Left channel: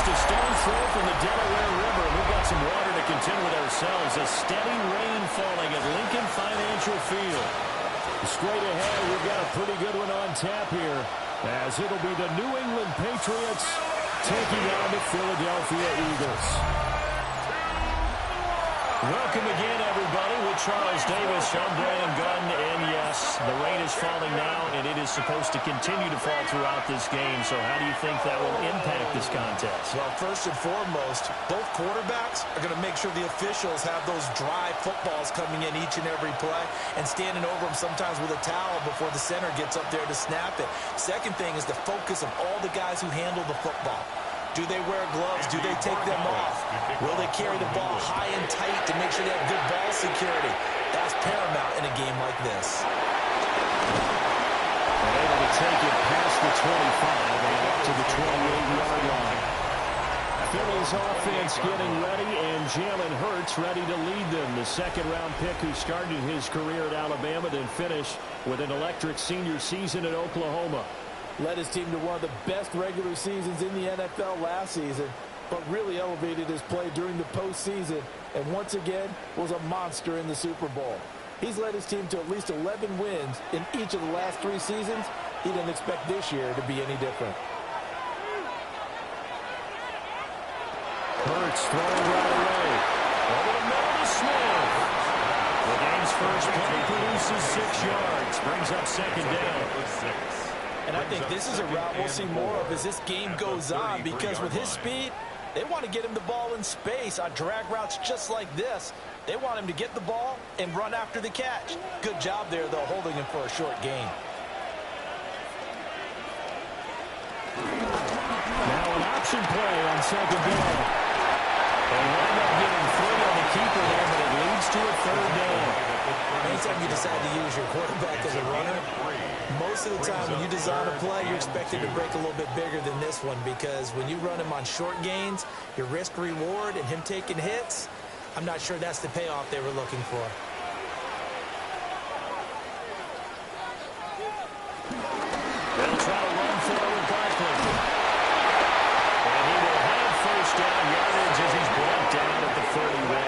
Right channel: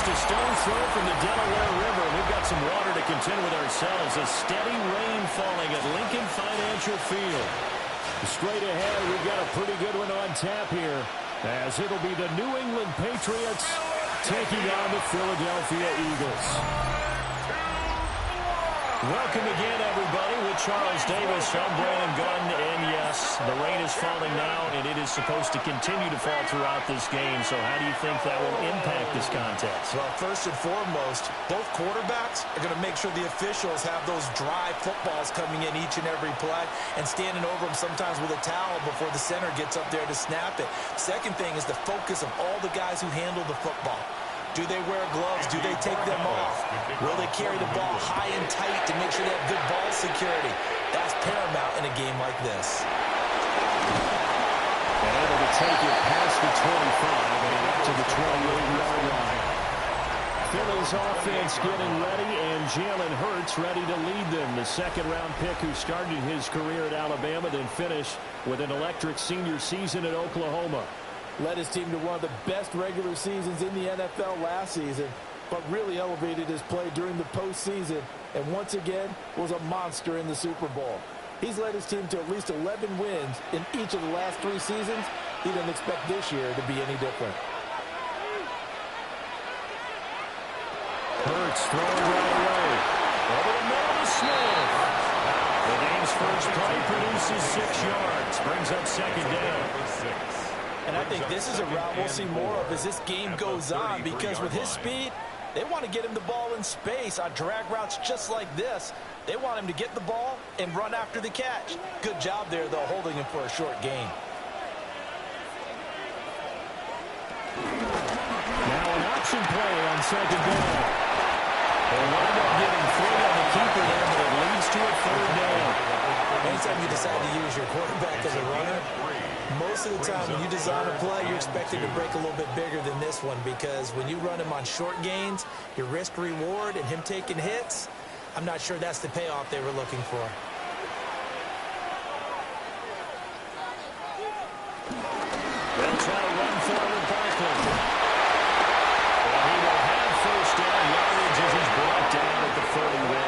Just a stone's throw from the Delaware River. We've got some water to contend with ourselves. A steady rain falling at Lincoln Financial Field. Straight ahead, we've got a pretty good one on tap here, as it'll be the New England Patriots taking on the Philadelphia Eagles. Welcome again, everybody, with Charles Davis. I'm Brandon Gunn, and yes, the rain is falling now, and it is supposed to continue to fall throughout this game. So how do you think that will impact this contest? Well, first and foremost, both quarterbacks are going to make sure the officials have those dry footballs coming in each and every play and standing over them sometimes with a towel before the center gets up there to snap it. Second thing is the focus of all the guys who handle the football. Do they wear gloves? Do they take them off? Will they carry the ball high and tight to make sure they have good ball security? That's paramount in a game like this. And able to take it past the 25 and up to the 28-yard line. Philly's offense getting ready, and Jalen Hurts ready to lead them. The second-round pick who started his career at Alabama, then finished with an electric senior season at Oklahoma. Led his team to one of the best regular seasons in the NFL last season, but really elevated his play during the postseason, and once again was a monster in the Super Bowl. He's led his team to at least 11 wins in each of the last 3 seasons. He doesn't expect this year to be any different. Hurts throwing right away. Over the middle to Smith. The game's first play produces 6 yards. Brings up second down. And I think this is a route we'll see more of as this game goes on, because with his speed, they want to get him the ball in space on drag routes just like this. They want him to get the ball and run after the catch. Good job there, though, holding him for a short gain. Now an option play on second down. They wind up getting 3 on the keeper there, but it leads to a third down. Anytime you decide to use your quarterback as a runner, most of the time when you design a play, you're expected to break a little bit bigger than this one, because when you run him on short gains, your risk-reward and him taking hits, I'm not sure that's the payoff they were looking for. They'll try to run forward Barkley. And he will have first down yardage as he's brought down at the 41.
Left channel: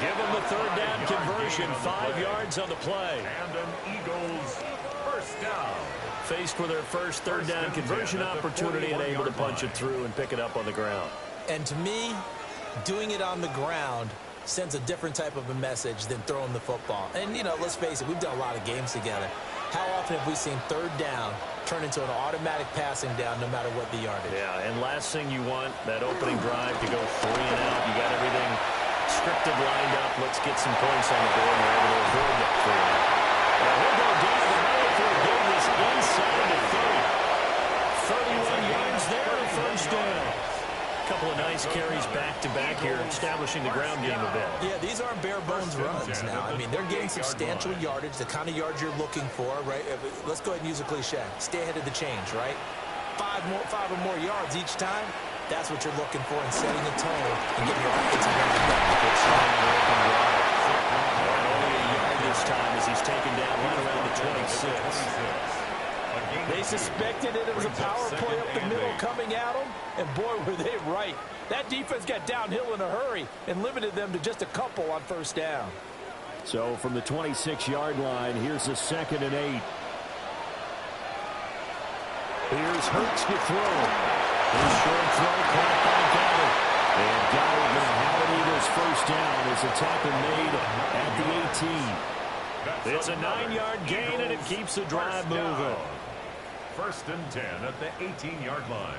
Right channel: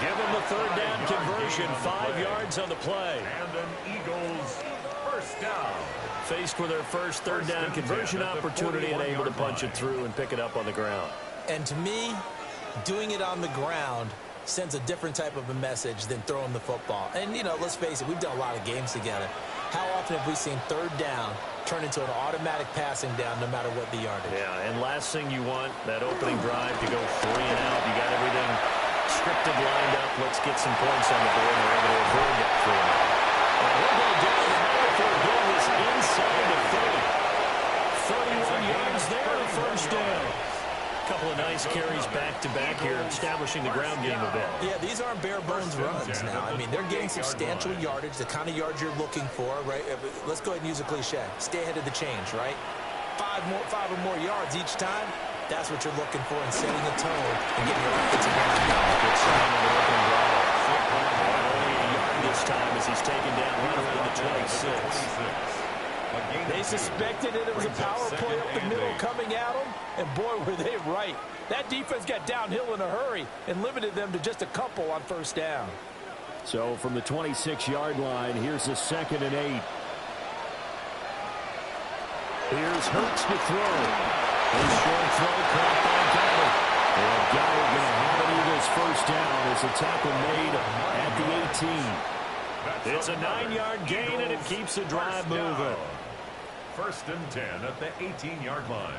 Give him the third down conversion, 5 yards on the play. And an Eagles first down. Faced with their first third down conversion opportunity and able to punch it through and pick it up on the ground. And to me, doing it on the ground sends a different type of a message than throwing the football. And, you know, let's face it, we've done a lot of games together. How often have we seen third down turn into an automatic passing down no matter what the yardage? Yeah, and last thing you want, that opening drive to go 3 and out. You got everything scripted, lined up. Let's get some points on the board, and we're able to avoid that 3 and out. And he'll go down the middle for a good this inside the 30. 31 yards there, a first down. Couple of nice carries back-to-back here, establishing the ground game a bit. Yeah, these aren't bare-bones runs now. I mean, they're getting substantial yardage, the kind of yards you're looking for, right? Let's go ahead and use a cliche. Stay ahead of the change, right? 5 or more yards each time, that's what you're looking for in setting a tone and getting your offensive line down. Good sign on the opening drive. And only a yard this time as he's taken down right around the 26. They suspected it was a power play up the middle coming at them, and boy, were they right. That defense got downhill in a hurry and limited them to just a couple on first down. So from the 26-yard line, here's a 2nd and 8. Here's Hurts to throw. His short throw caught by Goddard. And Goddard going to have an Eagles first down as a tackle made at the 18. It's a 9-yard gain, and it keeps the drive moving. 1st and 10 at the 18-yard line.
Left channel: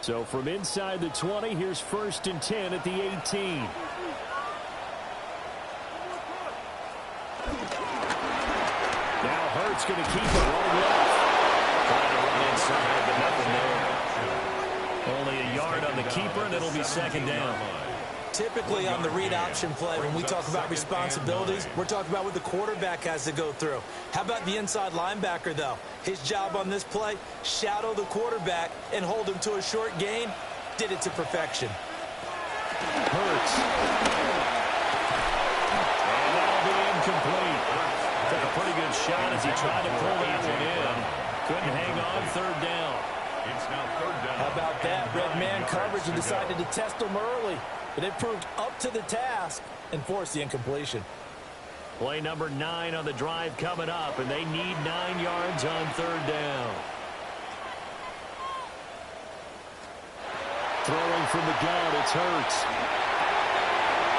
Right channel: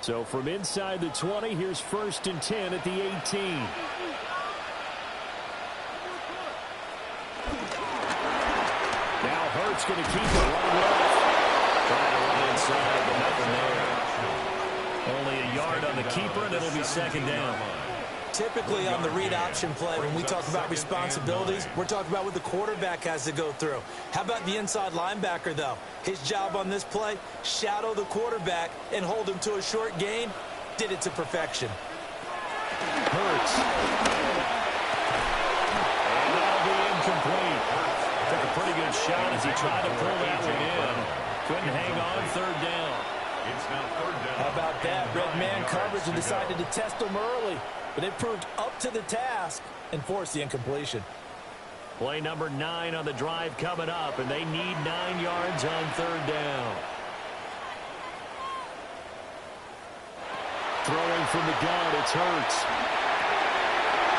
So from inside the 20, here's 1st and 10 at the 18. Now Hurts going to keep it running left. Trying to run inside, but nothing there. Only a yard on the keeper, and it'll be 2nd down. Typically on the read option play, when we talk about responsibilities, we're talking about what the quarterback has to go through. How about the inside linebacker, though? His job on this play, shadow the quarterback and hold him to a short gain. Did it to perfection. Hurts. And that'll be incomplete. Took a pretty good shot as he tried to pull that one in. Couldn't hang on 3rd down. It's now third down. How about that? Red man coverage and to decided go. to test them early. But they proved up to the task and forced the incompletion. Play number 9 on the drive coming up, and they need 9 yards on third down. Throwing from the gun, it's Hurts.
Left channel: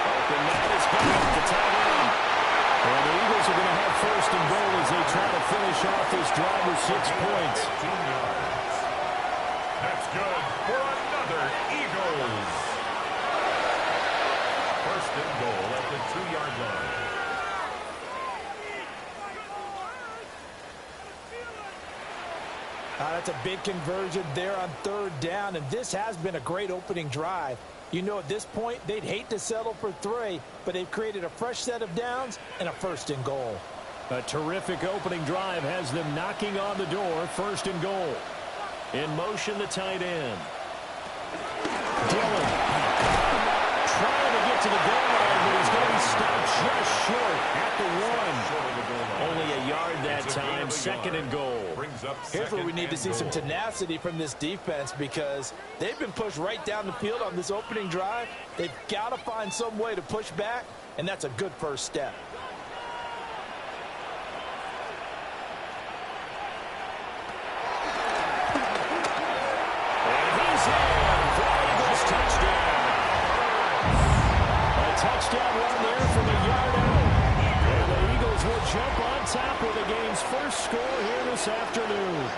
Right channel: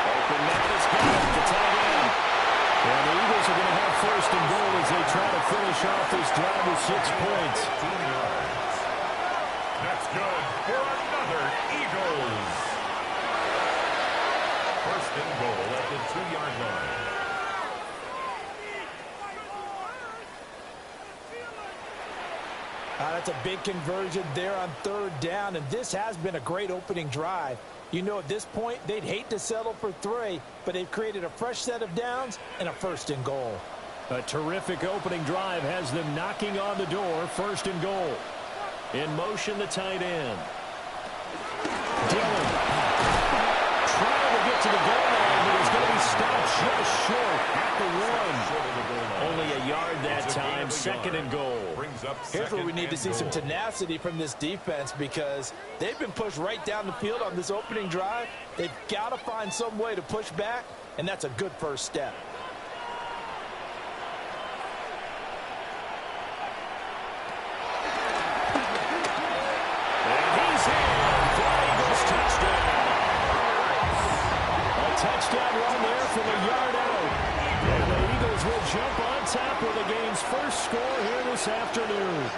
Open man is good, the tight end. And the Eagles are going to have first and goal as they try to finish off this drive with 6 points. 15 yards. That's good for another Eagles. First and goal at the 2-yard line. That's a big conversion there on third down, and this has been a great opening drive. You know, at this point, they'd hate to settle for 3, but they've created a fresh set of downs and a first and goal. A terrific opening drive has them knocking on the door, first and goal. In motion, the tight end. Dillon trying to get to the goal line, but he's going to be stopped just short at the 1. Only a yard that time, second and goal. Here's where we need to see some tenacity from this defense because they've been pushed right down the field on this opening drive. They've got to find some way to push back, and that's a good first step. And he's in. Fly Eagles touchdown. A touchdown run there from a yard out. And the Eagles will jump on top with the game's first score here this afternoon.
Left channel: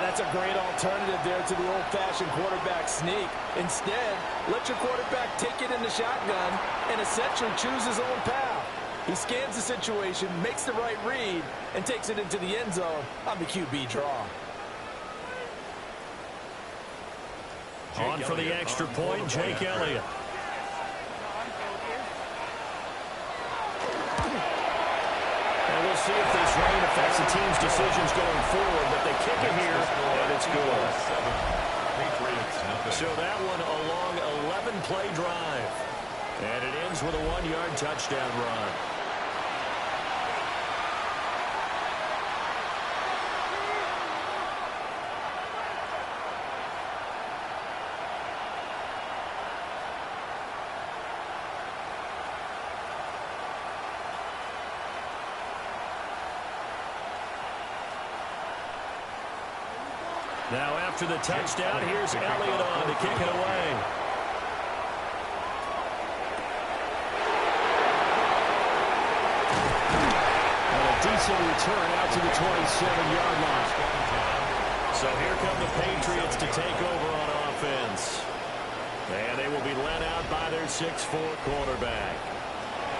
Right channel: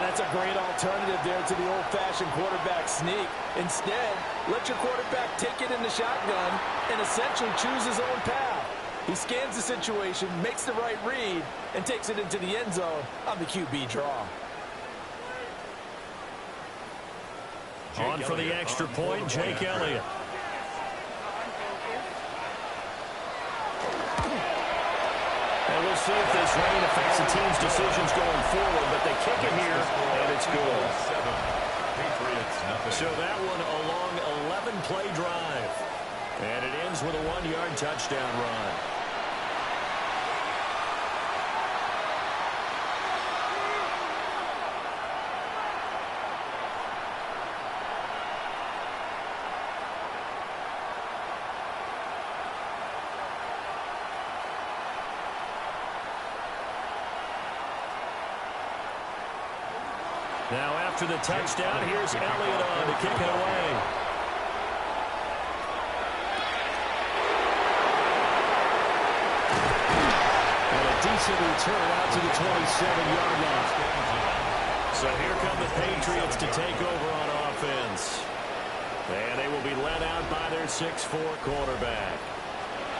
That's a great alternative there to the old-fashioned quarterback sneak. Instead, let your quarterback take it in the shotgun and essentially choose his own path. He scans the situation, makes the right read, and takes it into the end zone on the QB draw. On for the extra point, Jake Elliott. And we'll see if this rain affects the team's decisions going forward, but they kick it here, and it's good. So that one a long 11-play drive. And it ends with a 1-yard touchdown run. Now after the touchdown, here's Elliott on to kick it away. And a decent return out to the 27-yard line. So here come the Patriots to take over on offense. And they will be led out by their 6'4" quarterback.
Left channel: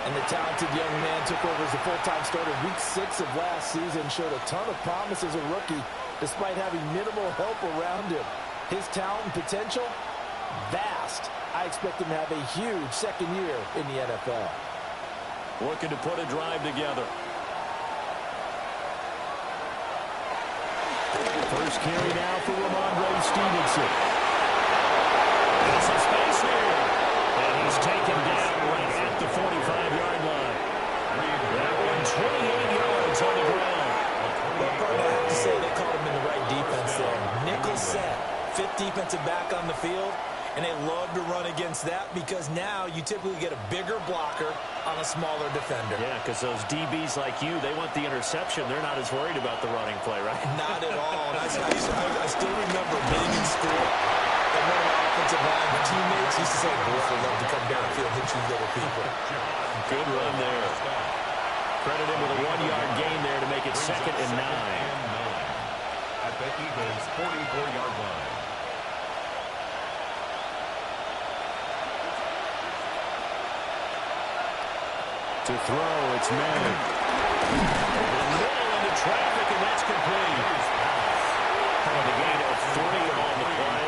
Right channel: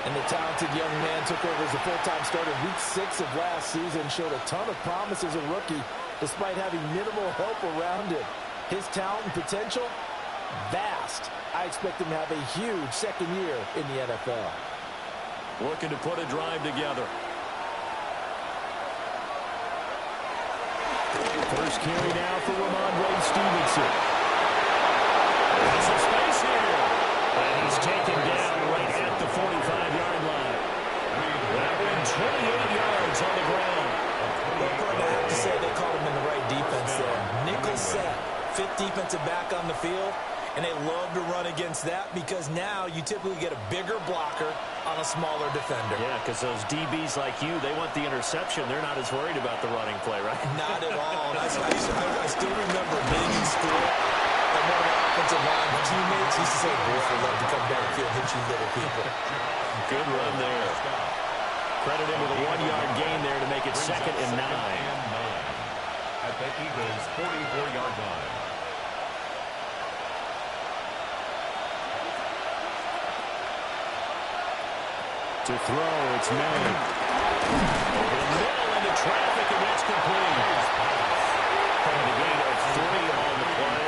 And the talented young man took over as a full-time starter week 6 of last season, showed a ton of promise as a rookie, despite having minimal help around him. His talent and potential, vast. I expect him to have a huge second year in the NFL. Looking to put a drive together. First carry now for Ramondre Stevenson. There's some space here. And he's taken down right at the 45-yard line. That one 28 yards on the ground. Well, partner, I have to say they called him in the right defense there. Nickel set, 5th defensive back on the field, and they love to run against that because now you typically get a bigger blocker on a smaller defender. Yeah, because those DBs like you, they want the interception. They're not as worried about the running play, right? Not at all. And I still remember being in school, and one of my offensive line teammates used to say, boy, I'd love to come downfield and hit you little people. Good run there. Credit him with a 1-yard gain there to make it 2nd and 9. At the Eagles' 44-yard line. To throw, it's May. Over the middle into traffic, and that's complete. And a gain of 3 on the play.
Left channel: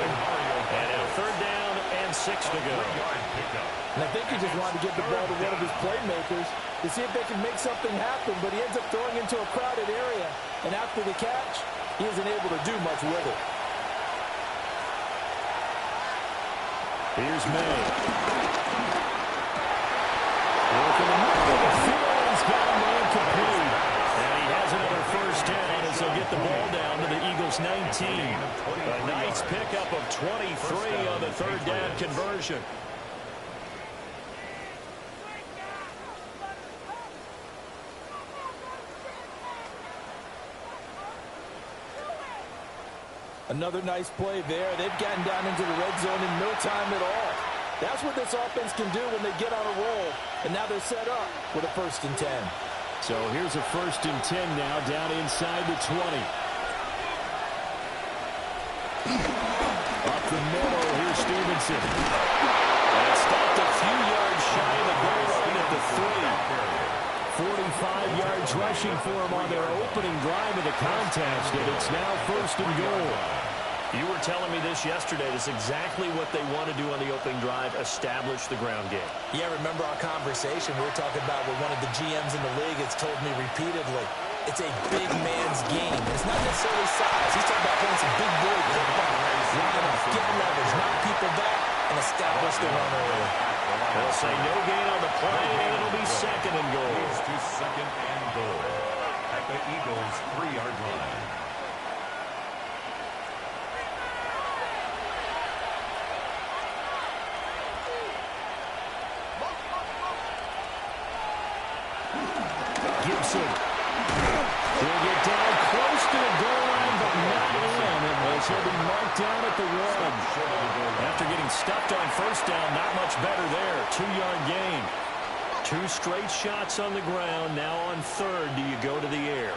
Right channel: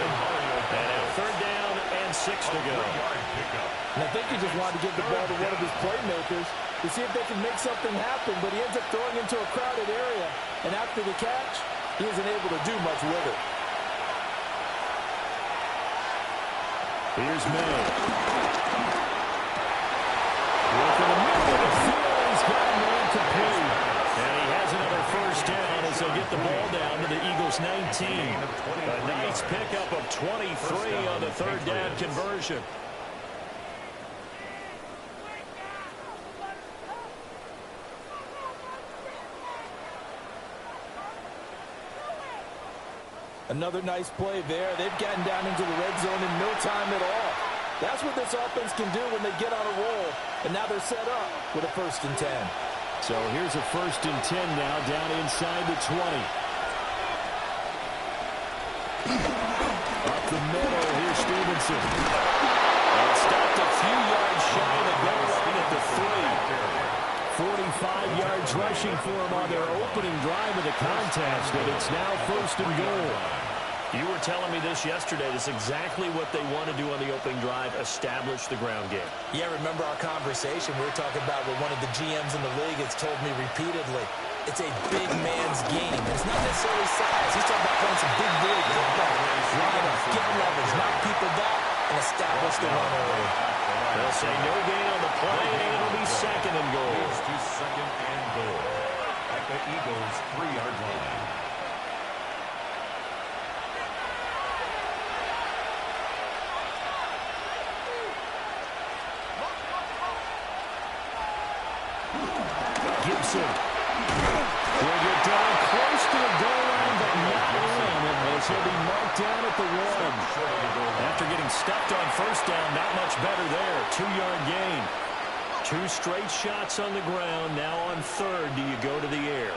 And now 3rd down and 6 to go. And I think he just wanted to give the ball to one of his playmakers to see if they can make something happen, but he ends up throwing into a crowded area. And after the catch, he isn't able to do much with it. Here's May. Working the middle of the field. He's got a man complete. And he has another first down as they'll get the ball down to the Eagles' 19. A nice pickup of 23 on the third down conversion. Another nice play there. They've gotten down into the red zone in no time at all. That's what this offense can do when they get on a roll. And now they're set up with a 1st and 10. So here's a 1st and 10 now down inside the 20. Up the middle, here's Stevenson. And it's stopped a few yards shy of the goal line at the 3. 45 yards rushing for him on their opening drive of the contest, and it's now 1st and goal. You were telling me this yesterday. This is exactly what they want to do on the opening drive, establish the ground game. Yeah, remember our conversation. We were talking about what one of the GMs in the league has told me repeatedly. It's a big man's game. And it's not necessarily size. He's talking about playing some big boy football. Line up, get leverage, knock people back, and establish the run early. They'll say no gain on the play, and it'll be 2nd and goal. Moves to 2nd and goal at the Eagles' 3-yard line. Gibson will get down close to the goal line, but not in, as he'll be marked down at the 1. After getting stuffed on 1st down, not much better there. 2-yard gain. 2 straight shots on the ground. Now on 3rd, do you go to the air?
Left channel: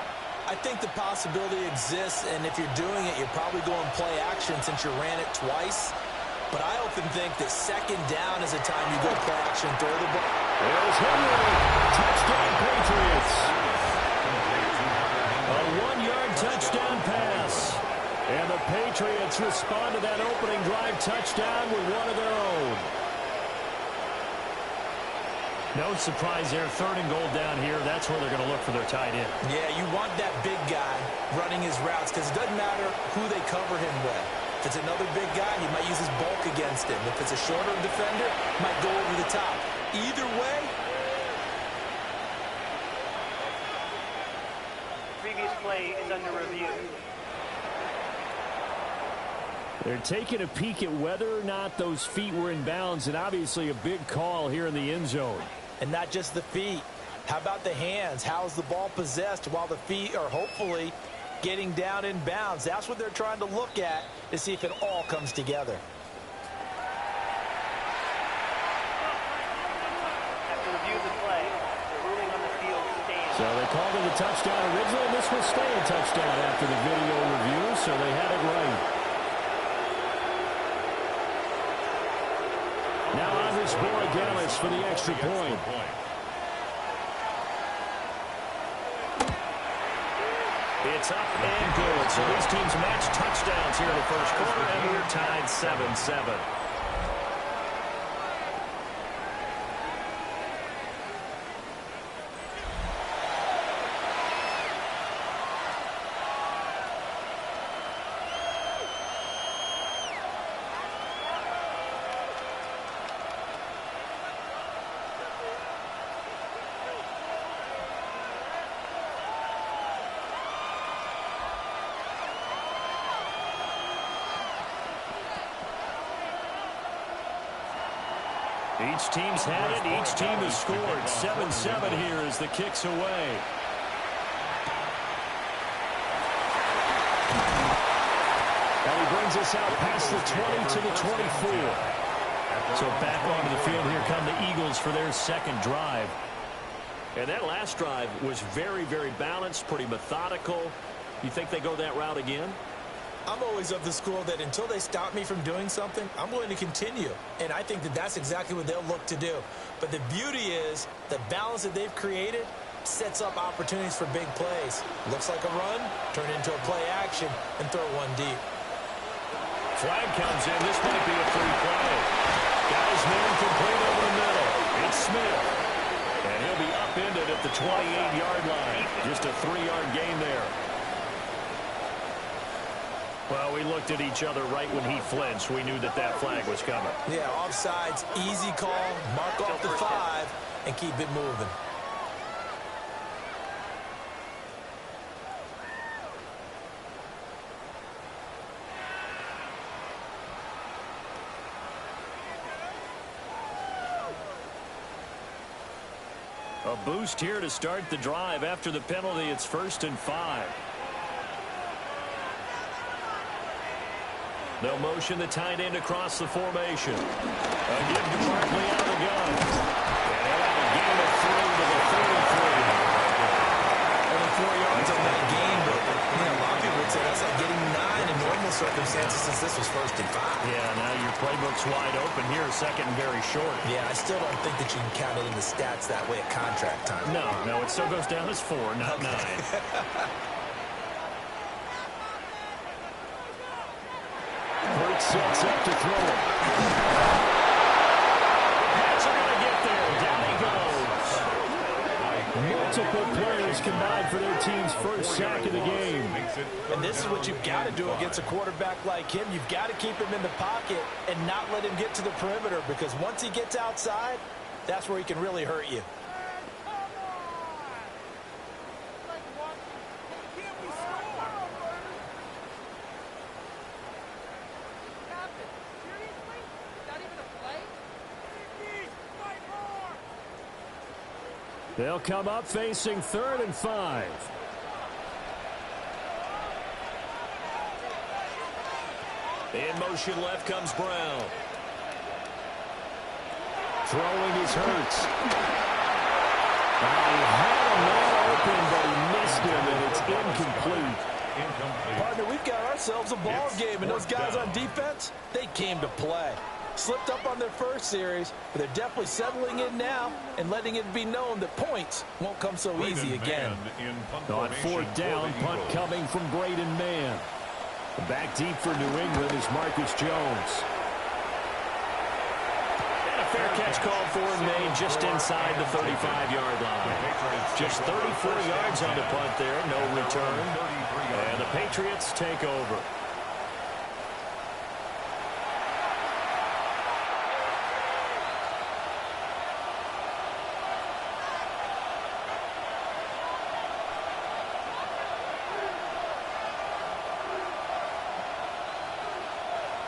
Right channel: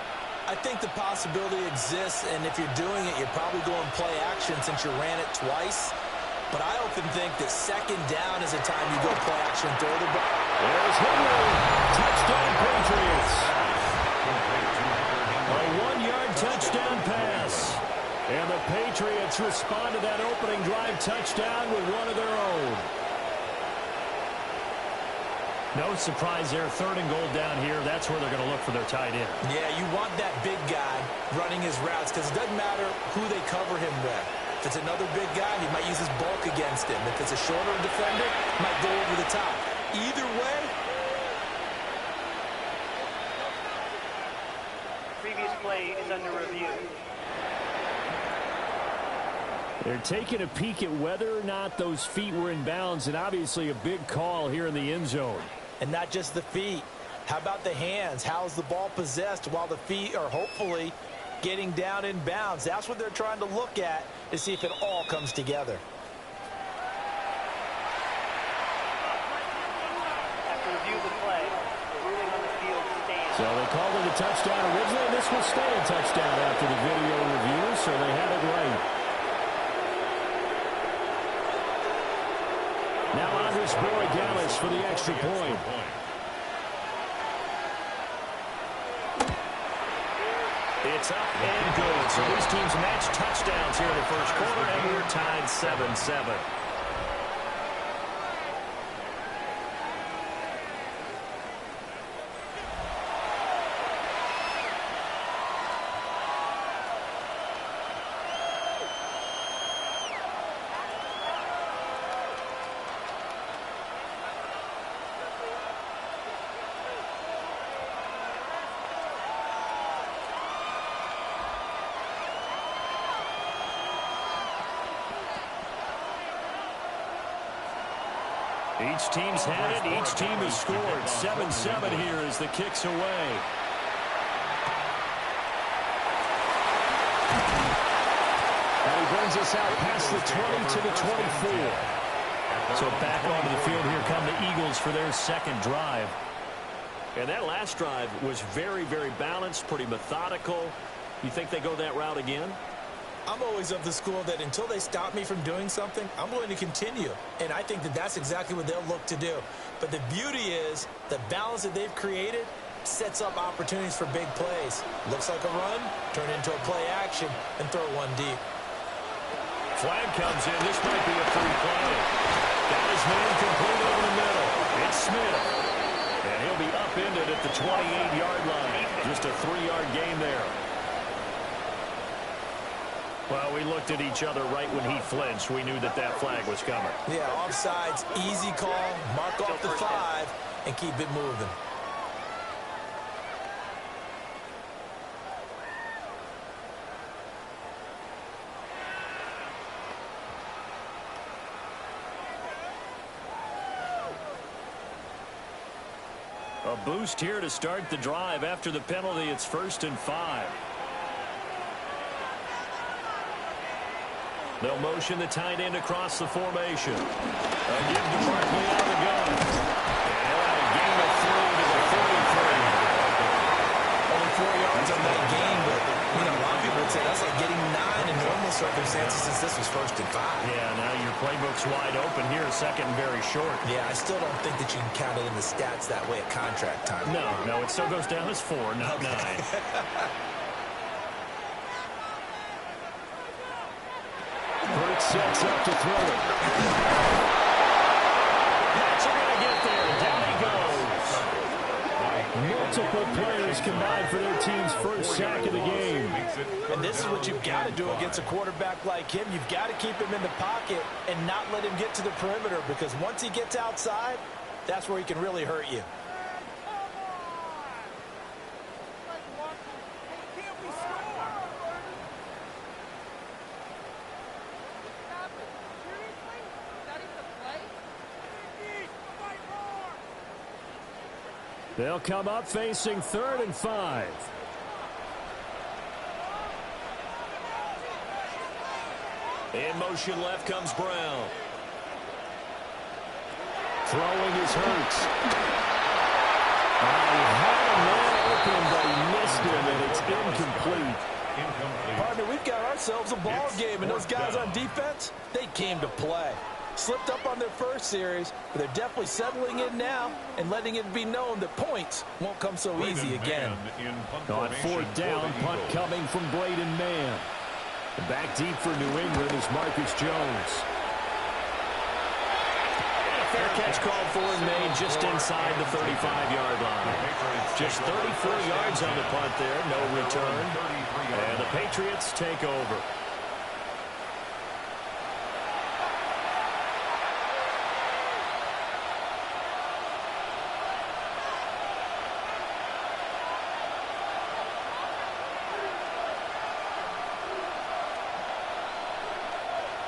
I think the possibility exists, and if you're doing it, you're probably going play action since you ran it twice. But I often think that 2nd down is a time you go play action and throw the ball. There's Henry. Touchdown, Patriots. A 1-yard touchdown pass. And the Patriots respond to that opening drive touchdown with one of their own. No surprise there. 3rd and goal down here. That's where they're going to look for their tight end. Yeah, you want that big guy running his routes because it doesn't matter who they cover him with. If it's another big guy, he might use his bulk against him. If it's a shorter defender, he might go over the top. Either way, the previous play is under review. They're taking a peek at whether or not those feet were in bounds, and obviously a big call here in the end zone. And not just the feet. How about the hands? How's the ball possessed while the feet are hopefully getting down in bounds? That's what they're trying to look at to see if it all comes together. After review of the play, the ruling on the field stands. So they called it a touchdown originally, and this will stay a touchdown after the video review, so they had it right. Now Andres Borregales for the extra point. It's up and good. So these teams match touchdowns here in the 1st quarter, and we're tied 7-7. Each team's had it. Each team has scored. 7-7 here as the kick's away. And he brings us out past the 20 to the 24. So back onto the field here come the Eagles for their 2nd drive. And that last drive was very, very balanced, pretty methodical. You think they go that route again? I'm always of the school that until they stop me from doing something, I'm going to continue. And I think that that's exactly what they'll look to do. But the beauty is the balance that they've created sets up opportunities for big plays. Looks like a run, turn it into a play action, and throw one deep. Flag comes in. This might be a free play. Got his man complete over the middle. It's Smith. And he'll be upended at the 28-yard line. Just a 3-yard gain there. Well, we looked at each other right when he flinched. We knew that that flag was coming. Yeah, offsides, easy call, mark off the 5, and keep it moving. A boost here to start the drive. After the penalty, it's 1st and 5. They'll motion the tight end across the formation. A give to Barkley out of the gun. And he'll have a gain of 3 to the 33. Only 4 yards on that game, but, you know, a lot of people would say that's like getting 9 in normal circumstances since this was 1st and 5. Yeah, now your playbook's wide open here, 2nd and very short. Yeah, I still don't think that you can count it in the stats that way at contract time. No, it still goes down as 4, not 9. Hurts sets up to throw it. The Pats are going to get there. Down he goes. Multiple players combined for their team's first sack of the game. And this is what you've got to do against a quarterback like him. You've got to keep him in the pocket and not let him get to the perimeter, because once he gets outside, that's where he can really hurt you. They'll come up facing 3rd and 5. In motion left comes Brown. Throwing is Hurts. He had a man open, but he missed him, and it's incomplete. Partner, we've got ourselves a ball game, and those guys on defense, they came to play. Slipped up on their first series, but they're definitely settling in now and letting it be known that points won't come so easy again. On 4th down, punt coming from Braden Mann. Back deep for New England is Marcus Jones. And a fair catch called for and made just inside the 35-yard line. Just 34 yards on the punt there, no return. And the Patriots take over.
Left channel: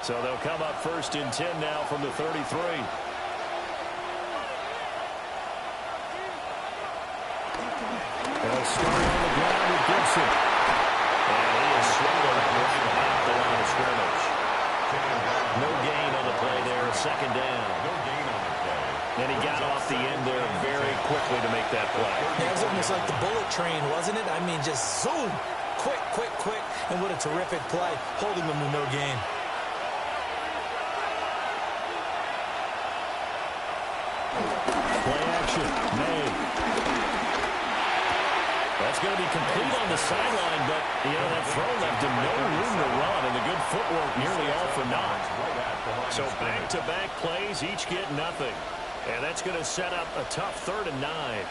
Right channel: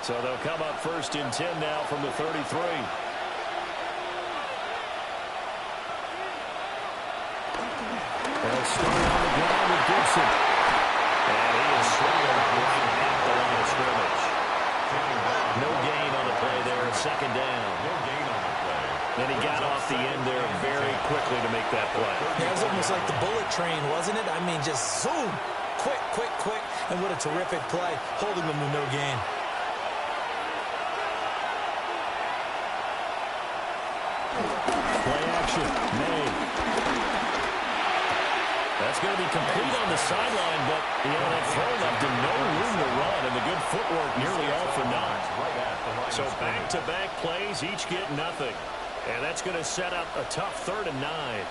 So they'll come up 1st and 10 now from the 33. They'll start on the ground with Gibson. And he is swallowed up right at the line of scrimmage. No gain on the play there, 2nd down. No gain on the play. And he got off the end there very quickly to make that play. That was almost like the bullet train, wasn't it? I mean, just zoom. Quick, and what a terrific play, holding them to no gain. Play action, May. That's going to be complete on the sideline, but, that throw left him no room to run, and the good footwork nearly all for naught. So back-to-back plays, each get nothing. And that's going to set up a tough 3rd and 9.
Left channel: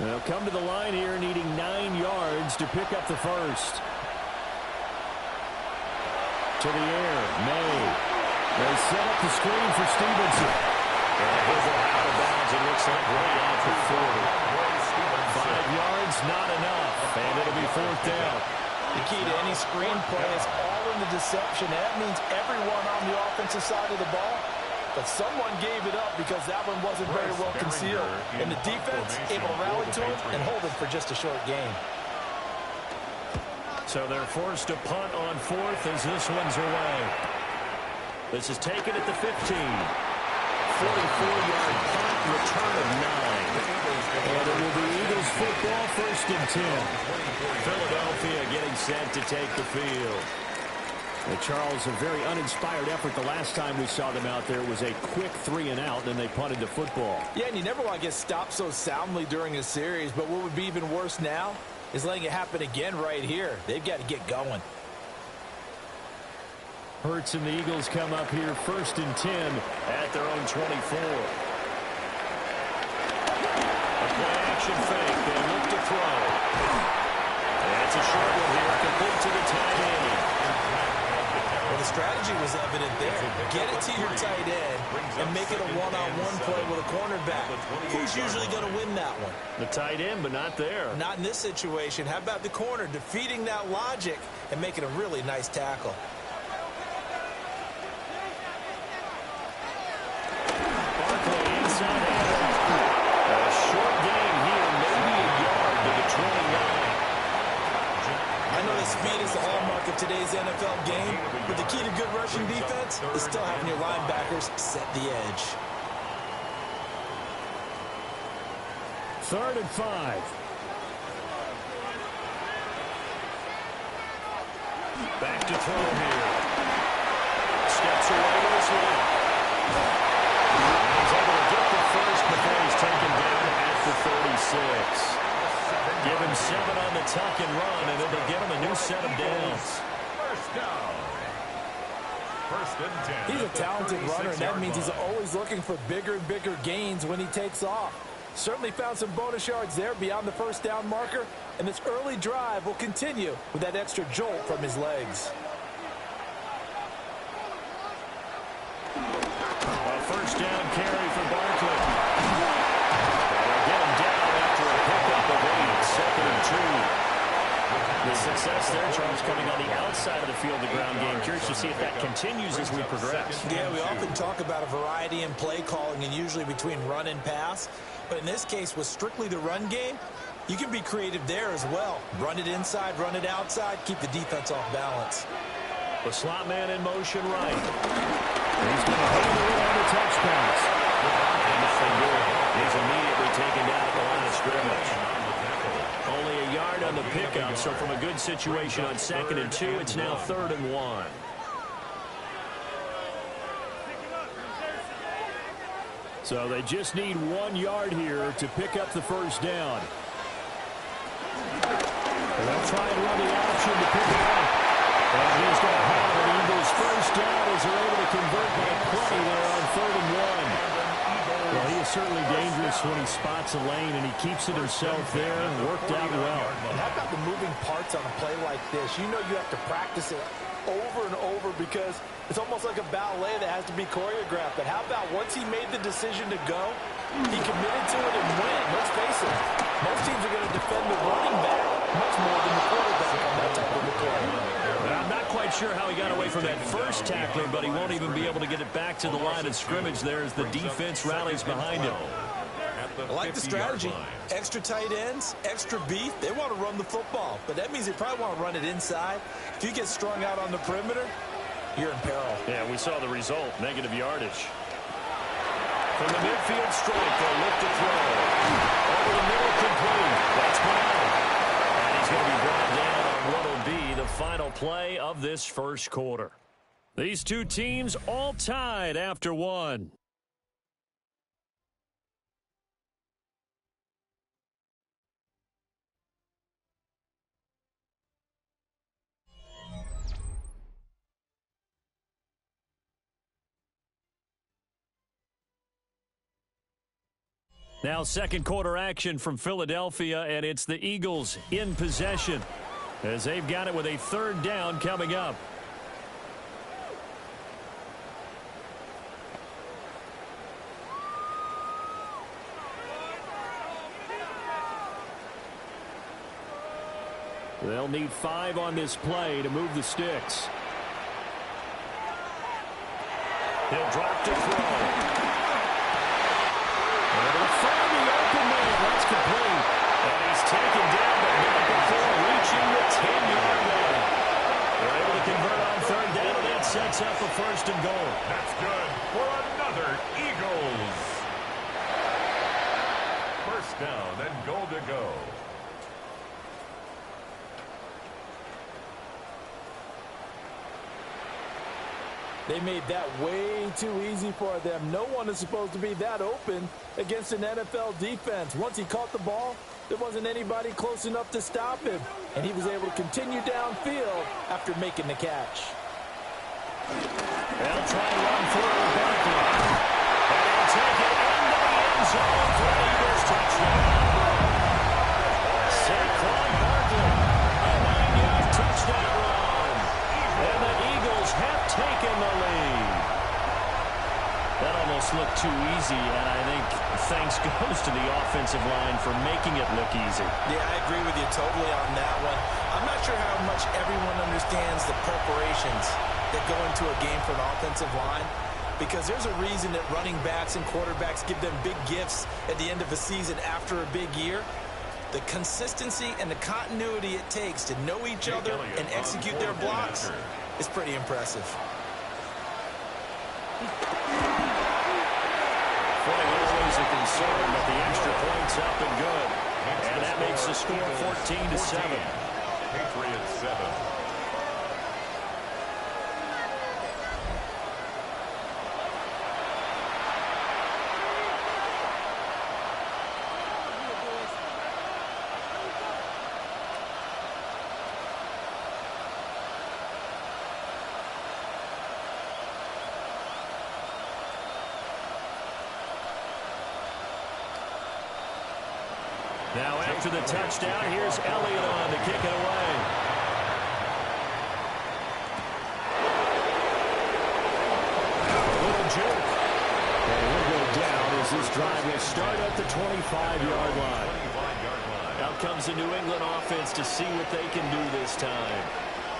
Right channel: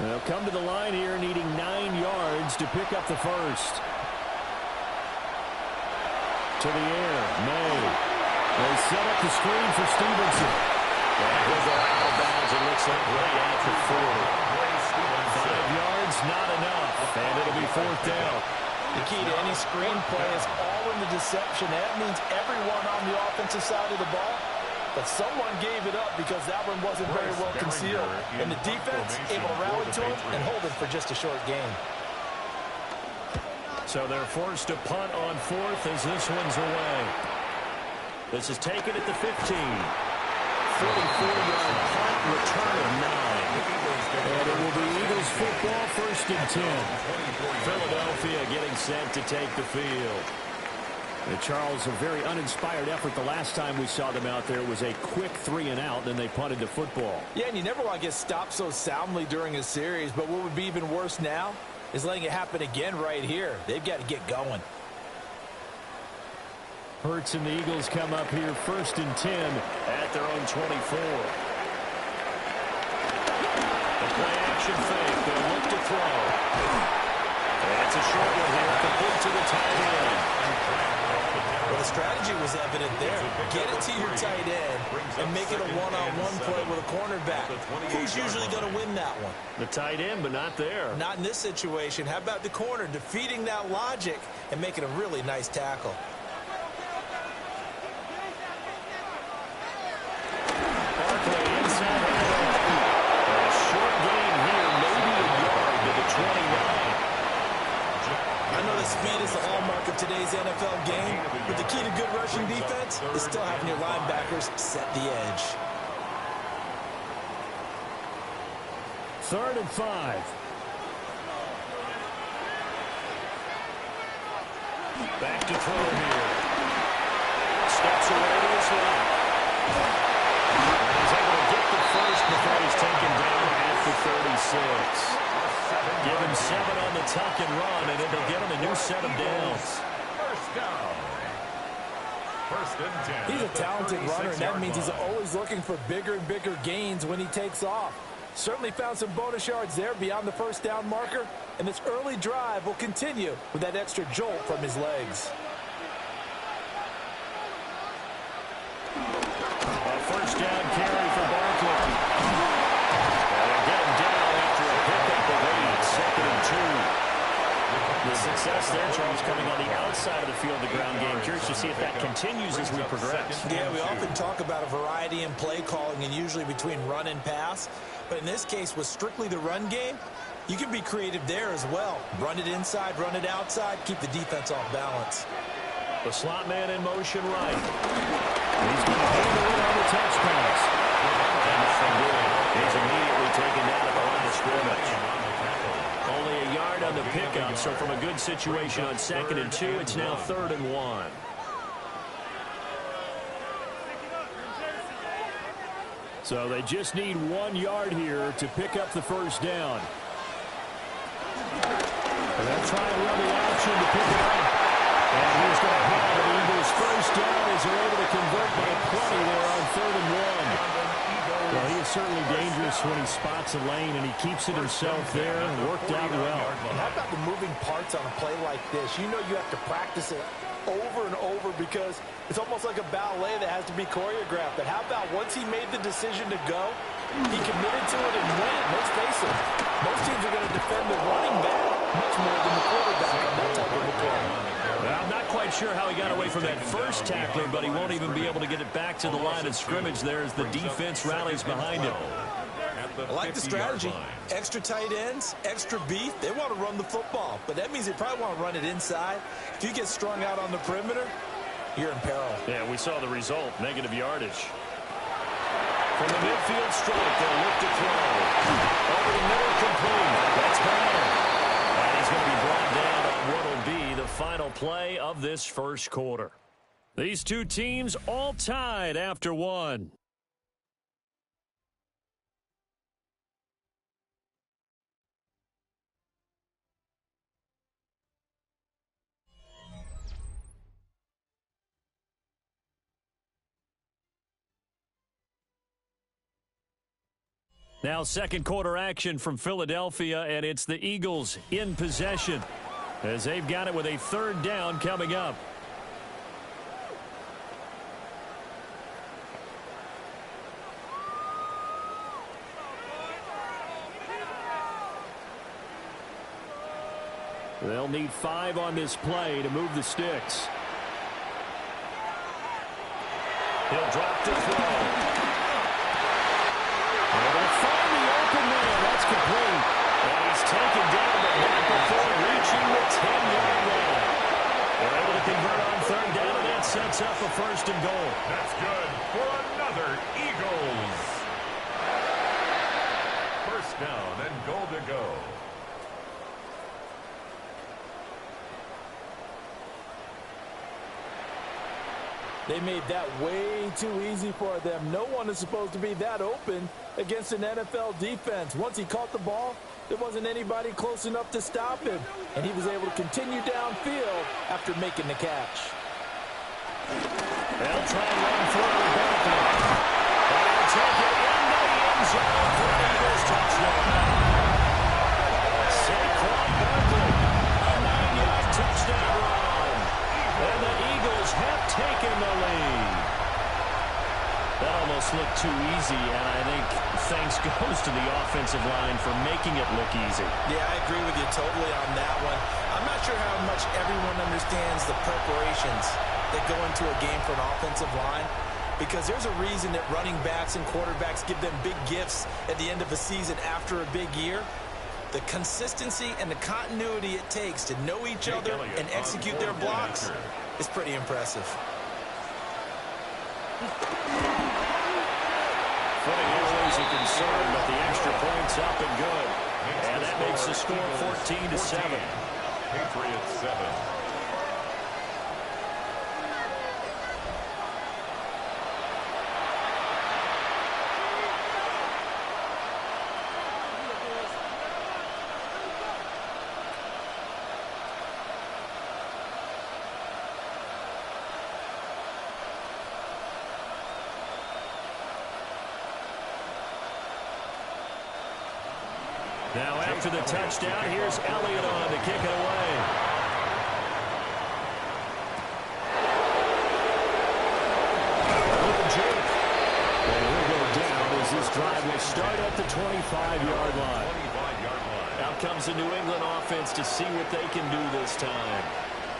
They'll come to the line here needing 9 yards to pick up the first. To the air, May. They set up the screen for Stevenson. And he'll go out of bounds, it looks like right at the 40. 5 yards, not enough. And it'll be 4th down. The key to any screen play is all in the deception. That means everyone on the offensive side of the ball. But someone gave it up because that one wasn't very well concealed. And the defense able to rally to him and hold it for just a short gain. So they're forced to punt on 4th as this one's away. This is taken at the 15. 44-yard punt, return of 9. And it will be Eagles football, 1st and 10. Philadelphia getting set to take the field. And Charles, a very uninspired effort the last time we saw them out there. It was a quick 3 and out, then they punted the football. Yeah, and you never want to get stopped so soundly during a series, but what would be even worse now is letting it happen again right here. They've got to get going. Hurts and the Eagles come up here 1st and 10 at their own 24. A play action fake. They'll look to throw. That's a short one here, complete to the tight end. Well, the strategy was evident there. Get it to your tight end and make it a one-on-one play with a cornerback. Who's usually going to win that one? The tight end, but not there. Not in this situation. How about the corner defeating that logic and making a really nice tackle? Barkley inside handoff. A short gain here, maybe a yard to the 29. I know that speed is the hallmark of today's NFL game, but the key to good rushing defense is still having your linebackers set the edge. 3rd and 5. Back to throw here. Steps away to his left. And he's able to get the first before he's taken down at the 36. Give him 7 on the tuck and run, and it'll get him a new set of downs. First down. 1st and 10. He's a talented runner, and that means he's always looking for bigger and bigger gains when he takes off. Certainly found some bonus yards there beyond the first down marker, and this early drive will continue with that extra jolt from his legs. A first down carry for Barkley. They'll get him down after a pickup of 8. 2nd and 2. The success there, Charles, coming on the outside of the field, the ground game. Curious to see if that continues as we progress. Yeah, we often talk about a variety in play calling and usually between run and pass. But in this case, with strictly the run game, you can be creative there as well. Run it inside, run it outside, keep the defense off balance. The slot man in motion right. He's going to handle it on the touch pass. He's immediately taken down at the line of scrimmage. Only a yard on the pickup, so from a good situation on 2nd and 2, it's now 3rd and 1. So they just need 1 yard here to pick up the first down. And they'll try and run the option to pick it up. And he's going to have an Eagles first down as they're able to convert by plenty there on 3rd and 1. Well, he is certainly dangerous when he spots a lane, and he keeps it himself there. Worked out well. And how about the moving parts on a play like this? You know you have to practice it over and over because it's almost like a ballet that has to be choreographed. But how about once he made the decision to go, he committed to it and went. Let's face it, most teams are going to defend the running back much more than the quarterback on that type of a play. I'm not quite sure how he got away from that first tackler, but he won't even be able to get it back to the line of scrimmage there as the defense rallies behind him. I like the strategy. Extra tight ends, extra beef. They want to run the football, but that means they probably want to run it inside. If you get strung out on the perimeter, you're in peril. Yeah, we saw the result, negative yardage. From the midfield strike, they'll look to throw. Over the middle, complete. That's Brown. And he's going to be brought down on what will be the final play of this first quarter. These two teams all tied after 1. Now second quarter action from Philadelphia, and it's the Eagles in possession as they've got it with a 3rd down coming up. They'll need 5 on this play to move the sticks. He'll drop to throw. Able to find the open man. That's complete. And he's taken down, but not before reaching the 10-yard line. They're able to convert on 3rd down, and that sets up a 1st and goal. That's good for another Eagles. 1st down and goal to go. They made that way too easy for them. No one is supposed to be that open against an NFL defense. Once he caught the ball, there wasn't anybody close enough to stop him, and he was able to continue downfield after making the catch. They'll try and run through Barkley. And he'll take it into the end zone for an Eagles touchdown. Saquon Barkley, a 9-yard touchdown run. And the Eagles have taken the lead. That almost looked too easy, and I think thanks goes to the offensive line for making it look easy. Yeah, I agree with you totally on that one. I'm not sure how much everyone understands the preparations that go into a game for an offensive line. because there's a reason that running backs and quarterbacks give them big gifts at the end of a season after a big year. The consistency and the continuity it takes to know each other and execute their blocks is pretty impressive. Footing always a concern, but the extra point's up and good. And that makes the score 14-7. Patriots 7. Now after the touchdown, here's Elliott on to kick it away. A little juke. And he'll go down as this drive will start at the 25-yard line. Out comes the New England offense to see what they can do this time.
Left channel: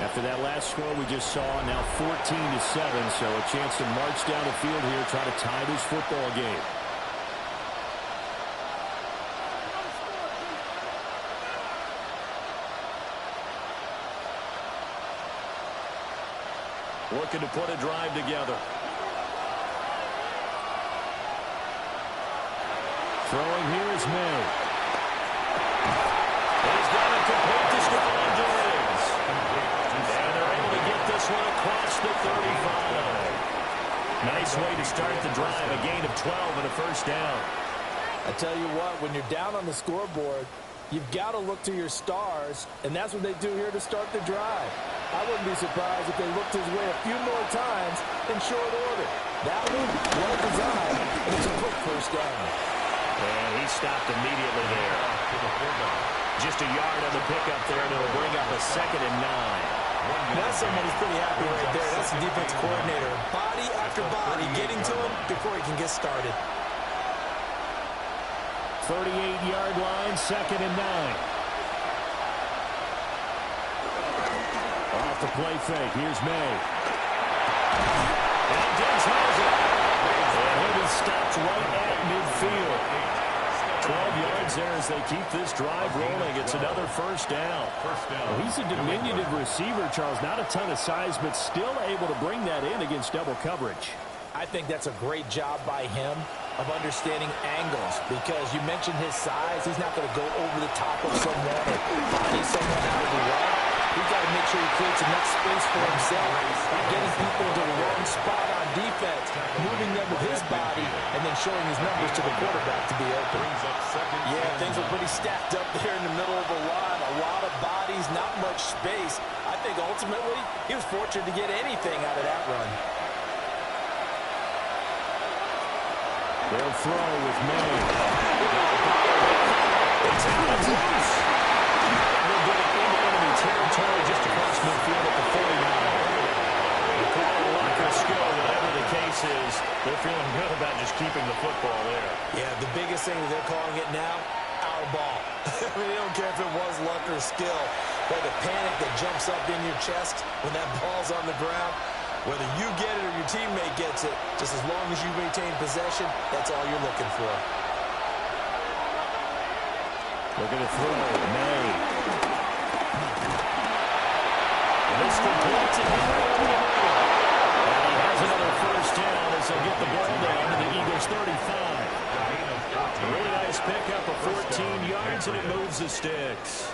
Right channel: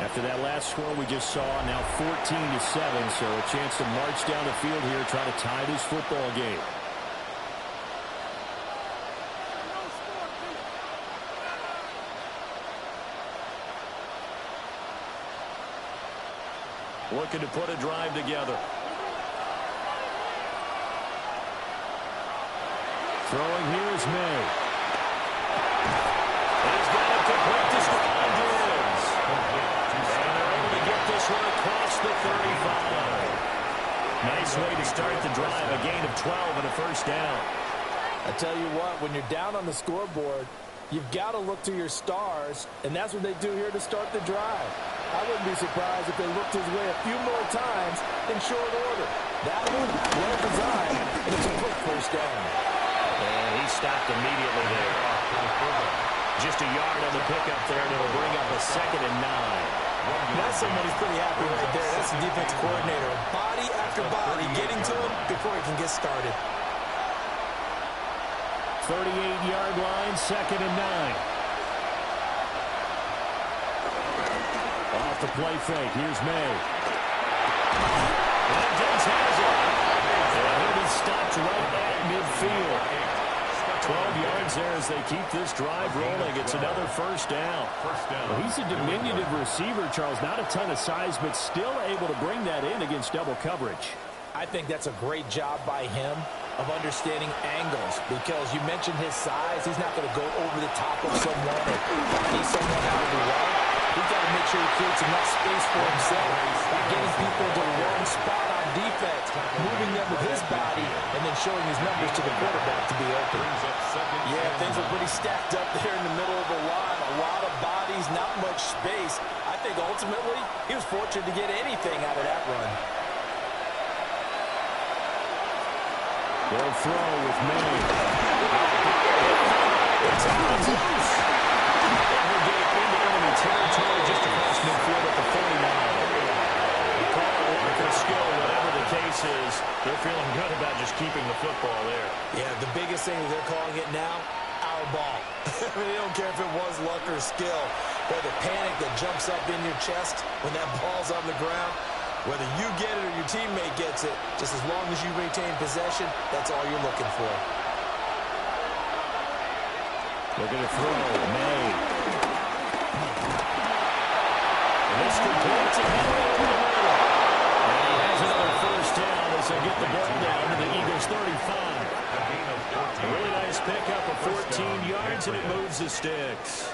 After that last score we just saw, now 14-7, so a chance to march down the field here, try to tie this football game. Looking to put a drive together. Throwing here is May. He's got it complete to Stephon Diggs. And they're able to get this one across the 35. Nice way to start the drive. A gain of 12 and a first down. I tell you what, when you're down on the scoreboard, you've got to look to your stars, and that's what they do here to start the drive. I wouldn't be surprised if they looked his way a few more times in short order. That one, well designed, and it's a quick first down. And he stopped immediately there. Just a yard on the pickup there, and it'll bring up a 2nd and 9. That's someone who's pretty happy right there. That's the defense coordinator. Body after body getting to him before he can get started. 38-yard line, 2nd and 9. Off the play fake, here's May. And Diggs has it. And he'll be stopped right at midfield. 12 yards there as they keep this drive rolling. It's another first down. Well, he's a diminutive receiver, Charles. Not a ton of size, but still able to bring that in against double coverage. I think that's a great job by him of understanding angles, because you mentioned his size. He's not going to go over the top of someone or body someone out of the way. He's got to make sure he creates enough space for himself by getting people to the wrong spot on defense, moving them with his body, and then showing his numbers to the quarterback to be open. Yeah, things are pretty stacked up there in the middle of the line. A lot of bodies, not much space. I think ultimately he was fortunate to get anything out of that run. They'll throw with May. It's out. It's loose. And we'll get it into enemy territory just across midfield at the 49. We call it luck or skill, whatever the case is. They're feeling good about just keeping the football there. Yeah, the biggest thing that they're calling it now, our ball. I mean, they don't care if it was luck or skill. But the panic that jumps up in your chest when that ball's on the ground, whether you get it or your teammate gets it, just as long as you maintain possession, that's all you're looking for. Looking to throw, May. And this completes it Henry over the middle. And he has another first down as they'll get the ball down to the Eagles' 35. A really nice pickup of 14 yards, and it moves the sticks.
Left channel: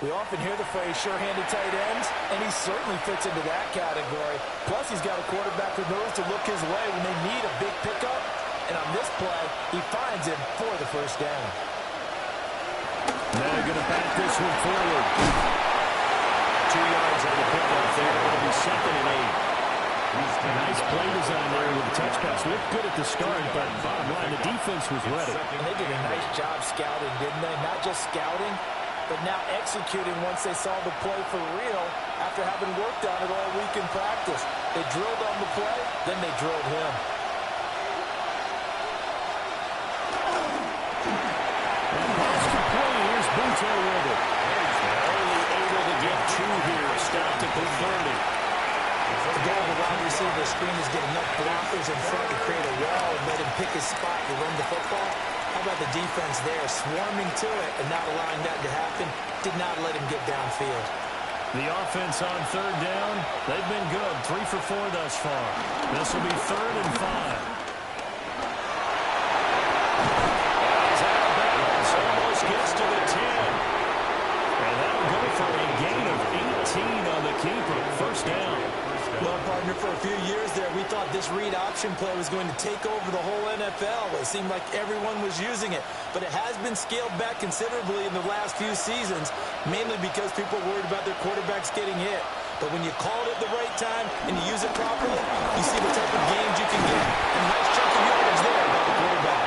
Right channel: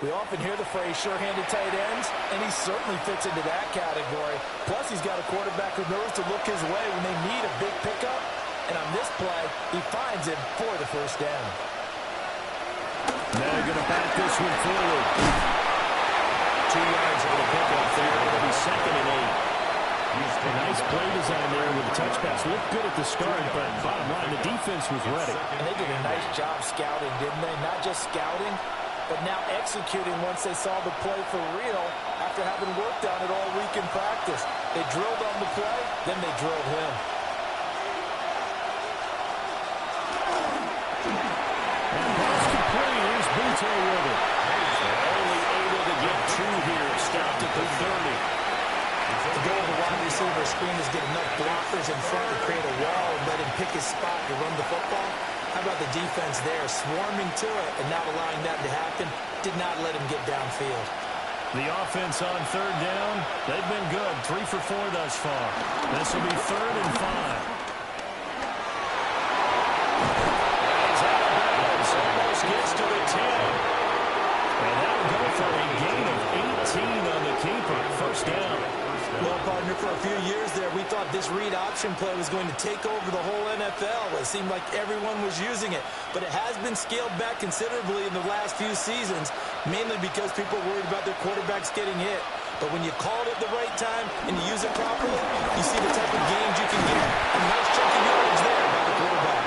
We often hear the phrase sure-handed tight ends, and he certainly fits into that category. Plus, he's got a quarterback who knows to look his way when they need a big pickup. And on this play, he finds him for the first down. Now they're going to back this one forward. 2 yards on the pickup there. It'll be 2nd and 8. A nice play design there with the touch pass. Looked good at the start, but bottom line, the defense was ready. And they did a nice job scouting, didn't they? Not just scouting, but now executing once they saw the play for real after having worked on it all week in practice. They drilled on the play, then they drilled him. And pass complete. Here's Butte with it. They're only able to get 2 here. Stopped at the 30. The goal of a wide receiver screen is get enough blockers in front to create a wall and let him pick his spot to run the football. How about the defense there, swarming to it and not allowing that to happen? Did not let him get downfield. The offense on 3rd down, they've been good. 3 for 4 thus far. This will be 3rd and 5. And he's out of bounds. Almost gets to the 10. And that'll go for a gain of 18 on the keeper. 1st down. Well, partner, for a few years there, we thought this read option play was going to take over the whole NFL. It seemed like everyone was using it. But it has been scaled back considerably in the last few seasons, mainly because people are worried about their quarterbacks getting hit. But when you call it at the right time and you use it properly, you see the type of gains you can get. A nice chunk of yardage there by the quarterback.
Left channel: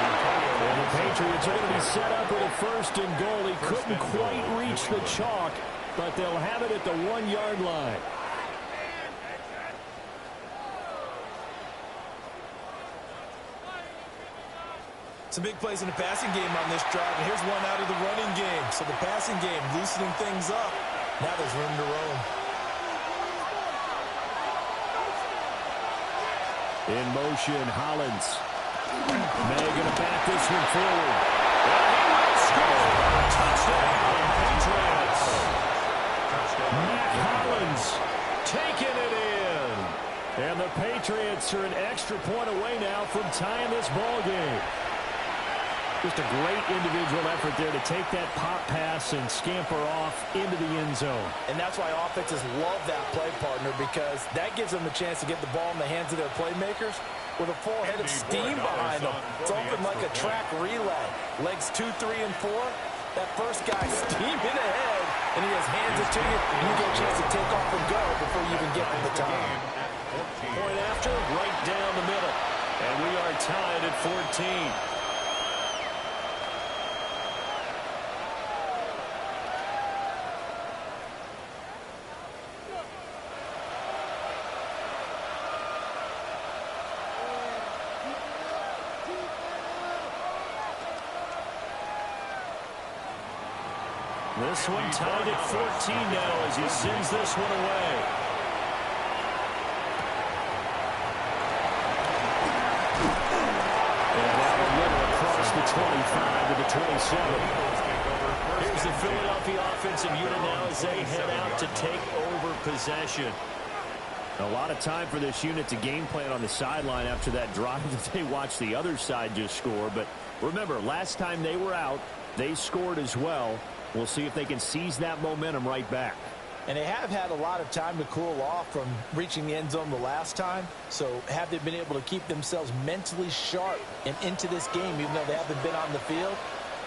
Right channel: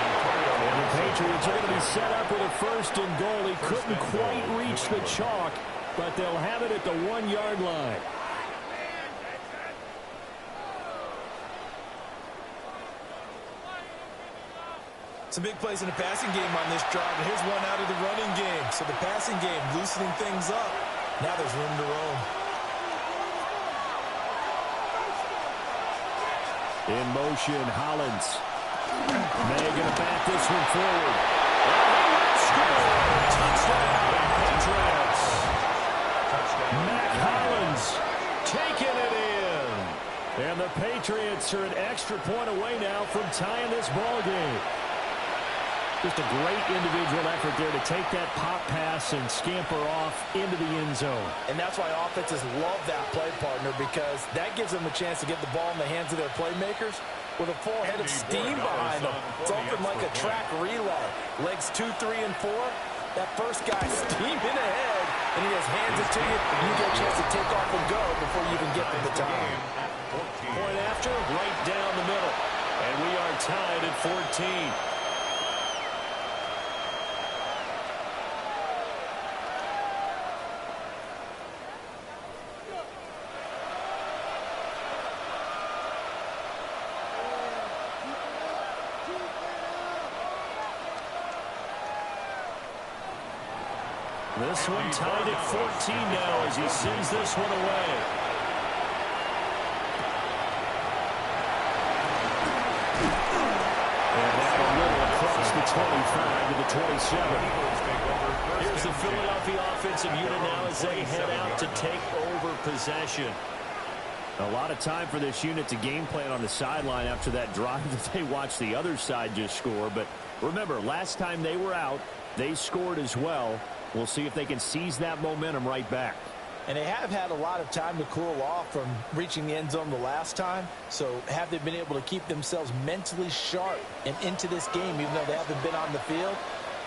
And the Patriots are going to be set up with a 1st and goal. He couldn't quite reach the chalk, but they'll have it at the 1-yard line. Some big plays in the passing game on this drive, and here's one out of the running game. So the passing game loosening things up. Now there's room to roam. In motion, Hollins. May going to bat this one forward. And he will score. Touchdown, Patriots. Mac Hollins taking it in. And the Patriots are an extra point away now from tying this ball game. Just a great individual effort there to take that pop pass and scamper off into the end zone. And that's why offenses love that play, partner, because that gives them a chance to get the ball in the hands of their playmakers with a full head of steam behind them. It's often like a track relay. Legs 2, 3, and 4. That first guy steaming ahead, and he just hands it to you, and you get a chance to take off and go before you even get to the time. Point after, right down the middle. And we are tied at 14. This one tied at 14 now as he sends this one away. And out a little across the 25 to the 27. Here's the Philadelphia offensive unit now as they head out to take over possession. A lot of time for this unit to game plan on the sideline after that drive that they watched the other side just score. But remember, last time they were out, they scored as well. We'll see if they can seize that momentum right back. And they have had a lot of time to cool off from reaching the end zone the last time. So have they been able to keep themselves mentally sharp and into this game, even though they haven't been on the field?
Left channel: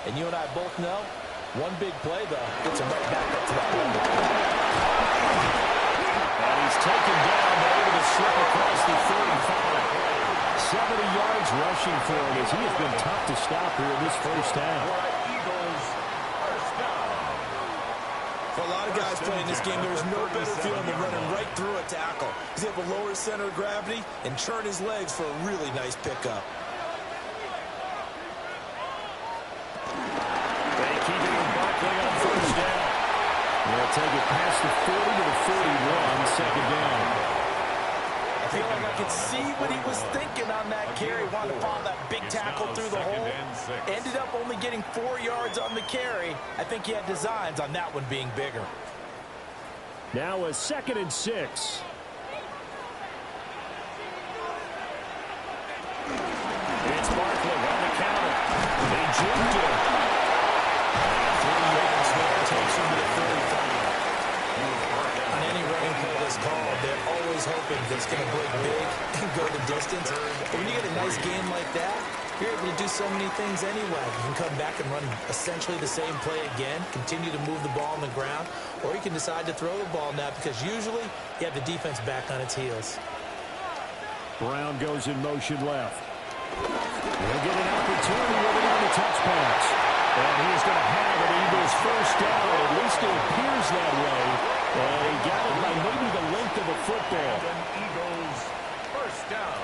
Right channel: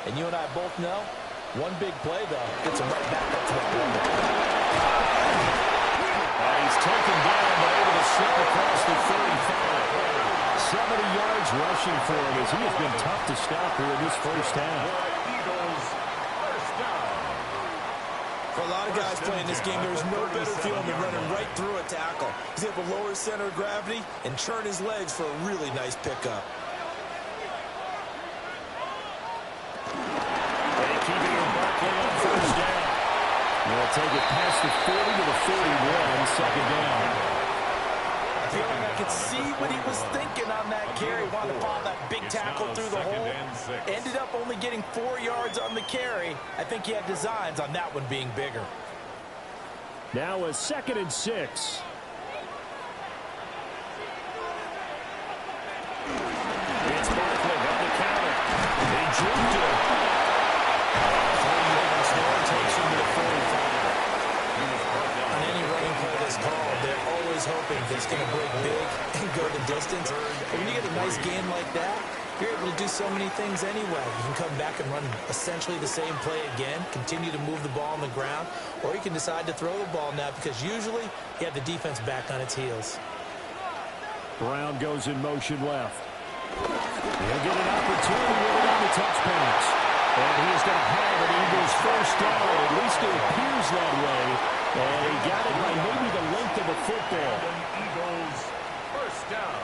And you and I both know, one big play, though, gets them right back up to that level. And he's taken down, but able to slip across the 35. 70 yards rushing for him as he has been tough to stop here in this first half. For a lot of guys playing this game, there's no better feeling than running right through a tackle. He's able to lower his center of gravity and churn his legs for a really nice pickup. They keep it in Barkley on 1st down. They'll take it past the 40 to the 41, 2nd down. I feel like I could see what he was thinking on that carry. Wanted to follow that big tackle through the hole. Ended up only getting 4 yards on the carry. I think he had designs on that one being bigger. Now a 2nd and 6. It's Barkley on the counter. They juked him. 3 yards there takes him to the 45. On any running play that's called, they're always hoping that it's going to break big and go the distance. But when you get a nice game like that, you're able to do so many things anyway. You can come back and run essentially the same play again, continue to move the ball on the ground, or you can decide to throw the ball now because usually you have the defense back on its heels. Brown goes in motion left. He'll get an opportunity with it on the touch pass. And he is going to have an Eagles 1st down. At least it appears that way. And he got it by maybe the length of a football. Eagles 1st down.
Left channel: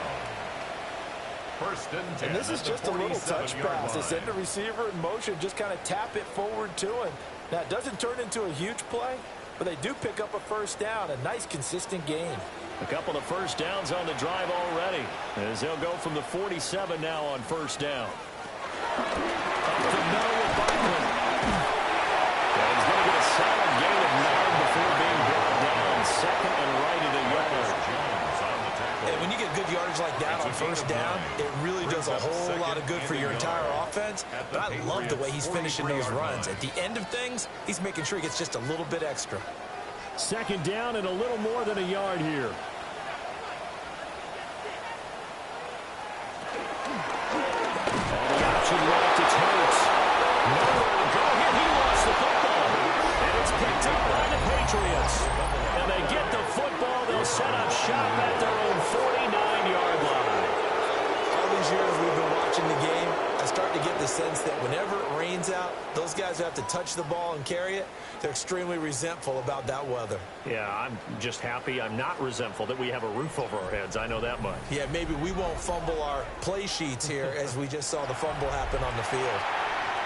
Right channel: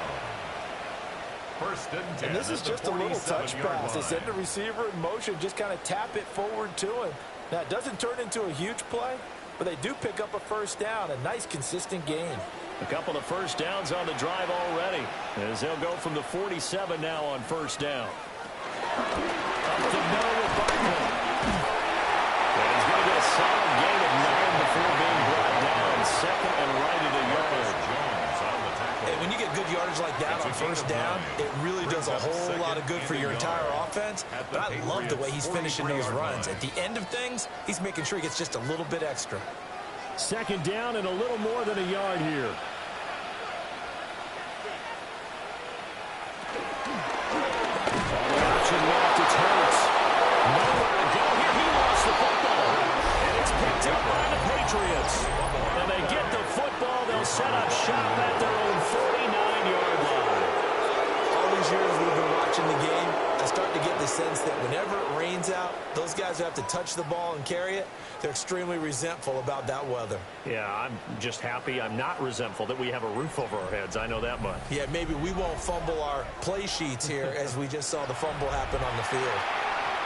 First and 10. And this is just a little touch pass. They send the receiver in motion, just kind of tap it forward to him. Now, it doesn't turn into a huge play, but they do pick up a first down, a nice, consistent gain. A couple of first downs on the drive already, as they'll go from the 47 now on first down. Up the middle with Barkley. And he's going to get a solid gain of 9 before being brought down. Second and right at a yard. And when you get good yardage like that on first down, it really does a whole lot of good for your entire offense. But I love the way he's finishing those runs. At the end of things, he's making sure he gets just a little bit extra. Second down and a little more than a yard here. On the option left, it's Hurts. Nowhere to go here. He lost the football. And it's picked up by the Patriots. And they get the football. They'll set up shop at their own 49-yard line. All these years we've been watching the game, I start to get the sense that whenever it rains out, those guys who have to touch the ball and carry it, they're extremely resentful about that weather. Yeah, I'm just happy. I'm not resentful that we have a roof over our heads. I know that much. Yeah, maybe we won't fumble our play sheets here as we just saw the fumble happen on the field.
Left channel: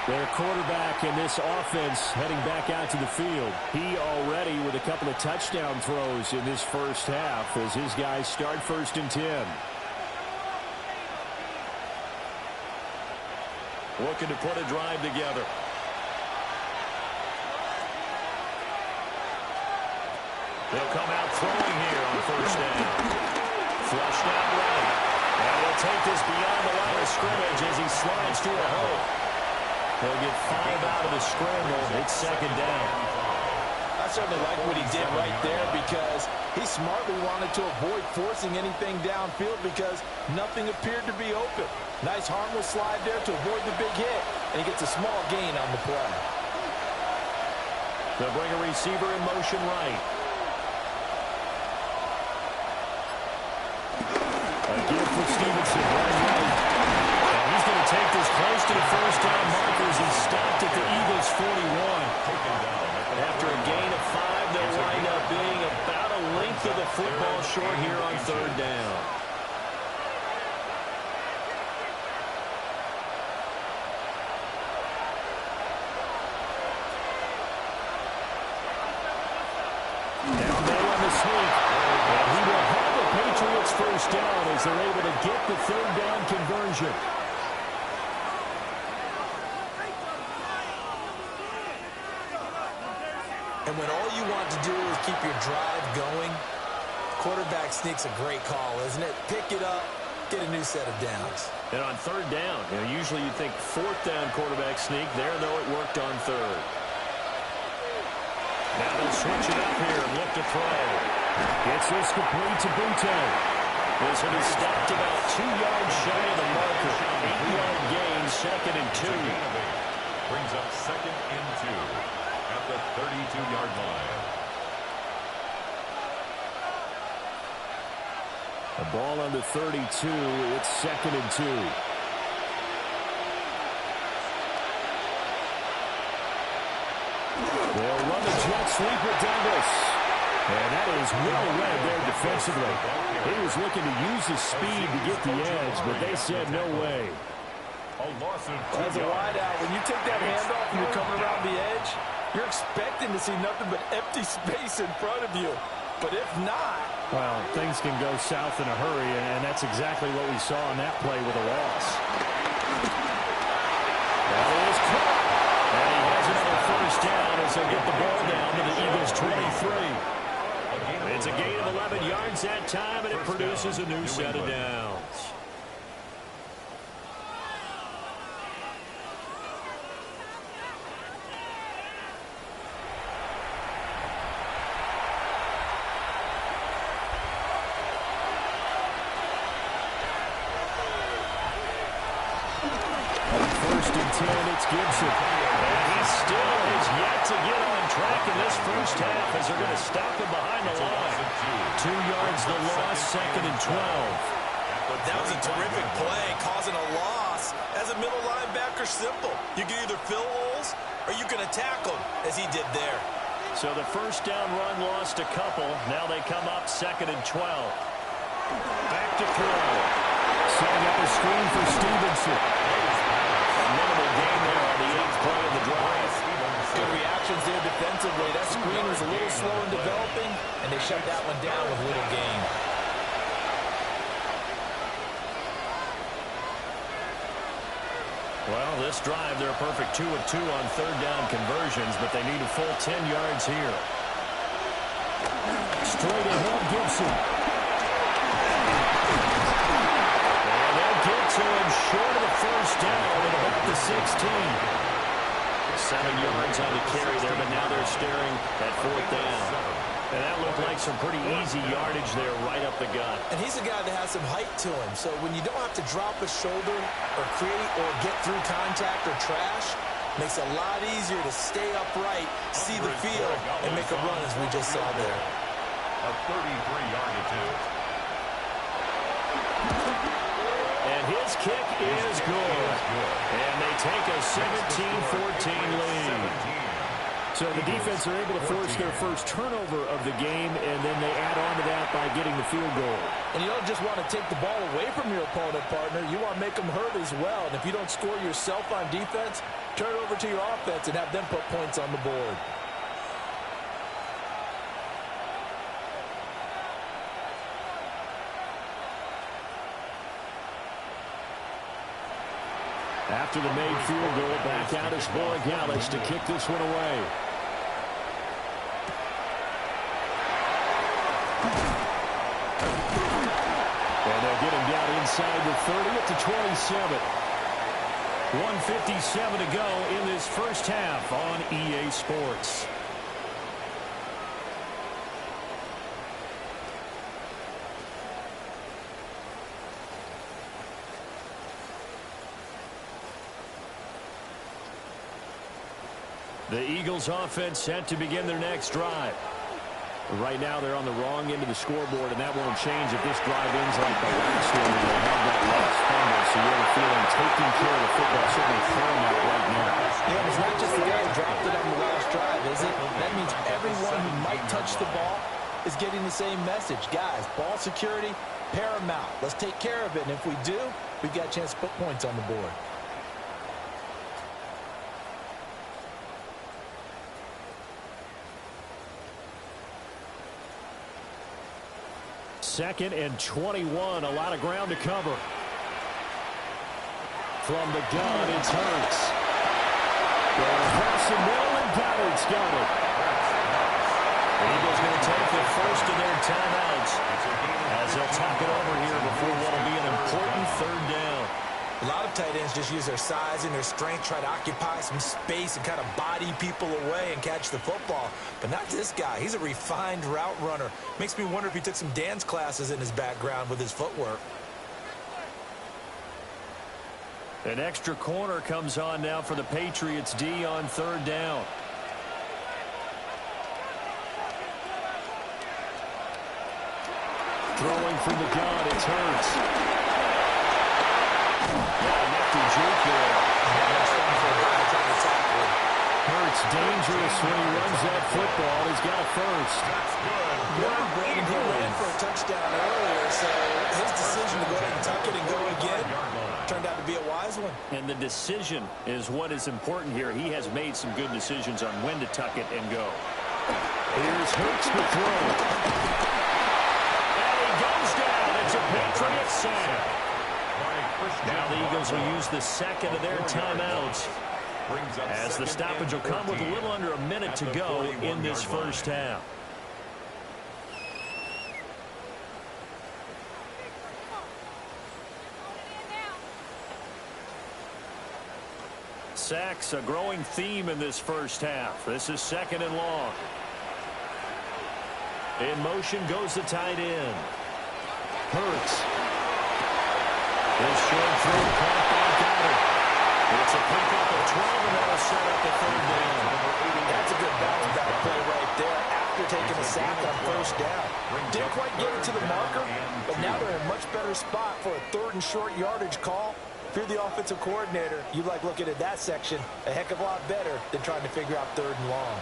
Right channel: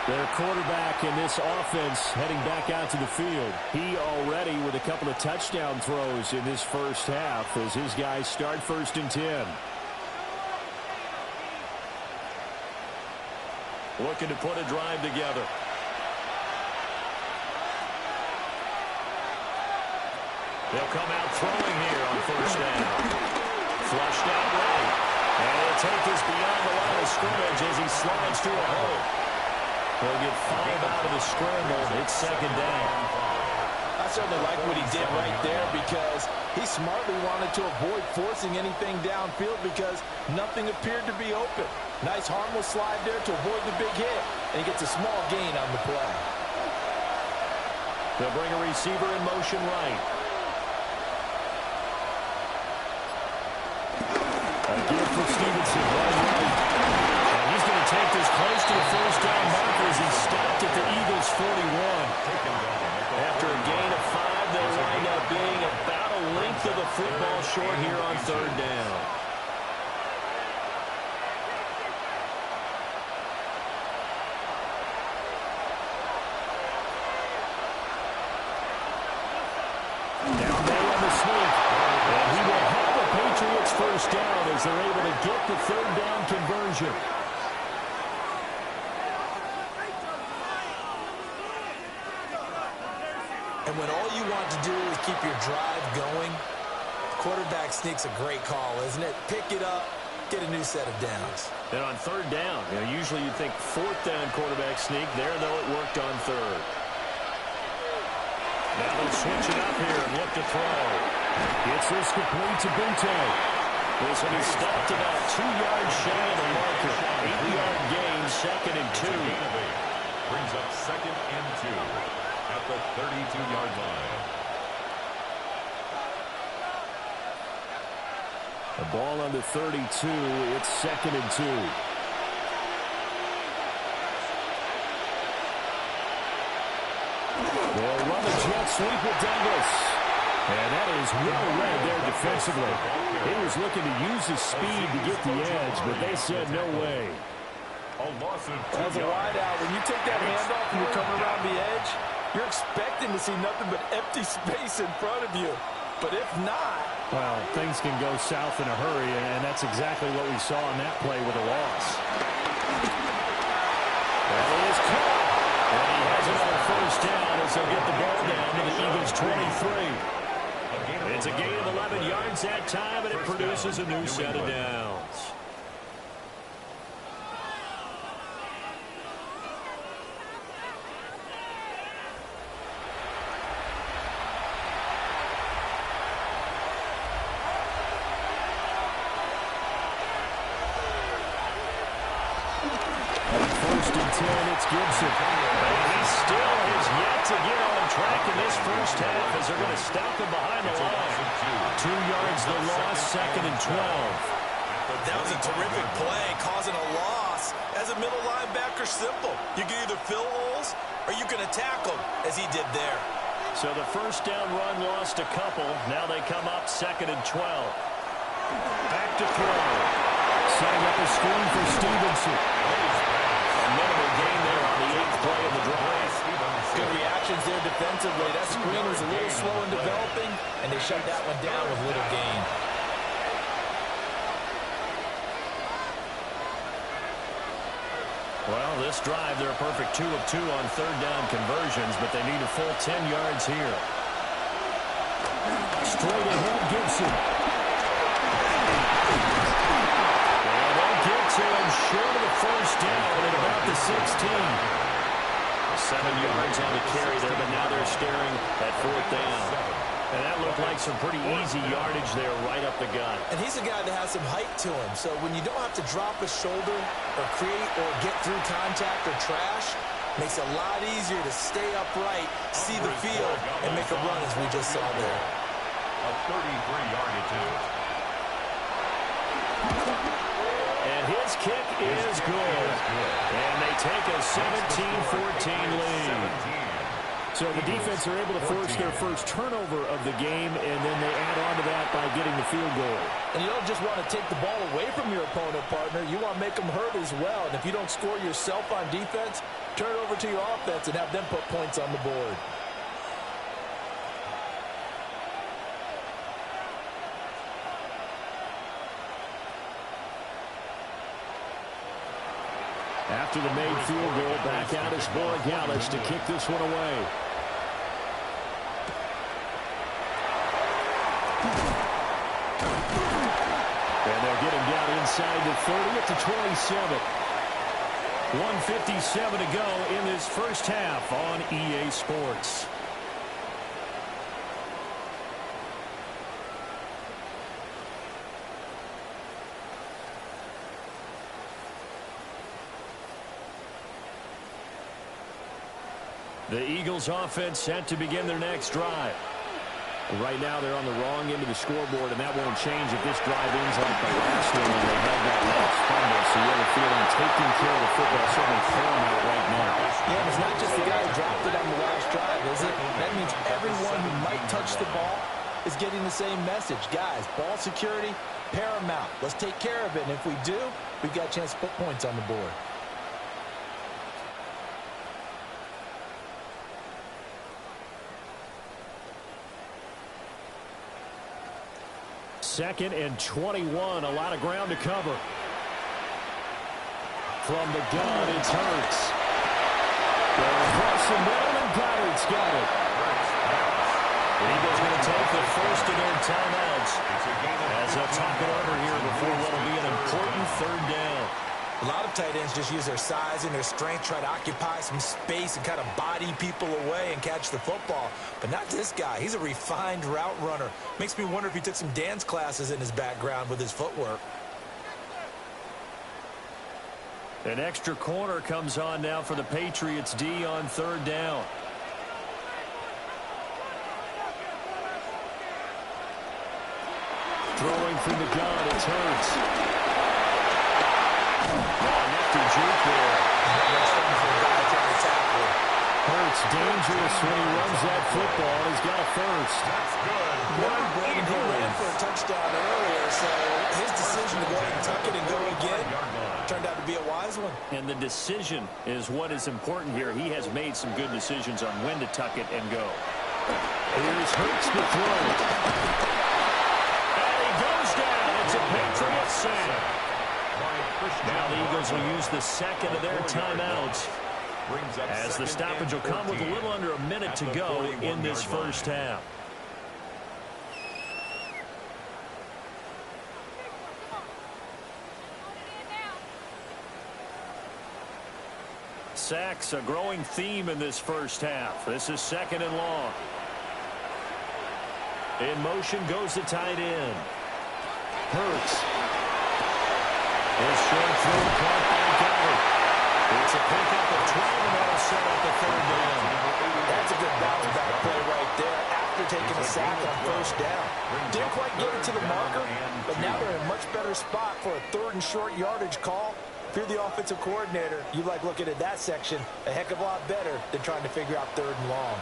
Their quarterback in this offense heading back out to the field. He already with a couple of touchdown throws in this first half as his guys start first and 10. Looking to put a drive together. They'll come out throwing here on first down. Flushed out right. And he'll take this beyond the line of scrimmage as he slides through a hole. He'll get 5 out of the scramble. It's second down. I certainly like what he did right there because he smartly wanted to avoid forcing anything downfield because nothing appeared to be open. Nice harmless slide there to avoid the big hit, and he gets a small gain on the play. They'll bring a receiver in motion right. A give for Stevenson, right. And he's going to take this close to the first down markers. He stopped at the Eagles' 41. After a gain of 5, they'll wind up being about a length of the football short here on third down. Now May on the sneak. And he will have the Patriots first down as they're able to get the third down conversion. And when all you want to do is keep your drive going, quarterback sneak's a great call, isn't it? Pick it up, get a new set of downs. And on third down, usually you'd think fourth down quarterback sneak. There, though, it worked on third. Now they'll switch it up here and look to throw. Gets this complete to Bunte. This will be stopped about 2 yards shy of the marker. 8-yard gain, second and 2. Brings up second and 2 at the 32-yard line. The ball on the 32. It's second and 2. They'll run the jet sweep with Douglas. And that is well read there defensively. He was looking to use his speed to get the edge, but they said no way. As a wideout, when you take that handoff and you're coming around the edge, you're expecting to see nothing but empty space in front of you. But if not... Well, things can go south in a hurry, and that's exactly what we saw on that play with a loss. That is caught. And he has another first down as he'll get the ball down to the Eagles' 23. It's a gain of 11 yards that time, and it produces a new set of downs. First and 10, it's Gibson. And he still has yet to get on track in this first half as they're going to stop him behind the line. 2 yards the loss, second and 12. That was a terrific play, causing a loss. As a middle linebacker, simple. You can either fill holes or you can attack them, as he did there. So the first down run lost a couple. Now they come up second and 12. Back to throw. Setting up a screen for Stevenson. A minimal gain there on the 8th play of the drive. Good reactions there defensively. That screen was a little slow in developing, and they shut that one down with little gain. Well, this drive, they're a perfect 2 of 2 on third down conversions, but they need a full 10 yards here. Straight ahead, Gibson. And they'll get to him short of the first down at about the 16. 7 yards on the carry there, but now they're staring at fourth down. And that looked like some pretty easy yardage there right up the gut. And he's a guy that has some height to him. So when you don't have to drop a shoulder or create or get through contact or trash, makes it a lot easier to stay upright, see the field, and make a run as we just saw there. A 33-yard attempt. And his kick is good. And they take a 17-14 lead. So the defense are able to force their first turnover of the game, and then they add on to that by getting the field goal. And you don't just want to take the ball away from your opponent, partner. You want to make them hurt as well. And if you don't score yourself on defense, turn it over to your offense and have them put points on the board. After the made field goal, back out is Borregales to kick this one away. And they'll get him down inside the 30 at the 27. 1:57 to go in this first half on EA Sports. The Eagles offense set to begin their next drive. Right now they're on the wrong end of the scoreboard, and that won't change if this drive ends like the last one when they had that lost fumble. So you have a feeling taking care of the football is certainly paramount right now. Yeah, and it's not just the guy who dropped it on the last drive, is it? That means everyone who might touch the ball is getting the same message. Guys, ball security, paramount. Let's take care of it, and if we do, we've got a chance to put points on the board. Second and 21, a lot of ground to cover. From the gun, it's Hurts. Going across the middle, and Goddard's got it. The Eagles going to take the first of their timeouts as they'll talk it over here before what will be an important third down. A lot of tight ends just use their size and their strength, try to occupy some space and kind of body people away and catch the football. But not this guy. He's a refined route runner. Makes me wonder if he took some dance classes in his background with his footwork. An extra corner comes on now for the Patriots D on third down. Throwing from the gun, it's Hurts. Nifty juke there. Much fun for a guy trying to tackle. Hurts dangerous when he runs that football. He's got a first. That's good. And he ran for a touchdown earlier, so his decision to go ahead and tuck it and go again turned out to be a wise one. And the decision is what is important here. He has made some good decisions on when to tuck it and go. Here's Hurts to throw. And he goes down. It's a Patriots sack. Now the Eagles will use the second of their timeouts as the stoppage will come with a little under a minute to go in this first half. Sacks, a growing theme in this first half. This is second and long. In motion goes the tight end. Hurts. His short throw caught by Goddard. It's a pickup of 12, and that'll set up a third down. That's a good bounce back play right there after taking a sack on first down. Didn't quite get it to the marker, but now they're in a much better spot for a third and short yardage call. If you're the offensive coordinator, you like looking at that section a heck of a lot better than trying to figure out third and long.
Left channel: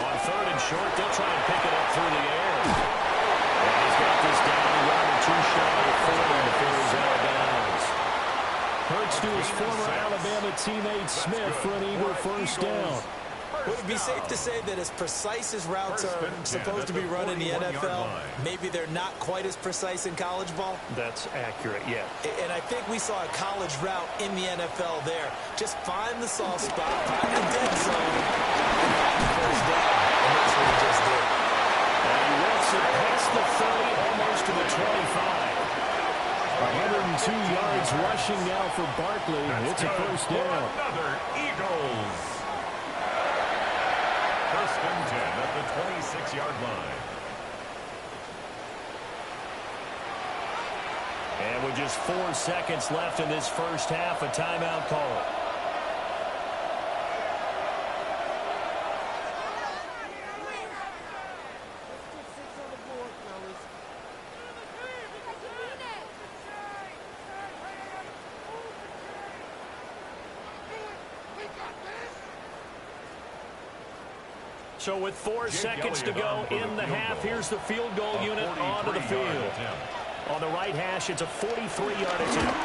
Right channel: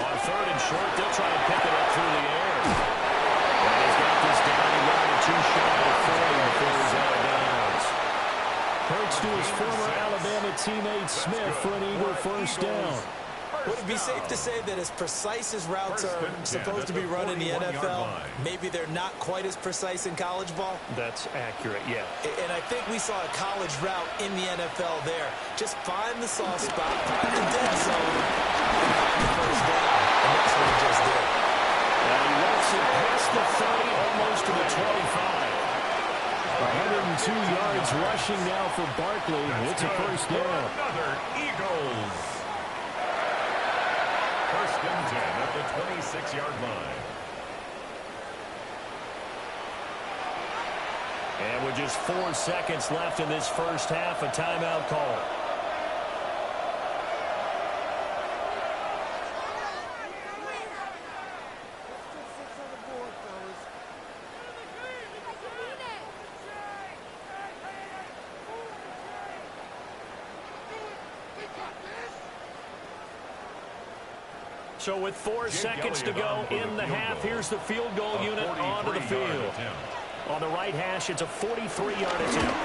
On third and short, they'll try and pick it up through the air. And he's got this down. He ran it too shy of 40 before he's out of bounds. Hurts to his former Alabama teammate Smith for an eager first down. Would it be safe to say that as precise as routes are supposed to be run in the NFL, maybe they're not quite as precise in college ball? That's accurate, yeah. And I think we saw a college route in the NFL there. Just find the soft spot, find the dead zone, and find the first down. And that's what he just did. And he walks it past the 30, almost to the 25. 102 yards rushing now for Barkley. It's a first down. Another Eagles. First and 10 at the 26-yard line. And with just 4 seconds left in this first half, a timeout call. So with 4 seconds to go in the half, here's the field goal unit onto the field. On the right hash, it's a 43-yard attempt.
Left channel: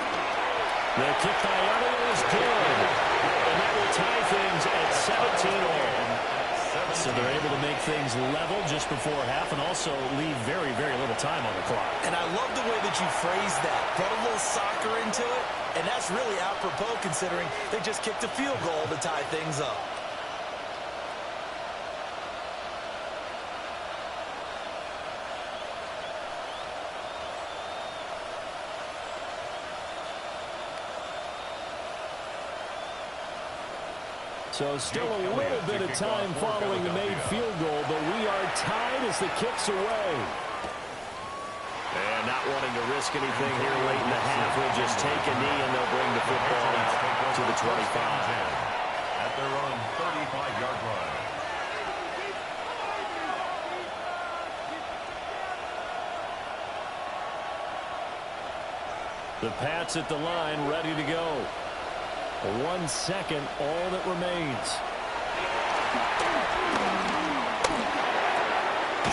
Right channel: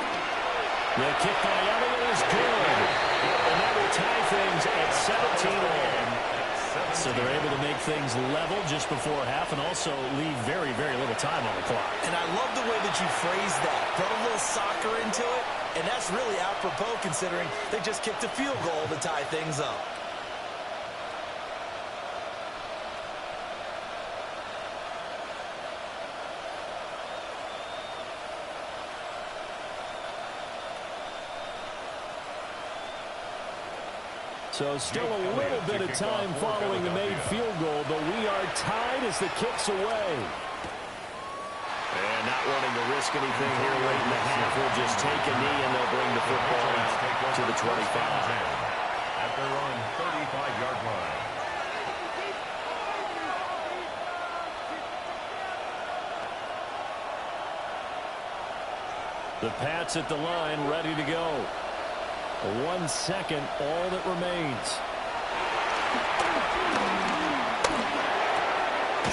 The kick by Elliott is good. And that will tie things at 17 all. So they're able to make things level just before half and also leave very, very little time on the clock. And I love the way that you phrased that. Put a little soccer into it, and that's really apropos considering they just kicked a field goal to tie things up. So still a little bit of time following the made field goal, but we are tied as the kick's away. And not wanting to risk anything here late in the half, we'll just take a knee and they'll bring the football out to the 25. At their own 35-yard line. The Pats at the line, ready to go. 1 second, all that remains.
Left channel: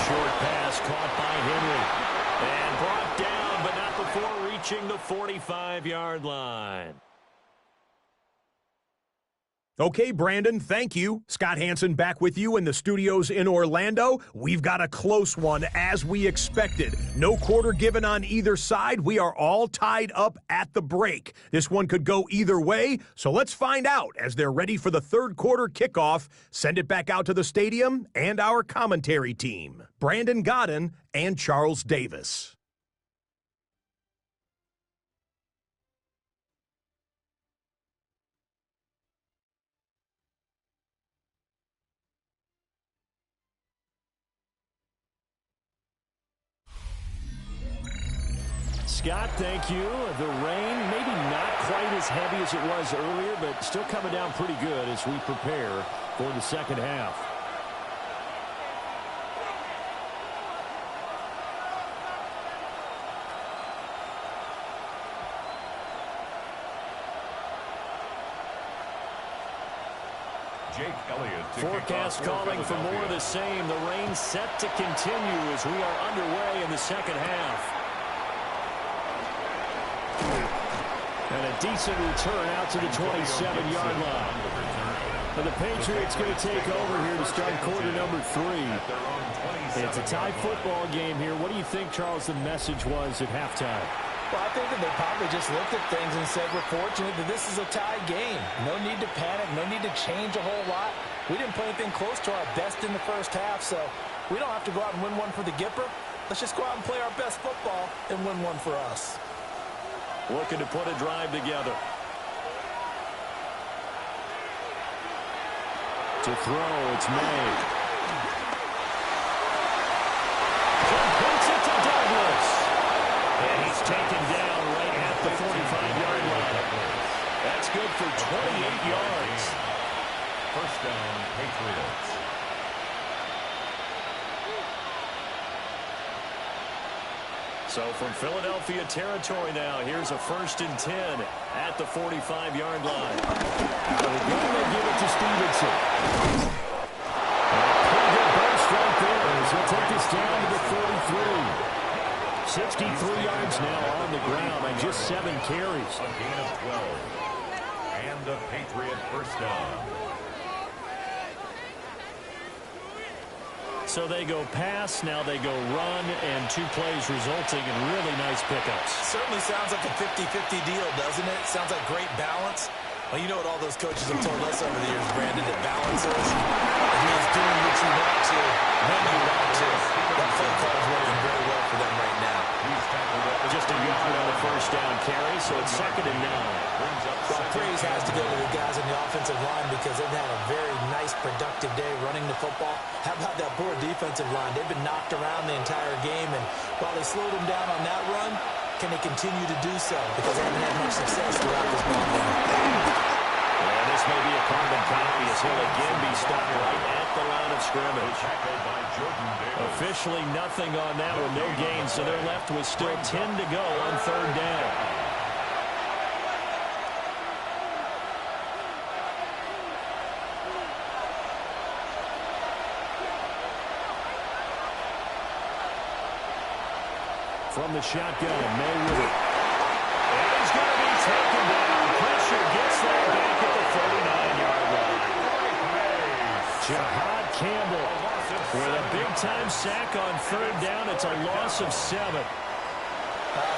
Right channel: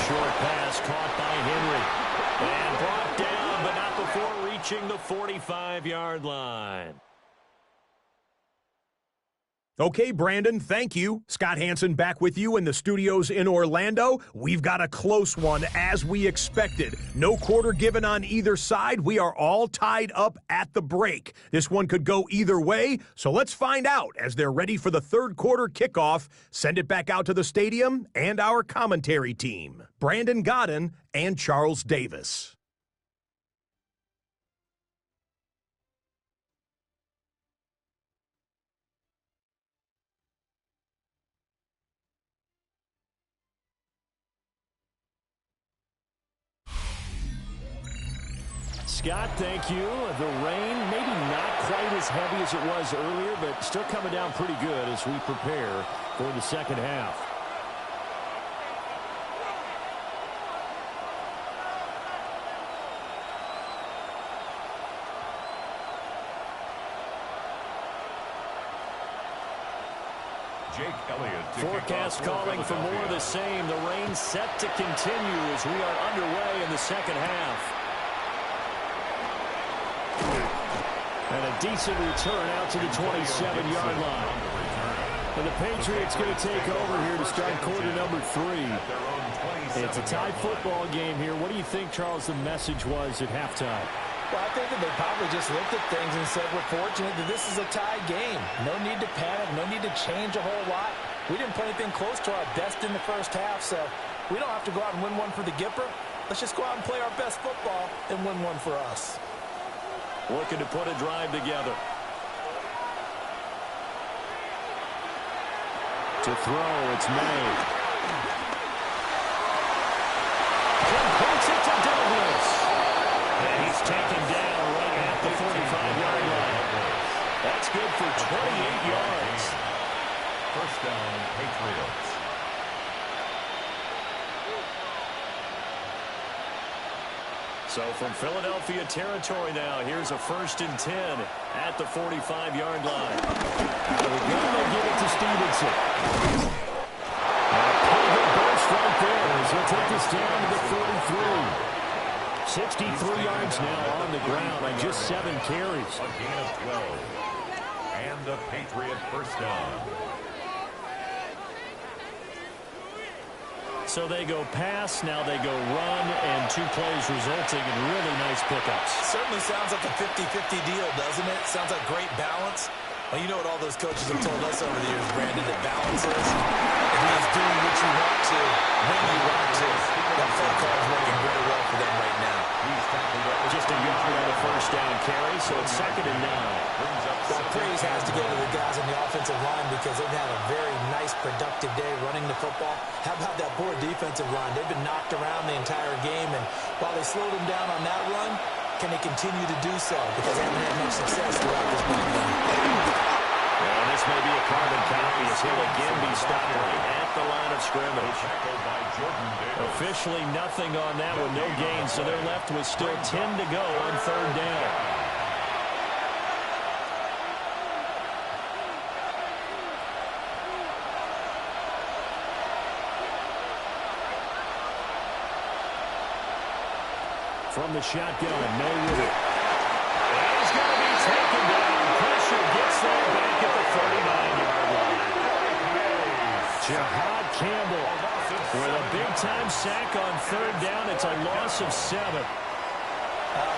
Short pass caught by Henry. And brought down, but not before reaching the 45-yard line. Okay, Brandon, thank you. Scott Hansen back with you in the studios in Orlando. We've got a close one, as we expected. No quarter given on either side. We are all tied up at the break. This one could go either way, so let's find out as they're ready for the third quarter kickoff. Send it back out to the stadium and our commentary team, Brandon Godden and Charles Davis. Scott, thank you. The rain, maybe not quite as heavy as it was earlier, but still coming down pretty good as we prepare for the second half. Jake Elliott. Forecast calling for more of the same. The rain set to continue as we are underway in the second half. And a decent return out to the 27-yard line. And the Patriots going to take over here to start quarter number 3. It's a tie football game here. What do you think, Charles, the message was at halftime? Well, I think that they probably just looked at things and said, we're fortunate that this is a tie game. No need to panic. No need to change a whole lot. We didn't play anything close to our best in the first half, so we don't have to go out and win one for the Gipper. Let's just go out and play our best football and win one for us. Looking to put a drive together. To throw, it's made. Completes it to Douglas. And he's taken down right at the 45-yard line. That's good for 28 yards. First down, Patriots. So from Philadelphia territory now, here's a 1st and 10 at the 45-yard line. Out of the gun, they give it to Stevenson. And a pretty good burst right there as he'll take us down to the 33. 63 yards now on the ground on just 7 carries. A gain of 12. And a Patriot first down. So they go pass, now they go run, and 2 plays resulting in really nice pickups. Certainly sounds like a 50-50 deal, doesn't it? Sounds like great balance. Well, you know what all those coaches have told us over the years, Brandon, that balance is? It means doing what you want to, when you want to. That play call is working very well for them right now. Just a yard on the first down carry, so it's 2nd and 9. Well, praise has to go to the guys on the offensive line because they've had a very nice, productive day running the football. How about that poor defensive line? They've been knocked around the entire game, and while they slowed them down on that run, can they continue to do so? Because they haven't had much success throughout this ball game. And this may be a carbon copy as he'll again be stopped right at the line of scrimmage. Officially nothing on that one, no gain, so they're left with still 10 to go on 3rd down. From the shotgun, May with it. And he's going to be taken down. Pressure gets that back at the 39-yard line. Jahad Campbell with a big-time sack on 3rd down. It's a loss of 7.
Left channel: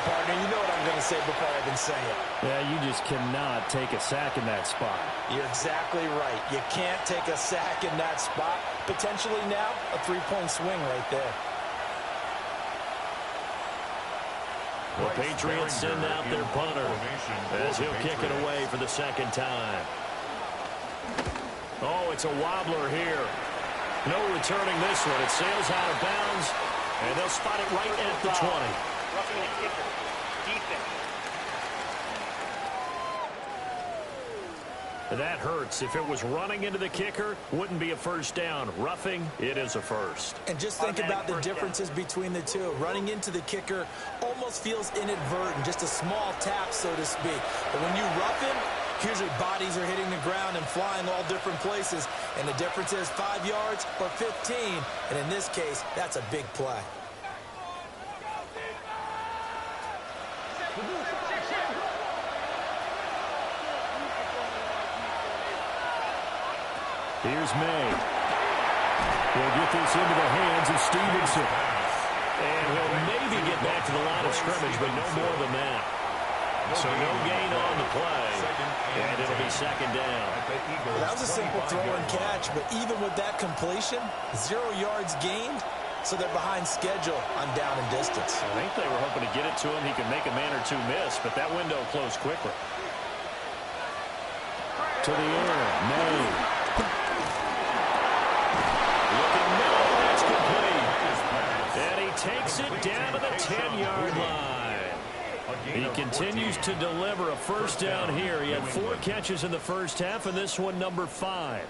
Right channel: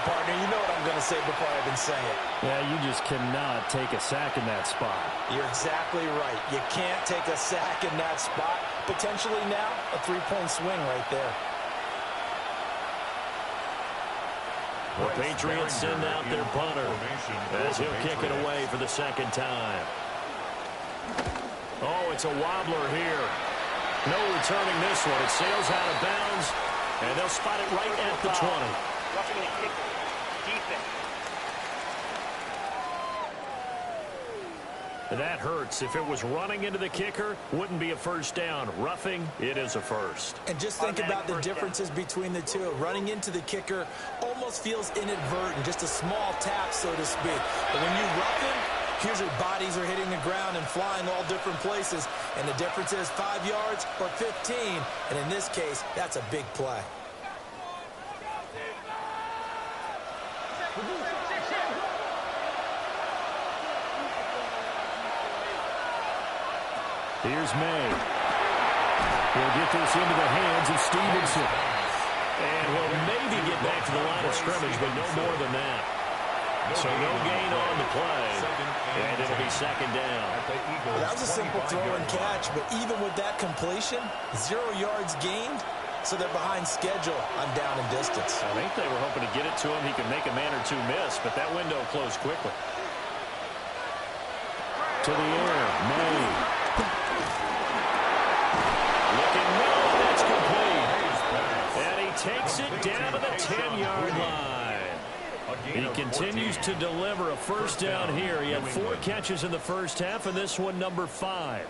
Partner, you know what I'm going to say before I even say it. Yeah, you just cannot take a sack in that spot. You're exactly right. You can't take a sack in that spot. Potentially now, a 3-point swing right there. The Patriots send out their punter as he'll kick it away for the 2nd time. Oh, it's a wobbler here. No returning this one. It sails out of bounds, and they'll spot it right at the 20. Roughing the kicker. Defense. That hurts. If it was running into the kicker, wouldn't be a first down. Roughing, it is a first. And just think about the differences between the two. Running into the kicker almost feels inadvertent, just a small tap, so to speak. But when you rough him, usually bodies are hitting the ground and flying all different places. And the difference is 5 yards or 15. And in this case, that's a big play. Here's May. He'll get this into the hands of Stevenson. And he'll maybe get back to the line of scrimmage, but no more than that. So no gain on the play. And it'll be 2nd down. Well, that was a simple throw and catch, but even with that completion, 0 yards gained, so they're behind schedule on down and distance. I think they were hoping to get it to him. He could make a man or two miss, but that window closed quickly. To the air, May. Looking middle, and that's complete. And he takes it down to the 10-yard line. He continues to deliver a first down here. He had 4 catches in the first half, and this one number 5.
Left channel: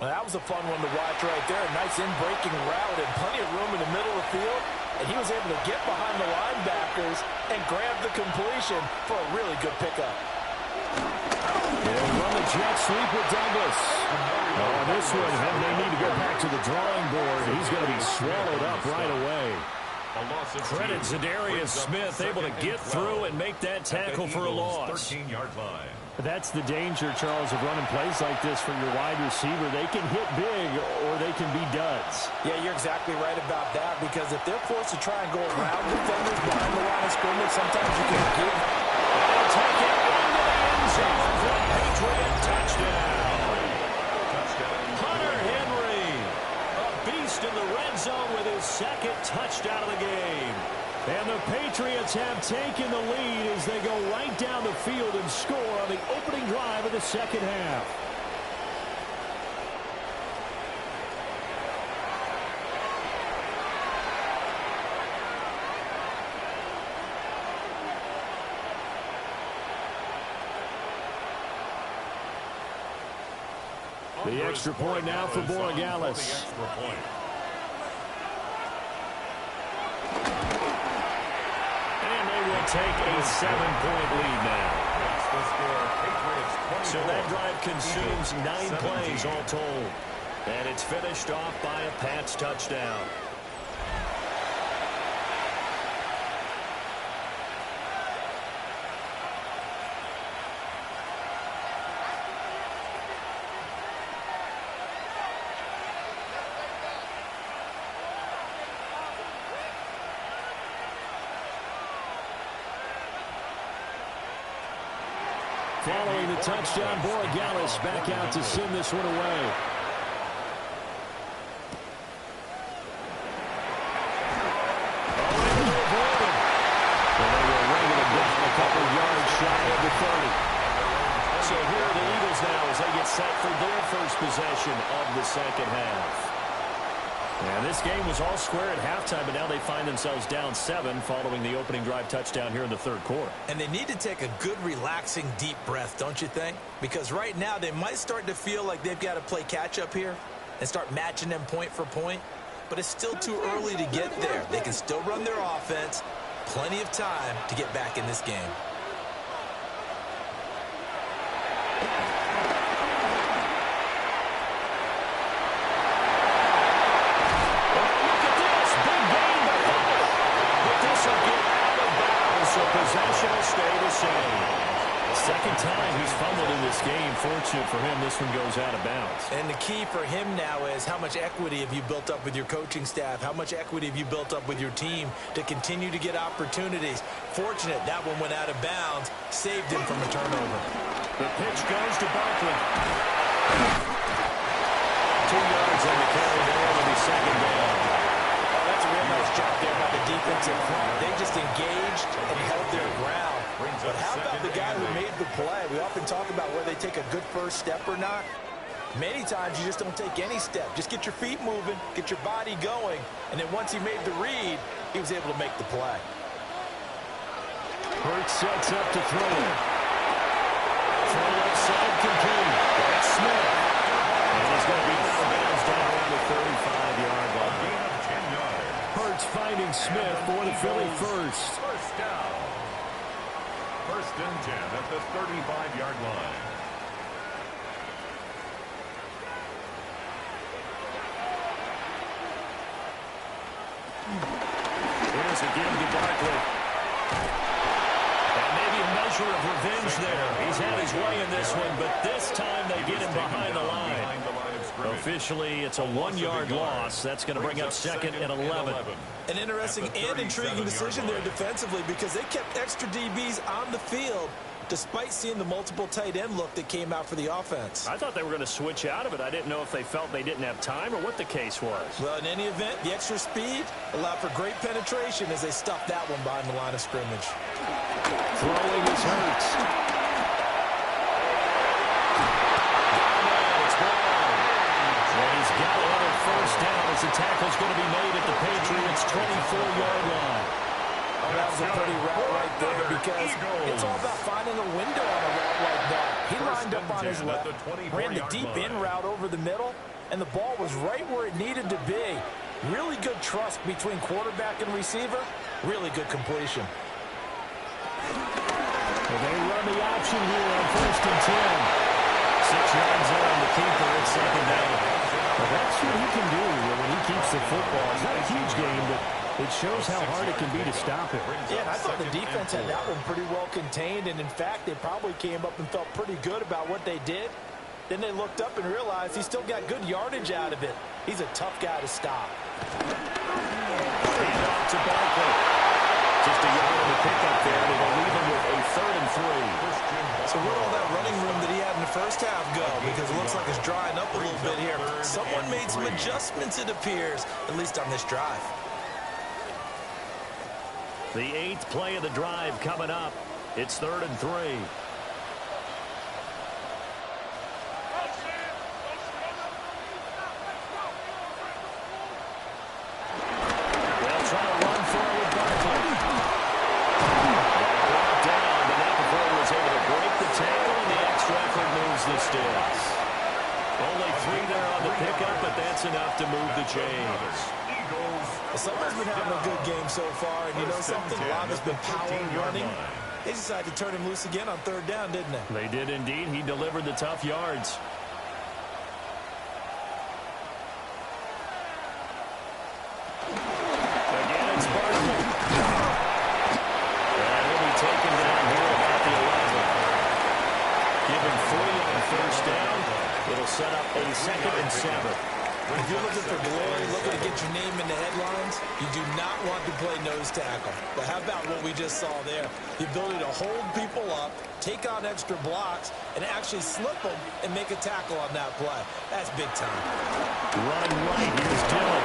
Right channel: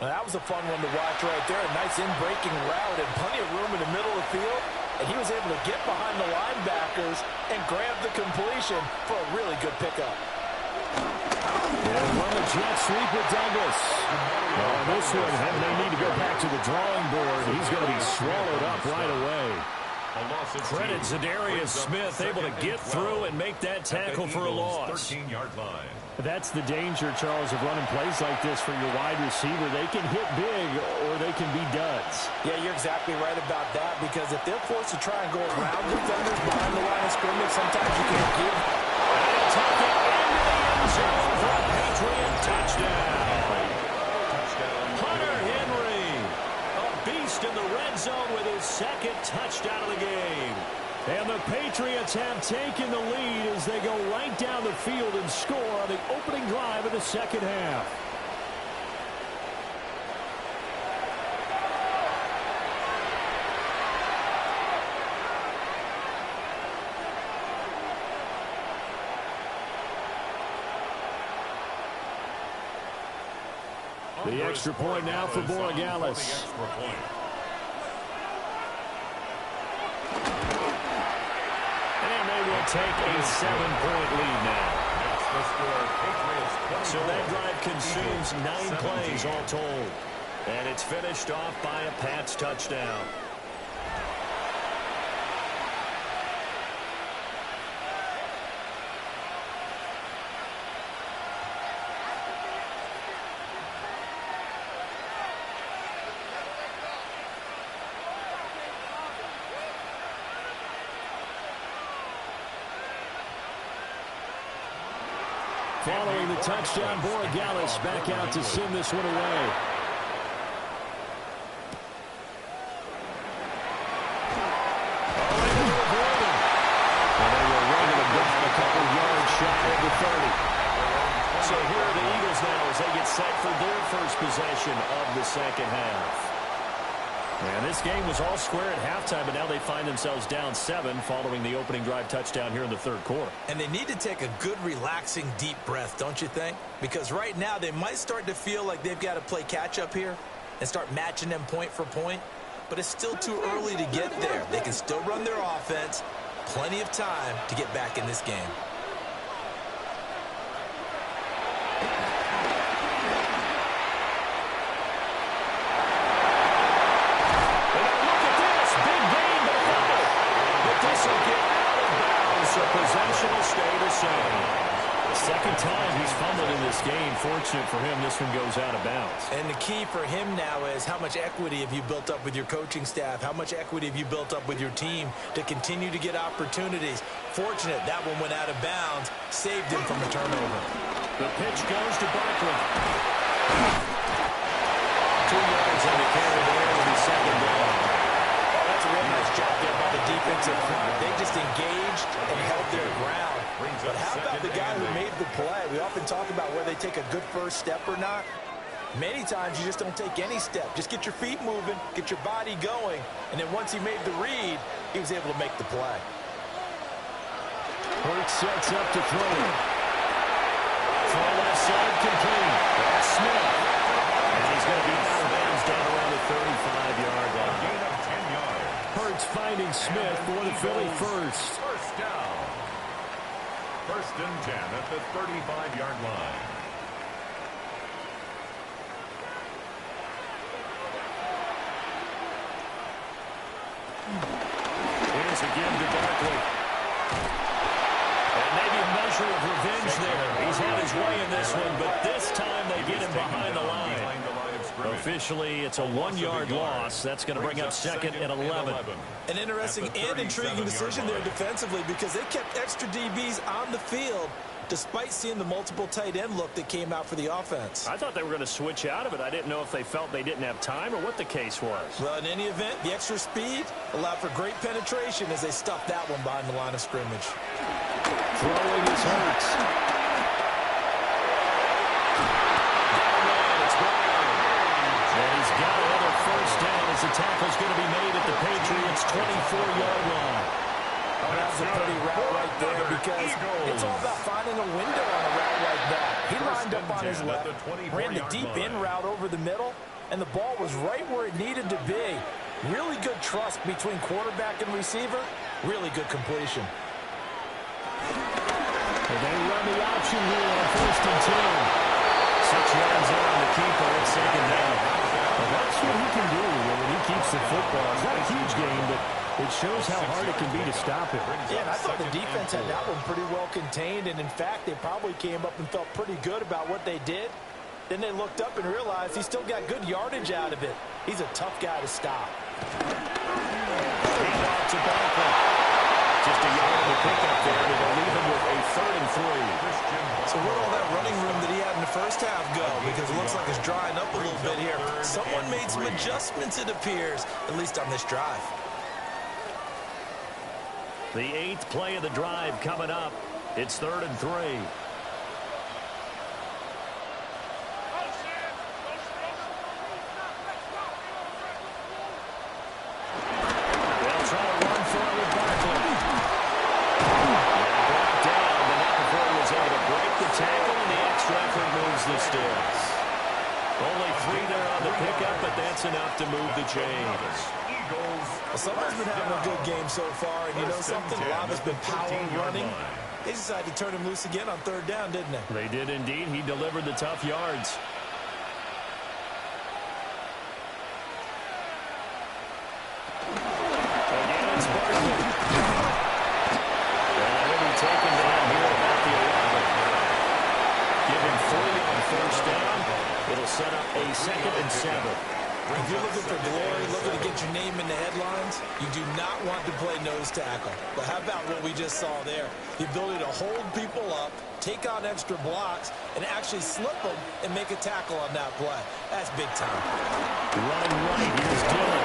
Well, that was a fun one to watch right there. A nice in-breaking route and plenty of room in the middle of the field. And he was able to get behind the linebackers and grab the completion for a really good pickup. And from the jet sweep with Douglas. On this one, they need to go back to the drawing board. He's going to be swallowed up right away. Credit Zadarius Smith, able to get through and make that tackle for a loss. 13-yard line. That's the danger, Charles, of running plays like this for your wide receiver. They can hit big or they can be duds. Yeah, you're exactly right about that, because if they're forced to try and go around defenders behind the line of scrimmage, sometimes you can't get. And he'll take it into the end zone for a Patriot touchdown. Hunter Henry, a beast in the red zone with his 2nd touchdown of the game. And the Patriots have taken the lead as they go right down the field and score on the opening drive of the 2nd half. The extra point now for Borregales. And they will take a 7-point lead now. The score, Patriots 24. So that drive consumes Eagles 9 17. plays all told. And it's finished off by a Pats touchdown. Following the touchdown, Borregales back out to send this one away. Oh, able to avoid him. And they will ring him down a couple yards shy of the 30. So here are the Eagles now as they get set for their first possession of the second half. And this game was all square at halftime, but now they find themselves down 7 following the opening drive touchdown here in the third quarter. And they need to take a good, relaxing, deep breath, don't you think? Because right now they might start to feel like they've got to play catch-up here and start matching them point for point. But it's still too early to get there. They can still run their offense. Plenty of time to get back in this game. So possession will stay the same. Second time he's fumbled in this game. Fortunate for him, this one goes out of bounds. And the key for him now is how much equity have you built up with your coaching staff? How much equity have you built up with your team to continue to get opportunities? Fortunate that one went out of bounds, saved him from a turnover. The pitch goes to Barkley. 2 yards on the carry there. It'll be second down. That's a real nice job there by the defensive front. They just engaged and held their ground. But how about the guy who made the play? We often talk about whether they take a good first step or not. Many times you just don't take any step. Just get your feet moving, get your body going, and then once he made the read, he was able to make the play. Hurts sets up to throw. Throw left side complete. That's Smith. And he's going to be out of bounds down around the 35-yard line. Gain of 10 yards. Hurts finding Smith for the Philly first. First down. First and 10 at the 35-yard line. Here's a give to Barkley. And maybe a measure of revenge there. He's had his way in this one, but this time they get him behind the line. Officially, it's a 1-yard loss. That's going to bring up second and 11. An interesting and intriguing decision there defensively because they kept extra DBs on the field despite seeing the multiple tight end look that came out for the offense. I thought they were going to switch out of it. I didn't know if they felt they didn't have time or what the case was. Well, in any event, the extra speed allowed for great penetration as they stuffed that one behind the line of scrimmage. Throwing is Hurts. And he's got another first down as the tackle's going to be made at the Patriots' 24-yard line. Oh, that was a pretty route right there because it's all about finding a window on a route like that. He lined up on his left, ran the deep in route over the middle, and the ball was right where it needed to be. Really good trust between quarterback and receiver. Really good completion. And they run the option here on first and 10. 6 yards there on the keeper. It's second down. Well, that's what he can do when he keeps the football. It's not a huge game, but it shows how hard it can be to stop him. Yeah, and I thought the defense had that one pretty well contained, and in fact, they probably came up and felt pretty good about what they did. Then they looked up and realized he still got good yardage out of it. He's a tough guy to stop. Hand off to Barkley. Just a yard of a pickup there, and it'll leave him with a 3rd and 3. So where'd all that running room that he had in the first half go? Because it looks like it's drying up a little bit here. Someone made some adjustments, it appears, at least on this drive. The 8th play of the drive coming up. It's 3rd and 3. They'll try to run for it with Barkley. Brought down, but not before he was able to break the tackle, and the extra effort moves the sticks. Only 3 there on the pickup, but that's enough to move the chains. Well, someone's been having a good game so far, and you know something? A lot has been power running. They decided to turn him loose again on third down, didn't they? They did indeed. He delivered the tough yards. Again, it's Barkley. And he'll be taken down here at about the 11. Give him 3 on first down. It'll set up a 2nd and 7. If you're looking for glory, looking to get your name in the headlines, you do not want to play nose tackle. But how about what we just saw there? The ability to hold people up, take on extra blocks, and actually slip them and make a tackle on that play. That's big time. Running right, here's Dillon.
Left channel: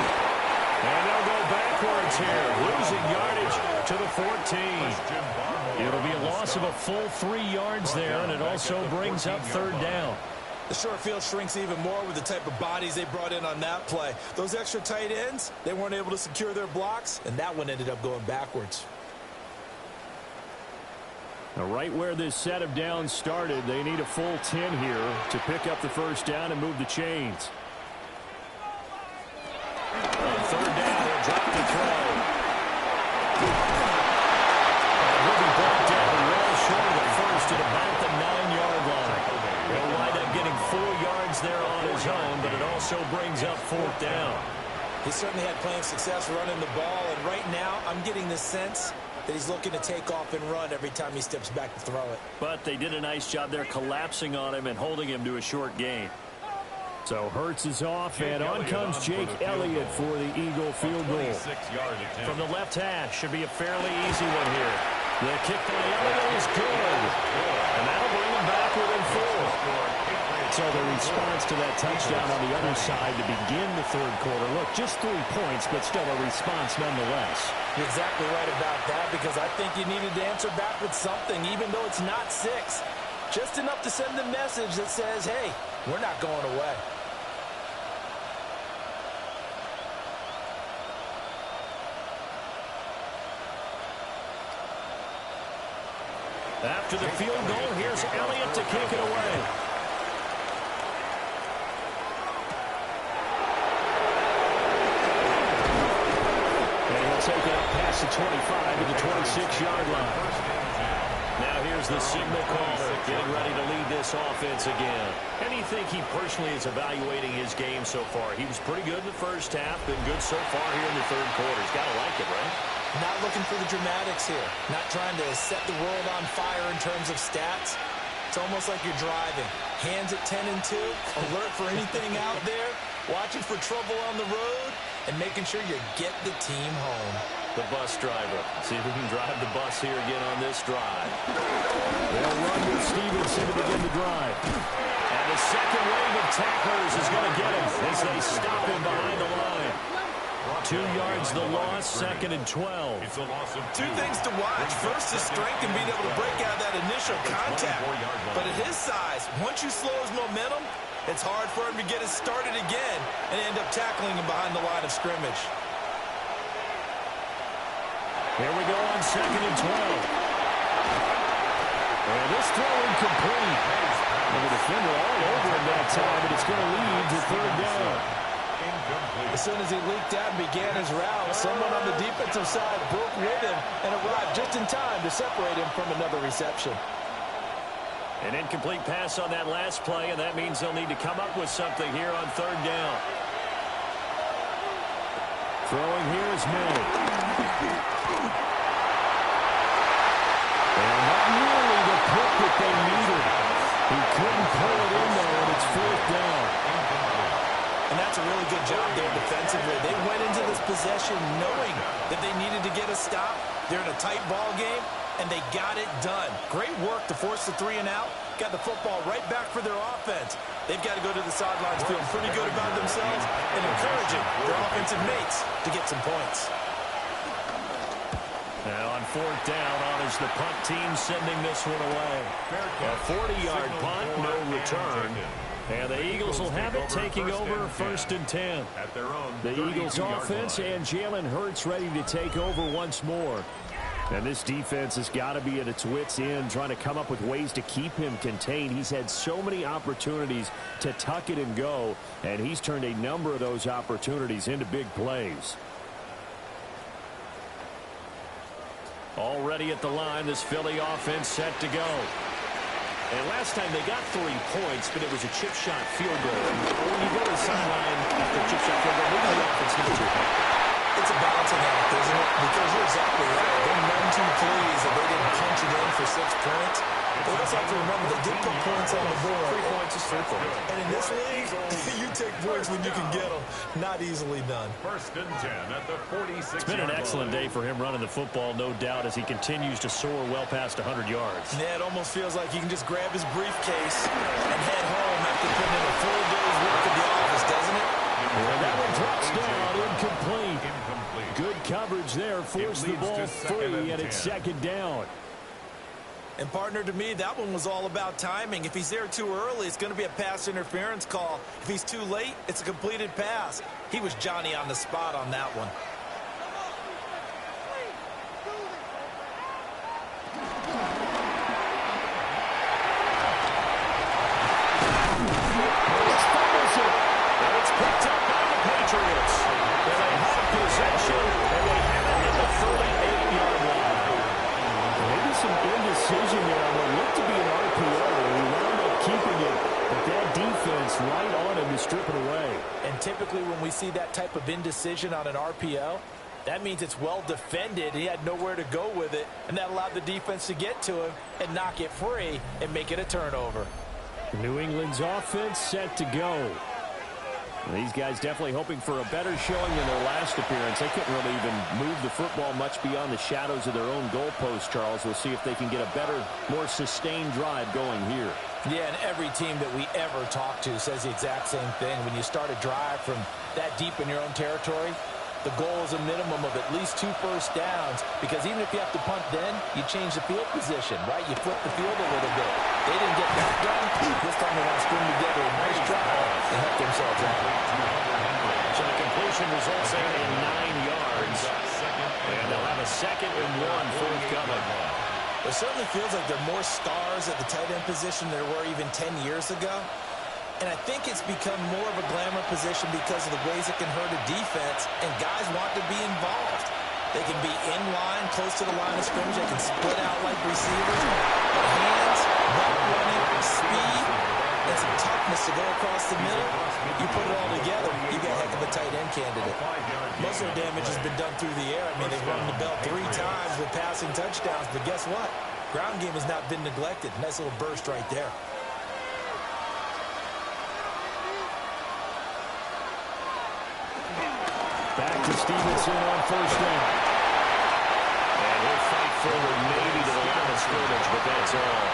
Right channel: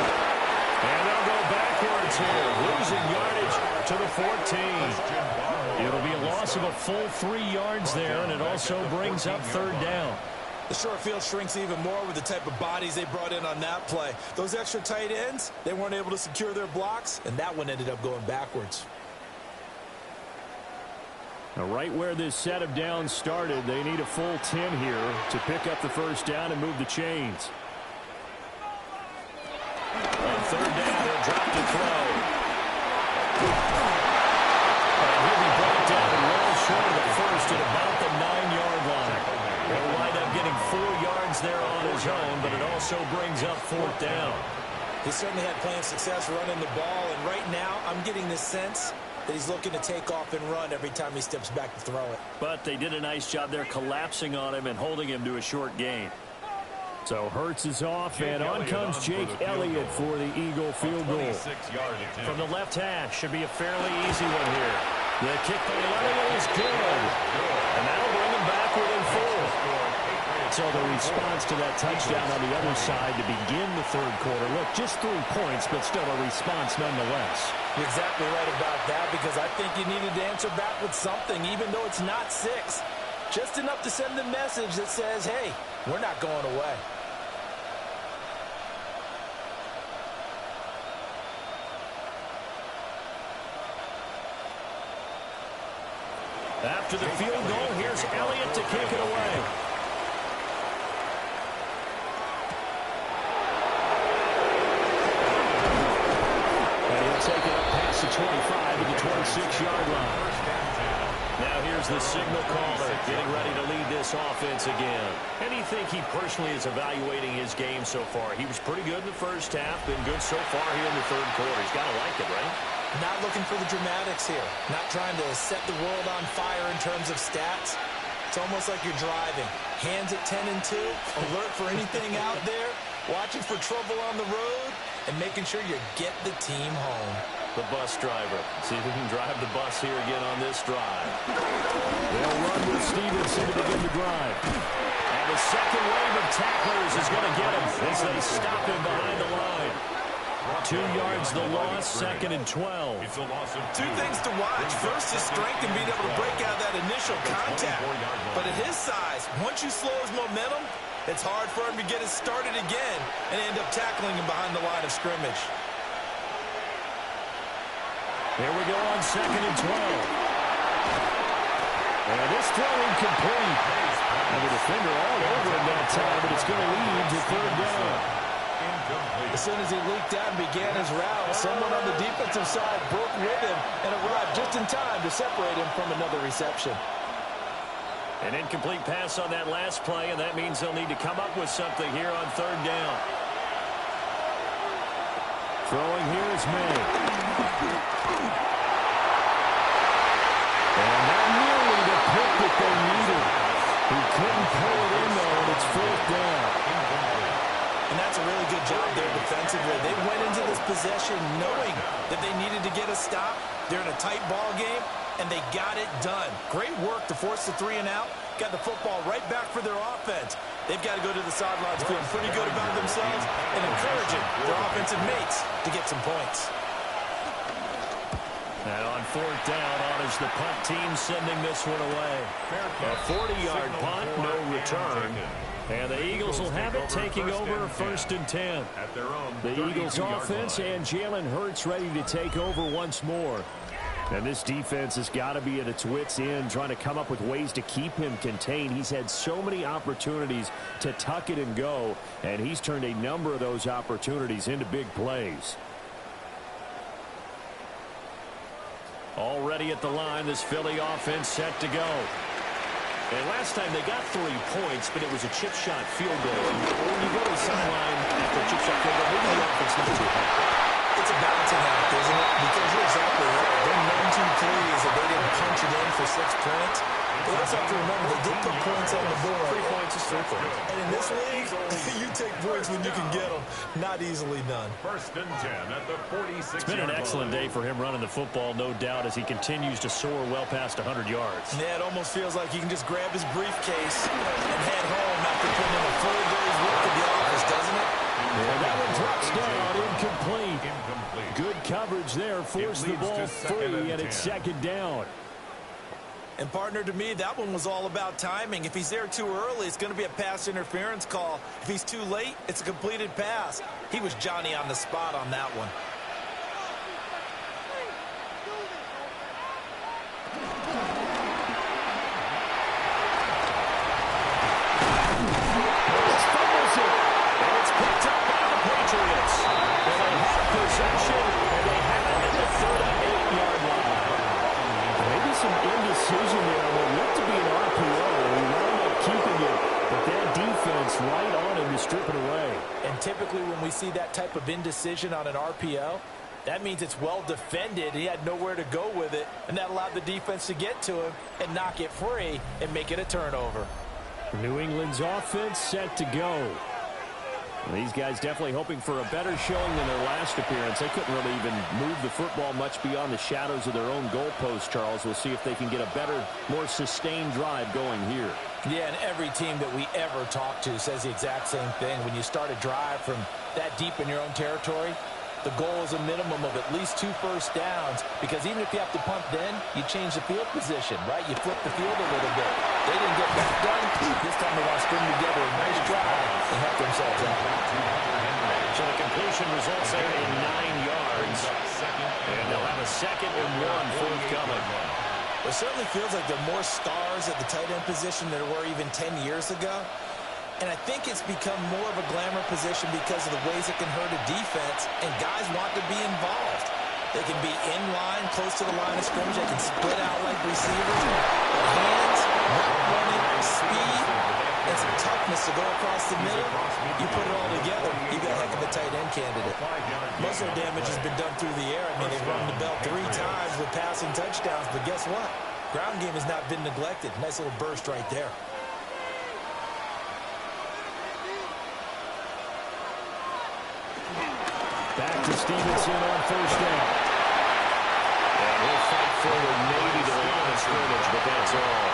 And they'll go backwards here, losing yardage to the 14. It'll be a loss of a full 3 yards there, and it also brings up third down. The short field shrinks even more with the type of bodies they brought in on that play. Those extra tight ends, they weren't able to secure their blocks, and that one ended up going backwards. Now, right where this set of downs started, they need a full 10 here to pick up the first down and move the chains. On third down, he'll drop to throw. And he'll be brought down well short of the first at about the 9-yard line. He'll wind up getting 4 yards there on his own, but it also brings up 4th down. He certainly had plenty of success running the ball, and right now I'm getting the sense that he's looking to take off and run every time he steps back to throw it. But they did a nice job there collapsing on him and holding him to a short gain. So Hurts is off, and on comes Jake Elliott for the Eagle field goal. From the left hash, should be a fairly easy one here. The kick by Elliott is good. And that'll bring him back within 4. So the response to that touchdown on the other side to begin the third quarter. Look, just 3 points, but still a response nonetheless. You're exactly right about that, because I think you needed to answer back with something, even though it's not 6. Just enough to send a message that says, hey, we're not going away. After the field goal, here's Elliott to kick it away. And he'll take it up past the 25 at the 26-yard line. Now here's the signal caller getting ready to lead this offense again. And you think he personally is evaluating his game so far? He was pretty good in the first half, been good so far here in the third quarter. He's got to like it, right? Not looking for the dramatics here. Not trying to set the world on fire in terms of stats. It's almost like you're driving. Hands at 10 and 2, alert for anything out there, watching for trouble on the road, and making sure you get the team home. The bus driver. See if he can drive the bus here again on this drive. They'll run with Stevenson to begin the drive. And the second wave of tacklers is going to get him as they stop him behind the line. 2 yards the loss, 2nd and 12. It's a loss of 2. 2 things to watch. First, his strength and being able to break out that initial contact. But at his size, once you slow his momentum, it's hard for him to get it started again and end up tackling him behind the line of scrimmage. Here we go on 2nd and 12. And this throw incomplete. And the defender all over him that time, but it's going to lead to third down. As soon as he leaked out and began his route, someone on the defensive side broke with him and arrived just in time to separate him from another reception. An incomplete pass on that last play, and that means they'll need to come up with something here on third down. Throwing here is May. And not nearly the pick that they needed. He couldn't pull it in, though, and it's 4th down. And that's a really good job there defensively. They went into this possession knowing that they needed to get a stop. They're in a tight ball game, and they got it done. Great work to force the 3 and out. Got the football right back for their offense. They've got to go to the sidelines feeling pretty good about themselves and encouraging their offensive mates to get some points. Now on 4th down, on is the punt team sending this one away. A 40-yard punt, no return. And the Eagles will have it, taking over 1st and 10. At their own the Eagles offense line. and Jalen Hurts ready to take over once more. And this defense has got to be at its wits' end, trying to come up with ways to keep him contained. He's had so many opportunities to tuck it and go, and he's turned a number of those opportunities into big plays. Already at the line, this Philly offense set to go. And last time they got 3 points, but it was a chip shot field goal. And when you go to the sideline after a chip shot field goal, maybe the offense not too happy. It's a balancing act, isn't it? Because you're exactly right. They're none too pleased that they didn't punch it in for 6 points. But we also have to remember they did put points on the board. 3 points is 3 points. And in this league, you take points when you can get them. Not easily done. 1st and 10 at the 46. It's been an excellent day for him running the football, no doubt, as he continues to soar well past 100 yards. Yeah, it almost feels like he can just grab his briefcase and head home after putting in a full day's work at the office, doesn't it? And that one drops down, incomplete. Good coverage there, forced the ball free, and it's 2nd down. And partner, to me, that one was all about timing. If he's there too early, it's going to be a pass interference call. If he's too late, it's a completed pass. He was Johnny on the spot on that one. And it's picked up by the Patriots. And they have possession, and they have it at the 38-yard line. Maybe some indecision there on what looked to be an RPO. He wound up keeping it, but that defense right on him to strip it away. And typically when we see that type of indecision on an RPO, that means it's well defended. He had nowhere to go with it, and that allowed the defense to get to him and knock it free and make it a turnover. New England's offense set to go. These guys definitely hoping for a better showing than their last appearance. They couldn't really even move the football much beyond the shadows of their own goalpost, Charles. We'll see if they can get a better, more sustained drive going here. Yeah, and every team that we ever talk to says the exact same thing. When you start a drive from that deep in your own territory, the goal is a minimum of at least 2 first downs, because even if you have to punt then, you change the field position, right? You flip the field a little bit. They didn't get that done. This time they want to string together a nice drive and help themselves out. So the completion results there in 9 yards. And they'll have a 2nd and 1 forthcoming. It certainly feels like there are more stars at the tight end position than there were even 10 years ago. And I think it's become more of a glamour position because of the ways it can hurt a defense, and guys want to be involved. They can be in line, close to the line of scrimmage. They can split out like receivers. But hands, route running, speed, and some toughness to go across the middle. You put it all together, you got a heck of a tight end candidate. Most of their damage has been done through the air. I mean, they've rung the bell 3 times with passing touchdowns, but guess what? Ground game has not been neglected. Nice little burst right there. Back to Stevenson on 1st down. And he'll fight forward maybe to the line of scrimmage, but that's all.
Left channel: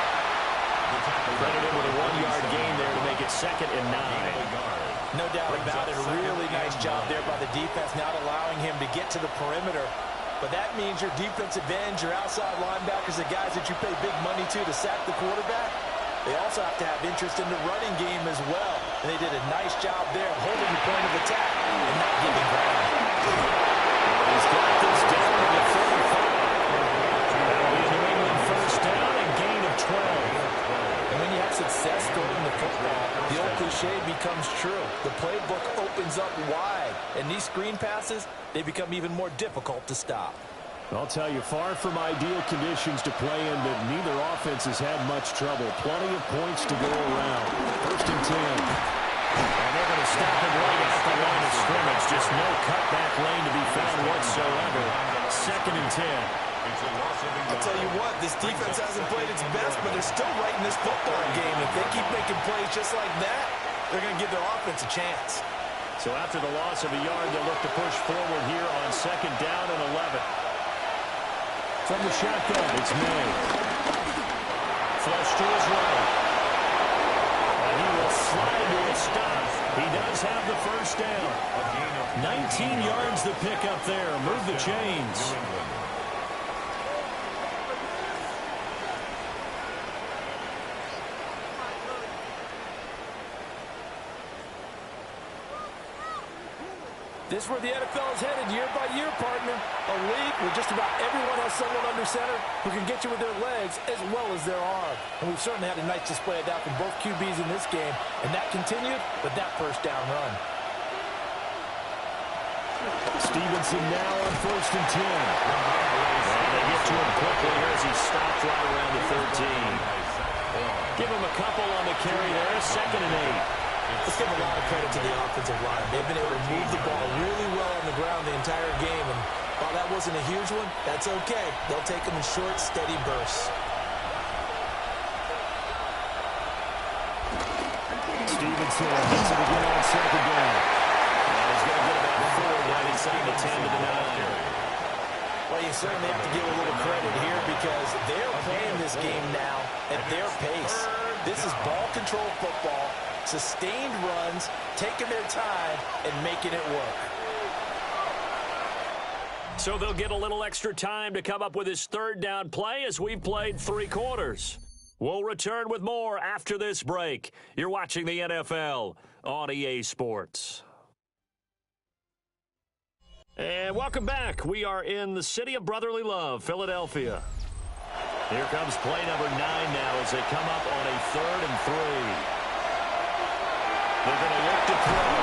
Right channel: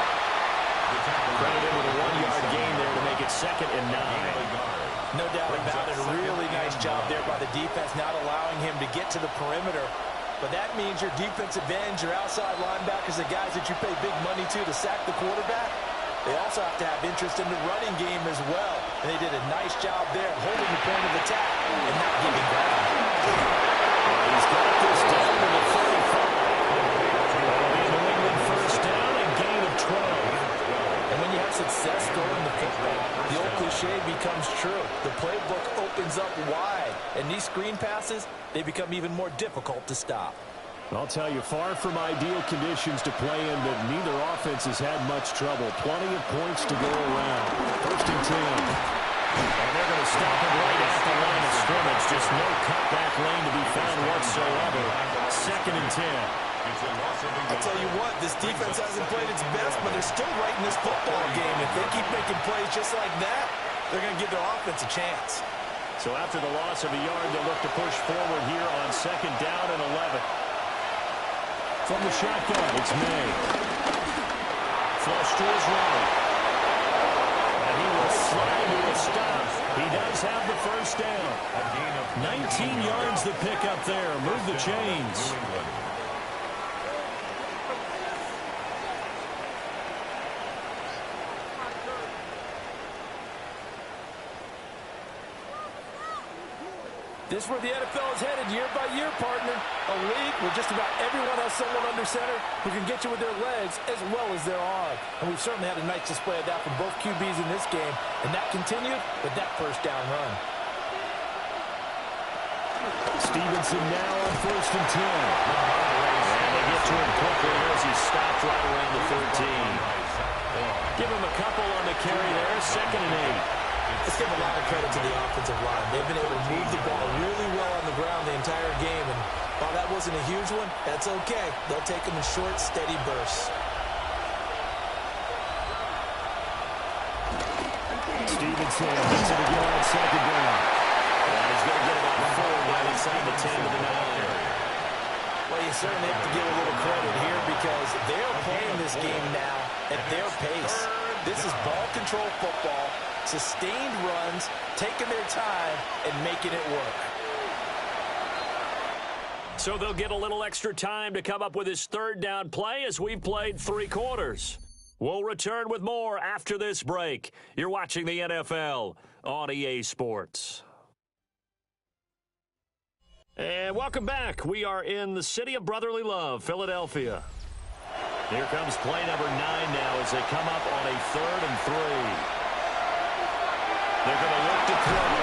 Credit him with a 1-yard gain there to make it 2nd and 9. No doubt about it. A really nice job there by the defense, not allowing him to get to the perimeter. But that means your defensive ends, your outside linebackers, the guys that you pay big money to sack the quarterback, they also have to have interest in the running game as well. And they did a nice job there holding the point of attack and not giving ground. Well, he's got this down to the 35. That'll be a New England 1st down and gain of 12. And when you have success throwing the football, the old cliche becomes true. The playbook opens up wide. And these screen passes, they become even more difficult to stop. I'll tell you, far from ideal conditions to play in, but neither offense has had much trouble. Plenty of points to go around. 1st and 10. And they're going to stop him right at the line of scrimmage. Just no cutback lane to be found whatsoever. 2nd and 10. I'll tell you what, this defense hasn't played its best, but they're still right in this football game. If they keep making plays just like that, they're going to give their offense a chance. So after the loss of a yard, they'll look to push forward here on 2nd down and 11. From the shotgun, it's May. Flush to his right. And he will slide to a stop. He does have the 1st down. 19 yards to pick up there. Move the chains. This is where the NFL is headed year by year, partner. A league where just about everyone has someone under center who can get you with their legs as well as their arm. And we've certainly had a nice display of that from both QBs in this game. And that continued with that 1st down run. Stevenson now on 1st and 10. And they get to him quickly here as he stopped right around the 13. Give him a couple on the carry there, 2nd and 8. Let's give a lot of credit to the offensive line. They've been able to move the ball really well on the ground the entire game, and while that wasn't a huge one, that's okay. They'll take them in short, steady bursts. Stevenson hits it again on 2nd down. He's going to get about 4 right inside the 10 to the 9. Well, you certainly have to give a little credit here because they're playing this game now at their pace. This is ball control football, sustained runs, taking their time, and making it work. So they'll get a little extra time to come up with his 3rd down play as we've played 3 quarters. We'll return with more after this break. You're watching the NFL on EA Sports. And welcome back. We are in the city of brotherly love, Philadelphia. Here comes play number 9 now as they come up on a 3rd and 3. They're going to look to throw.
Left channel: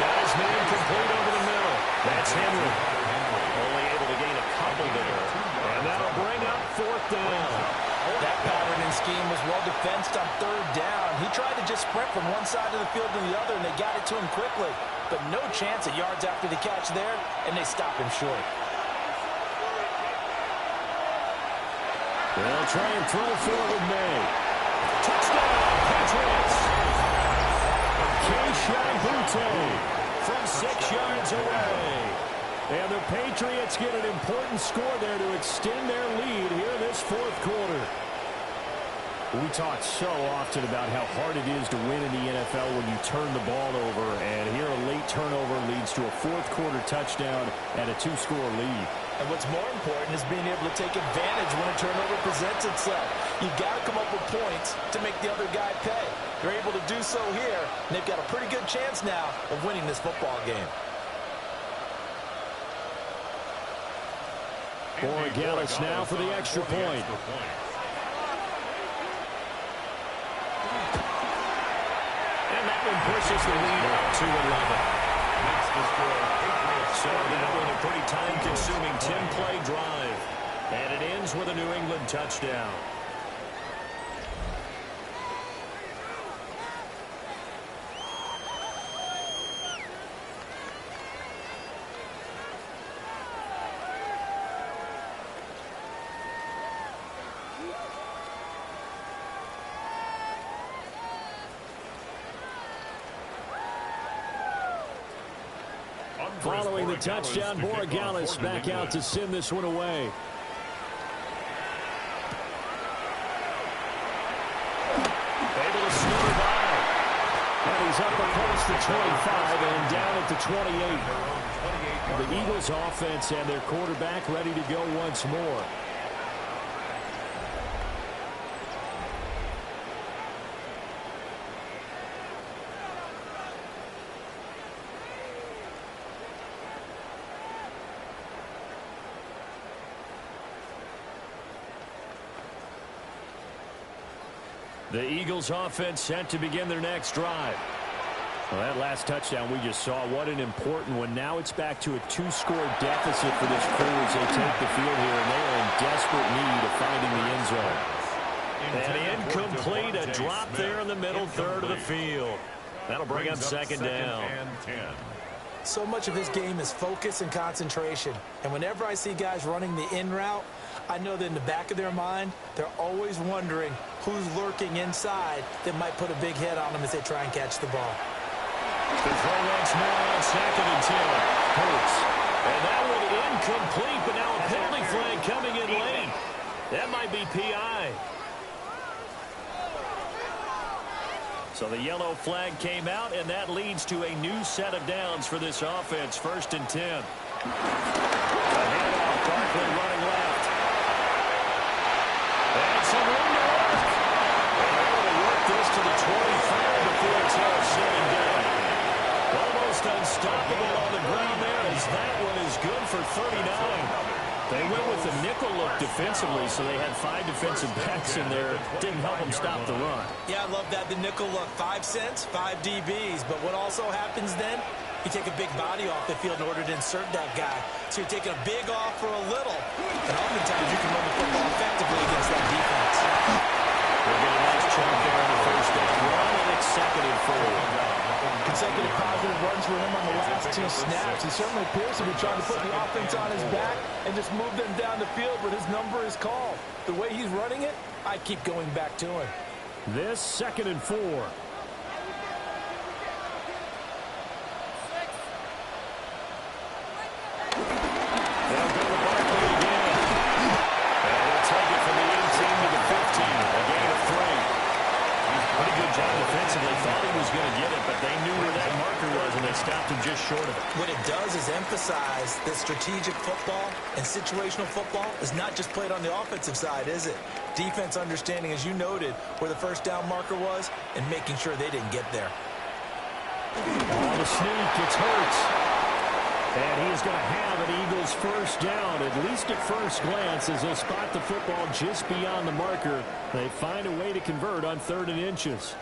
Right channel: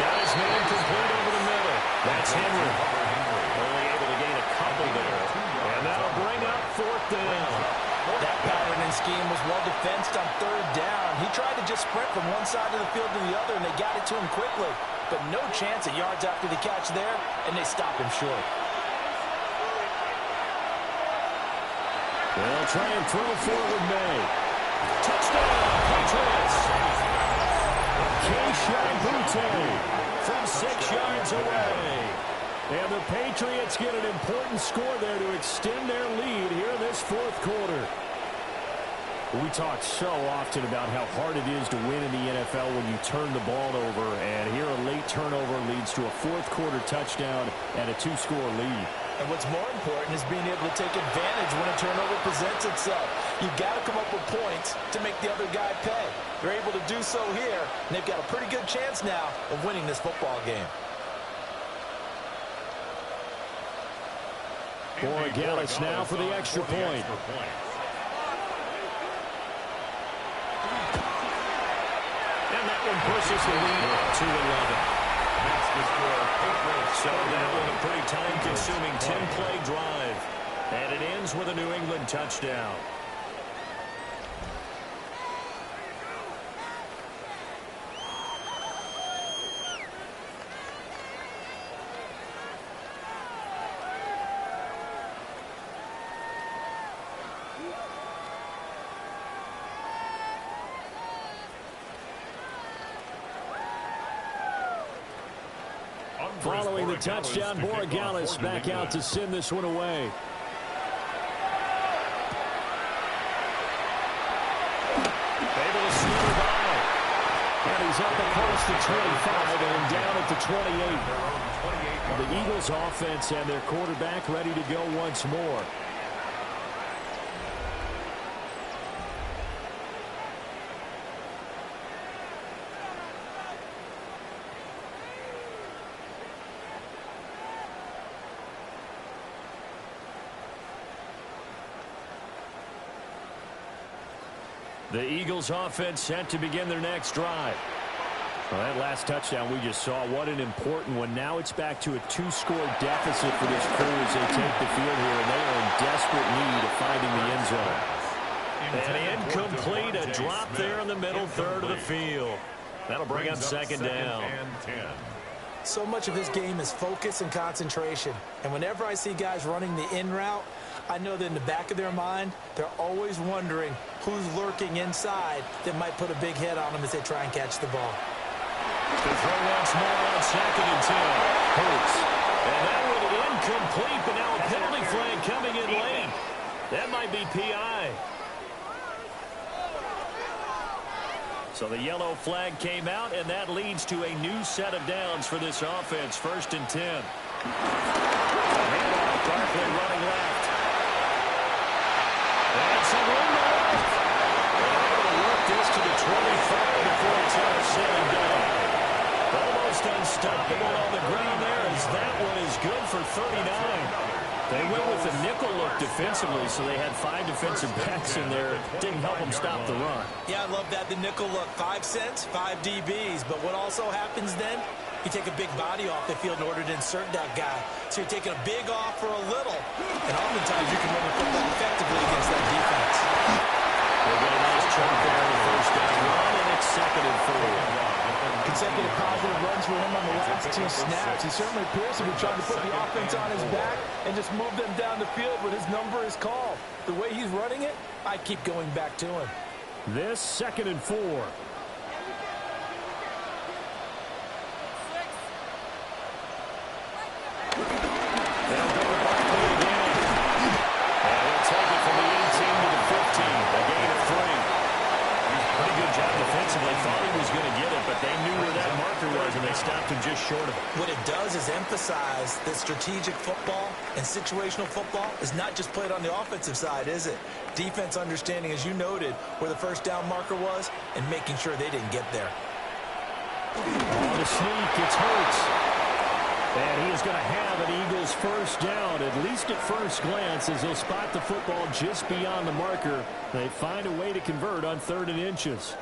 Got his man complete over the middle. That's Henry. Only able to gain a couple there. And that'll bring up 4th down. That pattern and scheme was well defensed on 3rd down. He tried to just sprint from one side of the field to the other, and they got it to him quickly. But no chance at yards after the catch there, and they stop him short. They'll try and throw forward May. Touchdown, Patriots! Keyshawn Boutte from 6 yards away. And the Patriots get an important score there to extend their lead here in this 4th quarter. We talk so often about how hard it is to win in the NFL when you turn the ball over. And here a late turnover leads to a 4th quarter touchdown and a 2-score lead. And what's more important is being able to take advantage when a turnover presents itself. You've got to come up with points to make the other guy pay. They're able to do so here, and they've got a pretty good chance now of winning this football game. Borregales now for the extra point. And that one pushes the lead up to 11. Makes the score Patriots. So that one a pretty time-consuming 10-play drive. And it ends with a New England touchdown. Following the touchdown, Borregales back out to send this one away. Able to slither by. And he's up across the 25 and down at the 28. The Eagles offense and their quarterback ready to go once more. The Eagles offense set to begin their next drive. Well, that last touchdown we just saw, what an important one. Now it's back to a 2-score deficit for this crew as they take the field here, and they are in desperate need of finding the end zone. And incomplete, a drop there in the middle third of the field. That'll bring up 2nd down. So much of this game is focus and concentration. And whenever I see guys running the in route, I know that in the back of their mind, they're always wondering who's lurking inside that might put a big hit on them as they try and catch the ball. The throw once more on 2nd and 10. Hurts. And that one incomplete, but now a penalty flag coming in late. That might be PI. So the yellow flag came out, and that leads to a new set of downs for this offense. 1st and 10. A handoff, Barkley running left. And some room to work. And they're able to work this to the 25 before it's all said and done. Almost unstoppable on the ground there as that one is good for 39. They went with the nickel look defensively, so they had 5 defensive backs in there. Didn't help them stop the run. Yeah, I love that, the nickel look. 5 cents, 5 DBs. But what also happens then? You take a big body off the field in order to insert that guy. So you're taking a big off for a little. And oftentimes you can run the football effectively against that defense. We'll get a nice chunk there in the first down run, and it's 2nd and 4. Consecutive positive runs for him on the last 2 snaps. He certainly appears to be trying to put the offense on his back and just move them down the field when his number is called. The way he's running it, I keep going back to him. This 2nd and 4. They'll go to Barkley again. And he'll take it from the 18 to the 15. A gain of 3. Pretty good job defensively. Thought he was going to get it, but they knew where that marker was, and they stopped him just short of it. What it does is emphasize that strategic football and situational football is not just played on the offensive side, is it? Defense understanding, as you noted, where the first down marker was and making sure they didn't get there. On the sneak, it's Hurts. And he is going to have an Eagles first down, at least at first glance, as he'll spot the football just beyond the marker. They find a way to convert on 3rd and inches.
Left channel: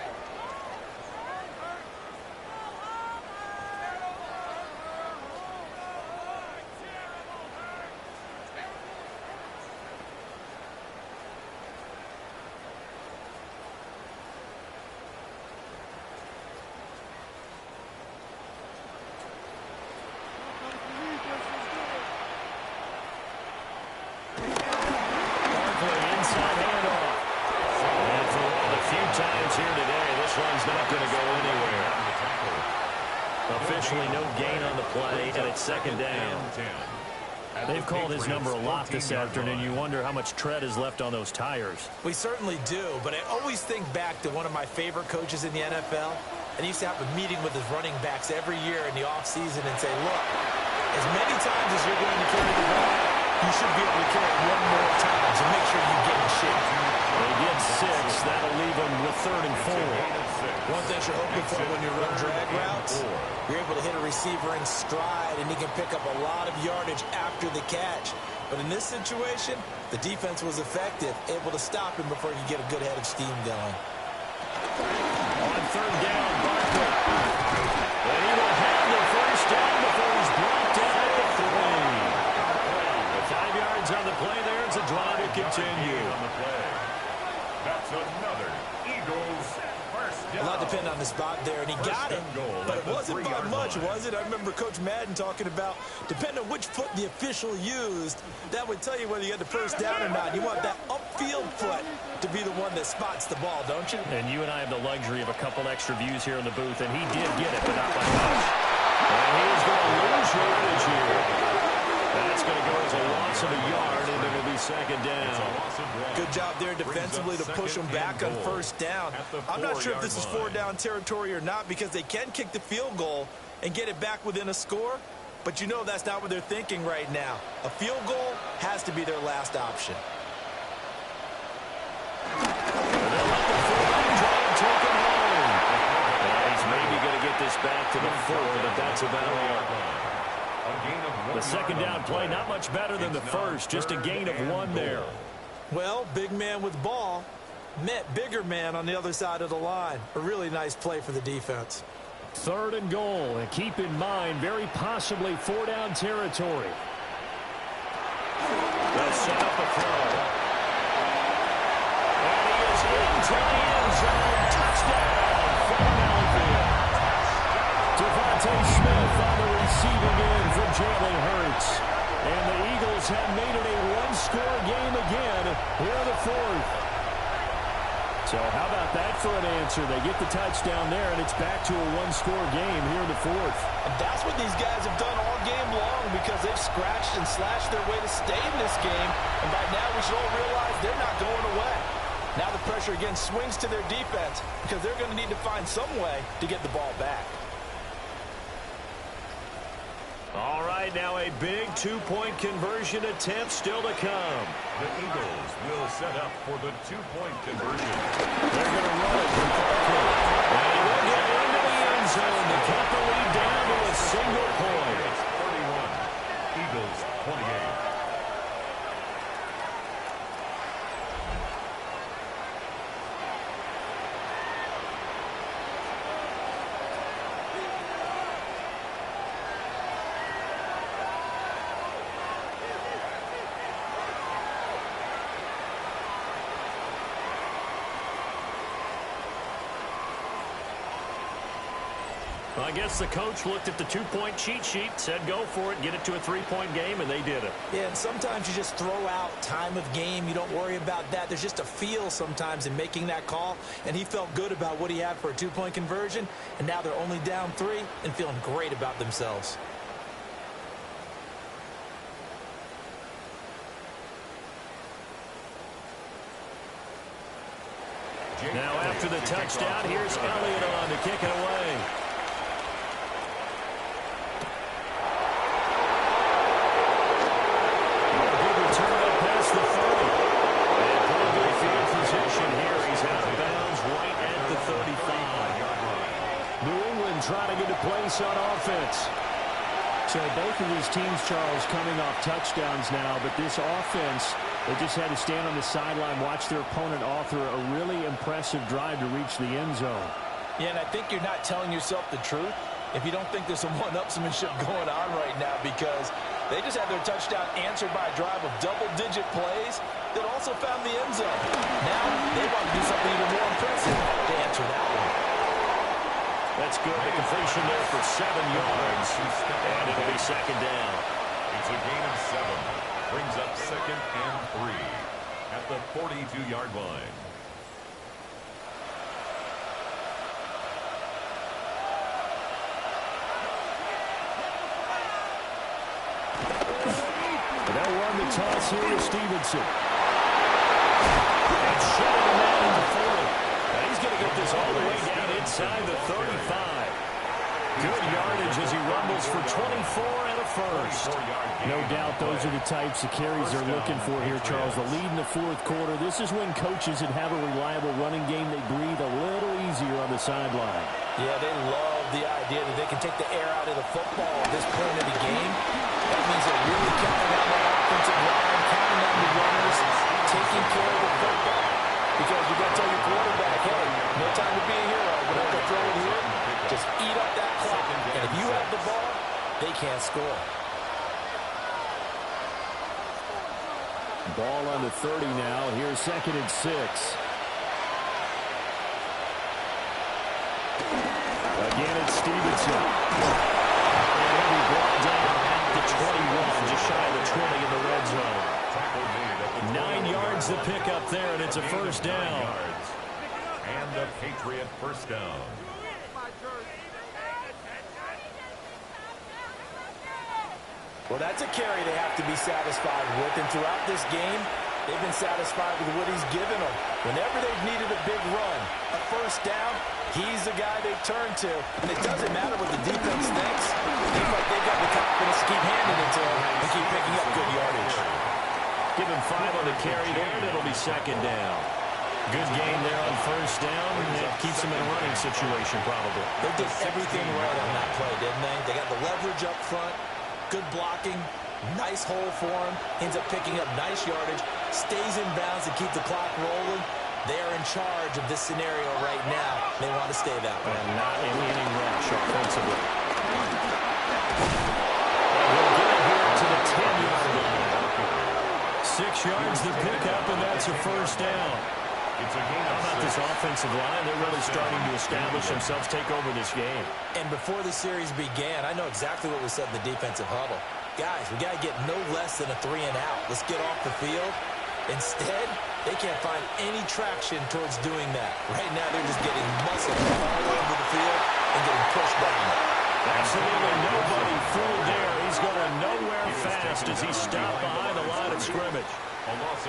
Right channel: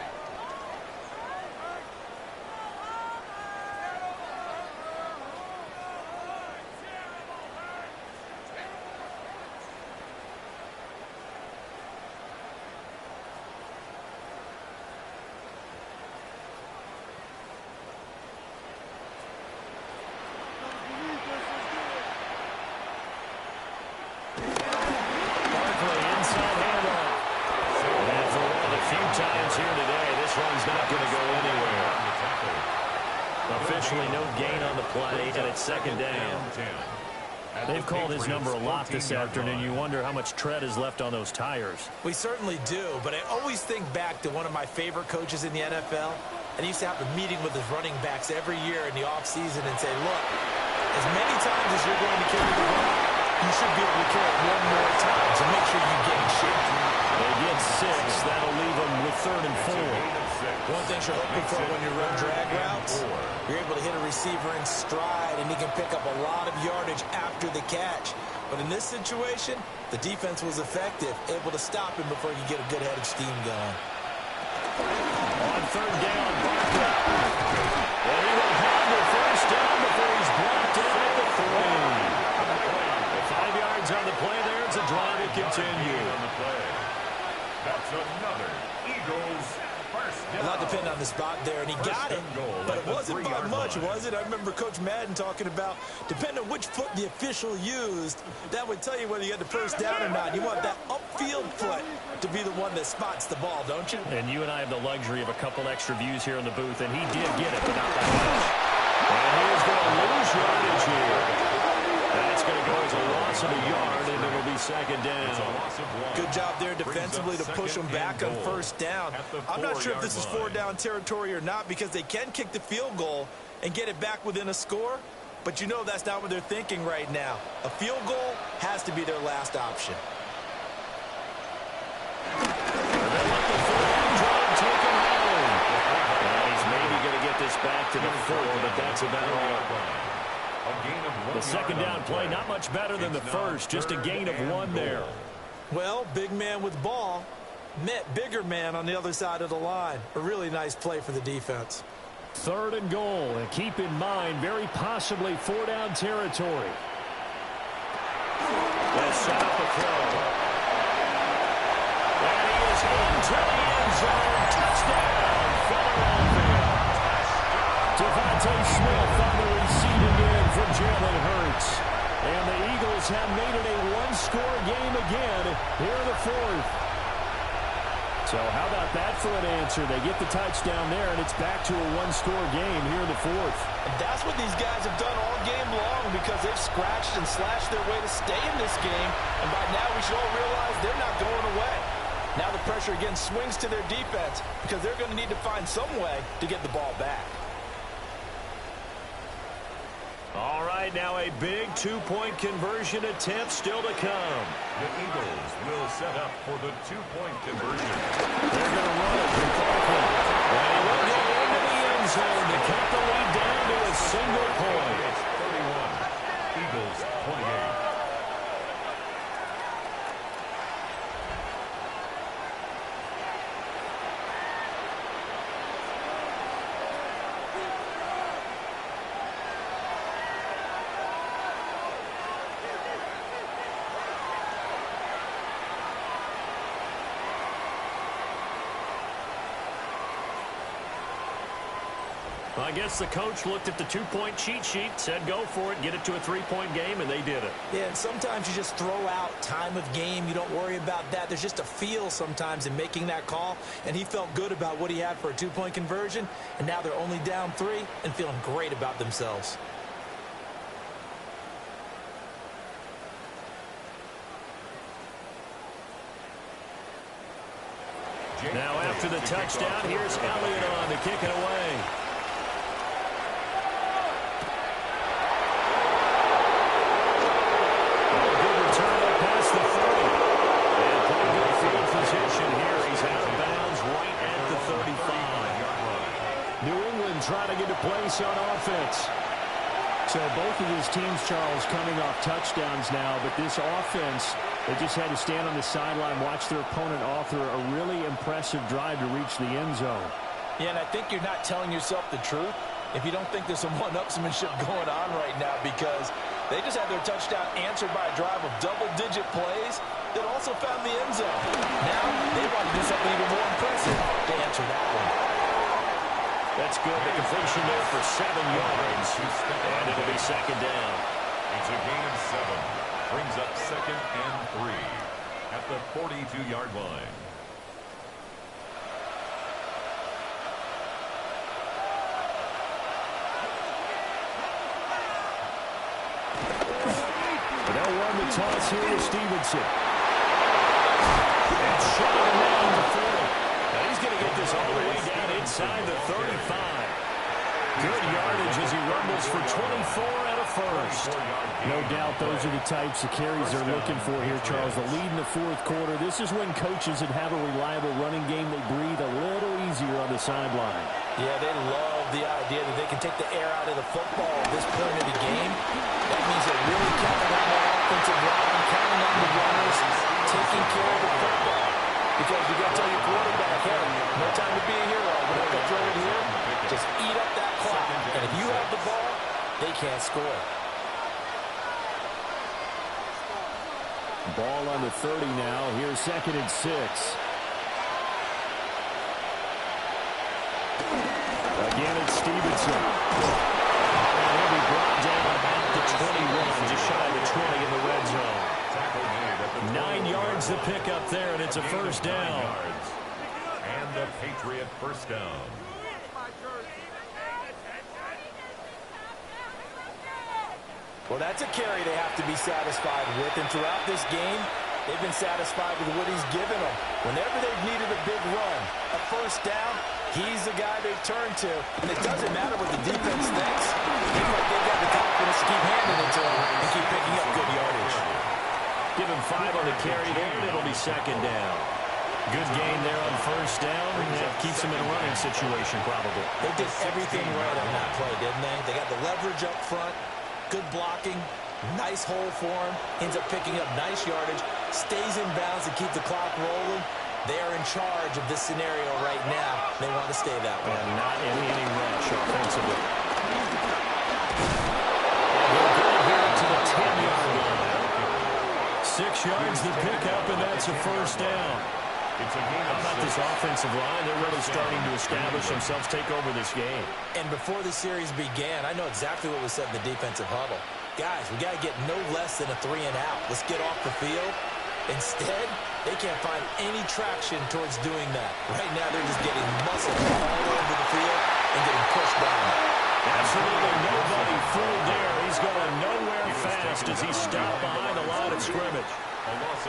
Times here today, this run's not going to go anywhere. Officially no gain on the play, and it's 2nd down. They've called his number a lot this afternoon. You wonder how much tread is left on those tires. We certainly do, but I always think back to one of my favorite coaches in the NFL, and he used to have a meeting with his running backs every year in the offseason and say, look, as many times as you're going to carry the ball, you should be able to carry it one more time, so make sure you get in shape. They get 6. That'll leave them with 3rd and 4. One thing you're hoping for when you run drag routes, you're able to hit a receiver in stride, and he can pick up a lot of yardage after the catch. But in this situation, the defense was effective, able to stop him before he could get a good head of steam going. On 3rd down, Barkley. And he will have the first down before he's brought down at the 3. 5 yards on the play there. It's a drive to continue. On the play. That's another Eagles first down. A lot depended on the spot there, and he got it, but it wasn't by much, was it? I remember Coach Madden talking about, depending on which foot the official used, that would tell you whether you had the first down or not. You want that upfield foot to be the one that spots the ball, don't you? And you and I have the luxury of a couple extra views here in the booth, and he did get it, but not by much. And he is going to lose yardage here. That's going to go as a loss of a yard, and it'll be 2nd down. Good job there defensively to push them back on first down. I'm not sure if this is 4-down territory or not, because they can kick the field goal and get it back within a score, but you know that's not what they're thinking right now. A field goal has to be their last option. They'll let the fullback drive take him home. He's maybe going to get this back to the 4, but that's about all. The 2nd down play, not much better than the first, just a gain of 1 there. Well, big man with ball met bigger man on the other side of the line. A really nice play for the defense. 3rd and goal, and keep in mind, very possibly 4-down territory. They'll set up a throw. And he is into the end zone. Touchdown, Philadelphia. Devontae Smith on the receiving end from Jalen Hurts. And the Eagles have made it a one-score game again here in the 4th. So how about that for an answer? They get the touchdown there, and it's back to a one-score game here in the 4th. And that's what these guys have done all game long, because they've scratched and slashed their way to stay in this game. And by now we should all realize they're not going away. Now the pressure again swings to their defense, because they're going to need to find some way to get the ball back. All right, now a big 2-point conversion attempt still to come. The Eagles will set up for the 2-point conversion. They're going to run it from Barkley. And he will get into the end zone to cut the lead down to a single point. It's 31. Eagles 28. Well, I guess the coach looked at the two-point cheat sheet, said go for it, get it to a three-point game, and they did it. Yeah, and sometimes you just throw out time of game. You don't worry about that. There's just a feel sometimes in making that call, and he felt good about what he had for a two-point conversion, and now they're only down 3 and feeling great about themselves. Now after the touchdown, here's Elliott on to kick it away. Good return up past the 30. And pretty good field position here. He's out of bounds right at the 35. New England trying to get a place on offense. So both of these teams, Charles, coming off touchdowns now, but this offense, they just had to stand on the sideline, watch their opponent author a really impressive drive to reach the end zone. Yeah, and I think you're not telling yourself the truth if you don't think there's some one-upsmanship going on right now, because they just had their touchdown answered by a drive of double-digit plays that also found the end zone. Now they want to do something even more impressive to answer that one. That's good. The completion there for 7 yards. And it'll be second down. It's a gain of 7. Brings up 2nd and 3 at the 42-yard line. They'll run the toss here to Stevenson. And shutting him down to 40. Now he's going to get this all the way down inside the 35. Good yardage as he rumbles for 24 and a first. No doubt those are the types of carries they're looking for here, Charles. The lead in the fourth quarter. This is when coaches that have a reliable running game, they breathe a little easier on the sideline. Yeah, they love the idea that they can take the air out of the football at this point of the game. That means they're really counting on that offensive line, counting on the runners, taking care of the football. Because you got to tell your quarterback, hey, no time to be a hero. We're not going to throw it here. Just eat up that clock. And if you have the ball, they can't score. Ball on the 30 now. Here's 2nd and 6. Again, it's Stevenson. And he'll be brought down at the 21, just shy of the 20 in the red zone. 9 yards to pick up there, and it's a first down. And the Patriot first down. Well, that's a carry they have to be satisfied with. And throughout this game, they've been satisfied with what he's given them. Whenever they've needed a big run, a first down, he's the guy they've turned to. And it doesn't matter what the defense thinks. Seems like they've got the confidence to keep handing it to him and keep picking up good yardage. Give him 5 on the carry there, and it'll be second down. Good gain there on first down. That keeps him in a running situation, probably. They did everything right on that play, didn't they? They got the leverage up front, good blocking, nice hole for him, ends up picking up nice yardage, stays in bounds to keep the clock rolling. They are in charge of this scenario right now. They want to stay that way. And not any rush offensively. And he'll get it here to the 10-yard line. 6 yards to pick up, and that's a first down. How about this offensive line? They're really starting to establish themselves, take over this game. And before the series began, I know exactly what was said in the defensive huddle. Guys, we got to get no less than a 3-and-out. Let's get off the field. Instead, they can't find any traction towards doing that. Right now, they're just getting muscled all over the field and getting pushed down. Absolutely nobody fooled there. He's going nowhere fast as he's stopped behind the line of scrimmage.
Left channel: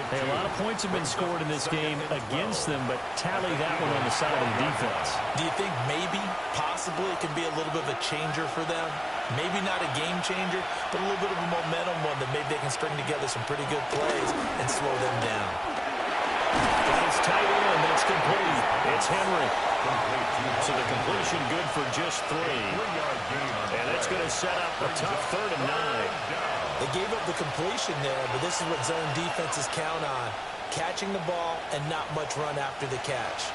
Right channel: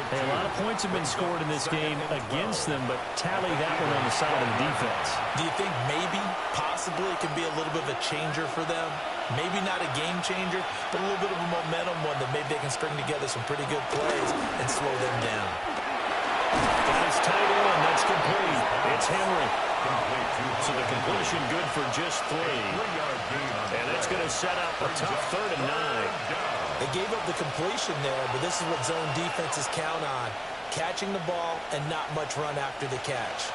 Hey, a lot of points have been scored in this game against them, but tally that one on the side of the defense. Do you think maybe, possibly, it can be a little bit of a changer for them? Maybe not a game changer, but a little bit of a momentum one that maybe they can string together some pretty good plays and slow them down. Got his tight end. That's complete. It's Henry. So the completion good for just 3. And it's going to set up a tough 3rd and 9. They gave up the completion there, but this is what zone defenses count on. Catching the ball and not much run after the catch.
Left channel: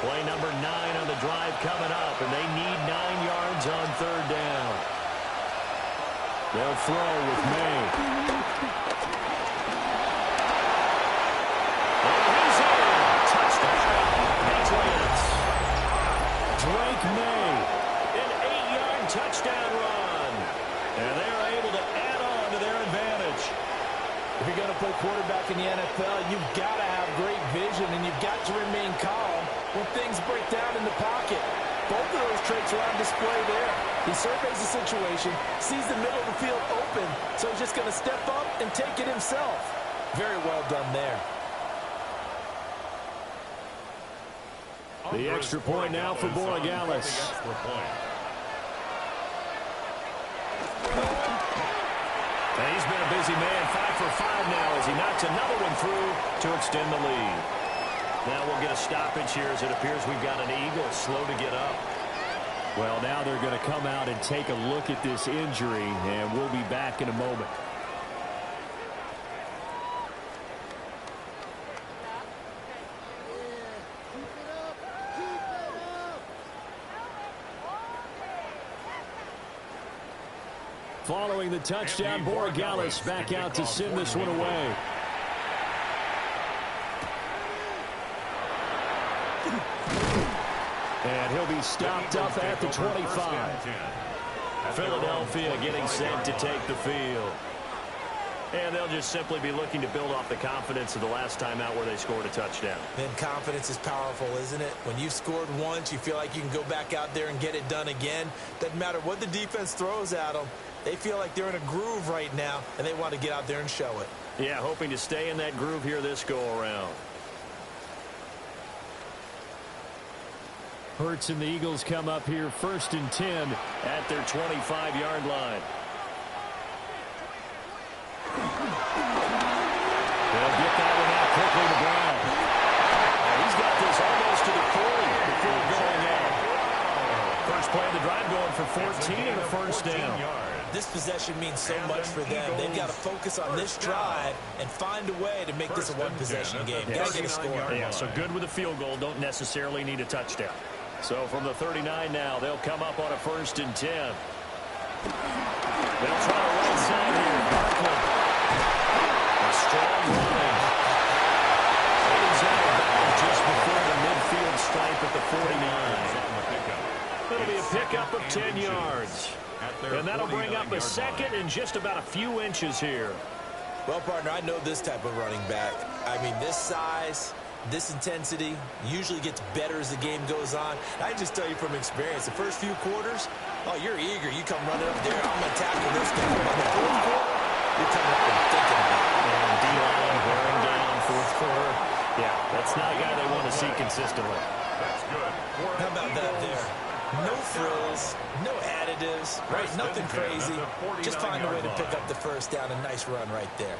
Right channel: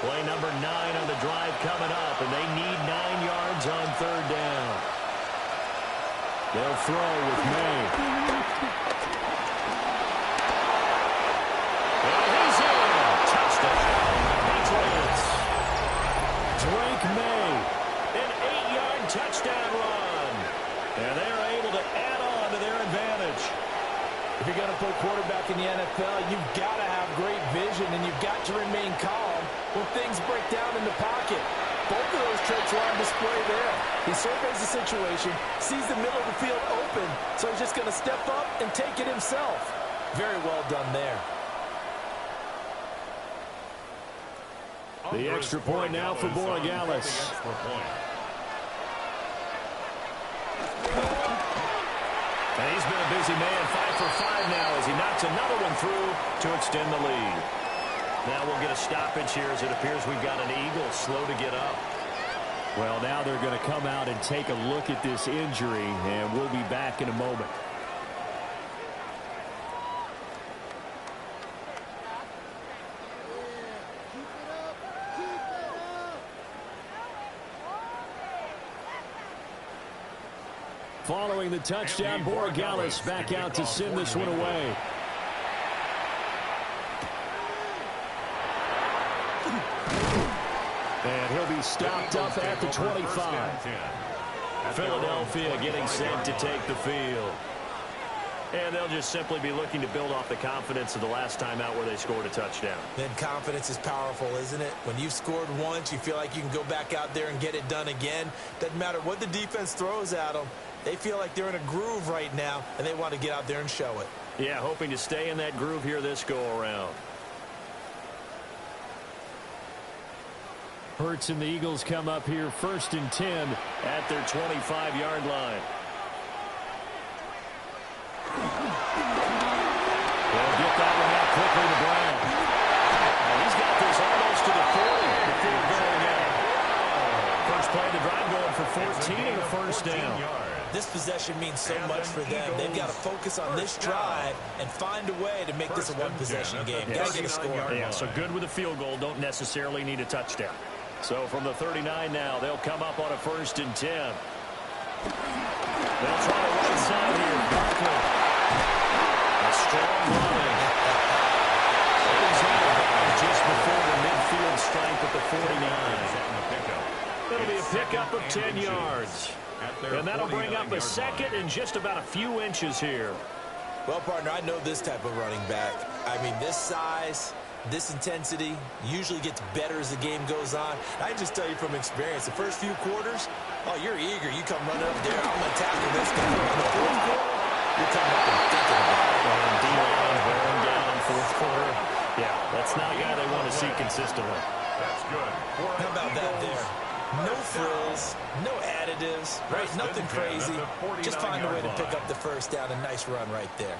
Play number 9 on the drive coming up, and they need 9 yards on 3rd down. They'll throw with May. And he's in. Touchdown, Patriots. Drake May An 8-yard touchdown run. And they are able to add on to their advantage. If you're going to play quarterback in the NFL, you've got to have great vision, and you've got to remain calm when things break down in the pocket. Both of those traits were on display there. He surveys the situation, sees the middle of the field open, so he's just going to step up and take it himself. Very well done there. The extra point now for Borregales. And he's been a busy man, 5 for 5 now as he knocks another one through to extend the lead. Now we'll get a stoppage here as it appears we've got an Eagle slow to get up. Well, now they're going to come out and take a look at this injury, and we'll be back in a moment. Following the touchdown, Borregales back out to send this one away. And he'll be stopped up at the 25. Philadelphia getting set to take the field. And they'll just simply be looking to build off the confidence of the last time out where they scored a touchdown. Then confidence is powerful, isn't it? When you've scored once, you feel like you can go back out there and get it done again. Doesn't matter what the defense throws at them. They feel like they're in a groove right now, and they want to get out there and show it. Yeah, hoping to stay in that groove here this go-around. Hurts and the Eagles come up here 1st and 10 at their 25-yard line. They'll get that one out quickly to Brown. Now he's got this almost to the 40 before going out. First play of the drive going for 14 and a first down. This possession means so much for them. They've got to focus on this drive and find a way to make this a one-possession game. Got to get a score. Yeah, so good with a field goal. Don't necessarily need a touchdown. So from the 39 now, they'll come up on a 1st and 10. They'll try the right side here. Barkley. A strong running. He's out of bounds just before the midfield stripe at the 49. It'll be a pickup of 10 yards. And that'll bring up a second and just about a few inches here. Well, partner, I know this type of running back. I mean, this size, this intensity usually gets better as the game goes on. I just tell you from experience, the first few quarters, oh, you're eager. You come running up there. I'm going to tackle this guy. By the fourth quarter, you're coming up and thinking about it. And D-line wearing down fourth quarter. Yeah, that's not a guy they want to see consistently. That's good. How about that there? No frills, no additives, right? Nothing crazy. Just find a way to pick up the first down. A nice run right there.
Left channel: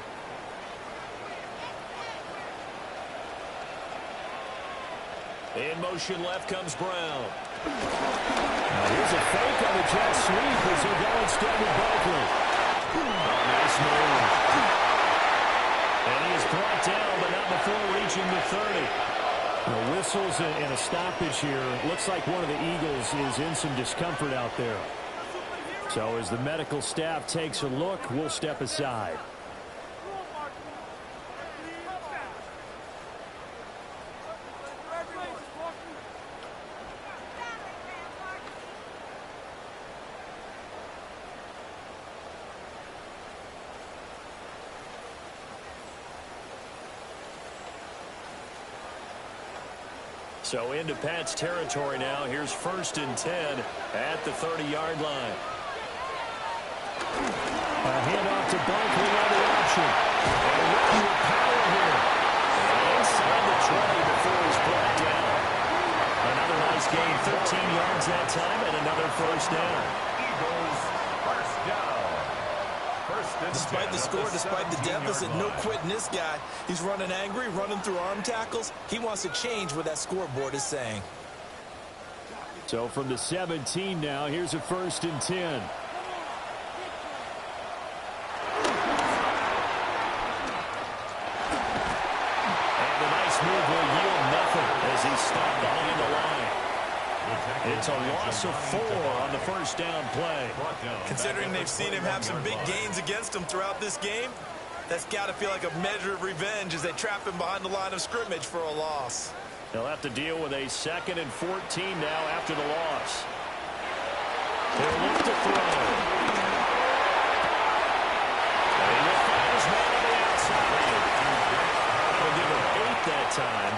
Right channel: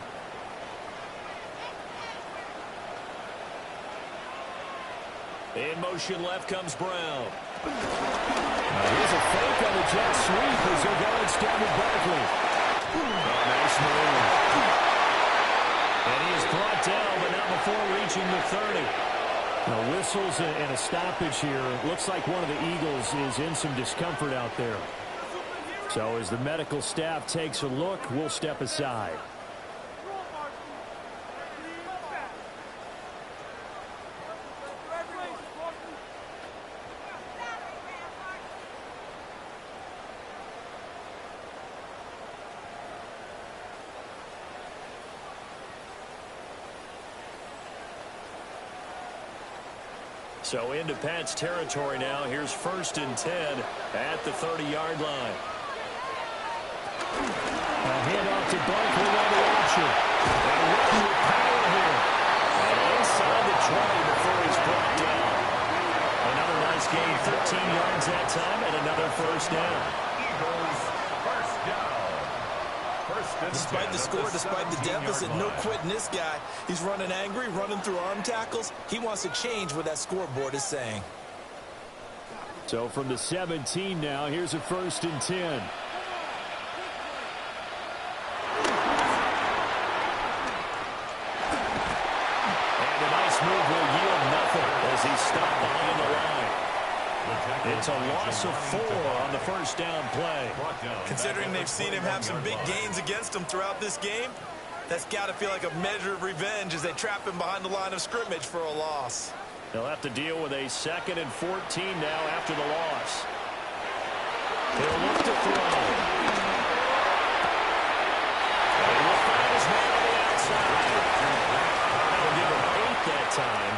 In motion left comes Brown. Now here's a fake on the jet sweep as they'll go instead with Barkley. Oh, nice move. And he is brought down, but not before reaching the 30. Now, whistles and a stoppage here. Looks like one of the Eagles is in some discomfort out there. So as the medical staff takes a look, we'll step aside. So into Pat's territory now. Here's 1st and 10 at the 30-yard line. A handoff to Barkley on the option. And running with power here. And inside the 20 before he's brought down. Another nice gain, 13 yards that time, and another first down. Eagles first down. Despite the score, despite the deficit, no quitting this guy. He's running angry, running through arm tackles. He wants to change what that scoreboard is saying. So from the 17 now, here's a 1st and 10. And a nice move will yield nothing as he's stopped behind the line. It's a loss of 4 on the first down play. Considering they've seen him have some big gains against him throughout this game, that's got to feel like a measure of revenge as they trap him behind the line of scrimmage for a loss. They'll have to deal with a 2nd and 14 now after the loss. He'll look to throw. And he will find his man on the outside. That'll give him 8 that time.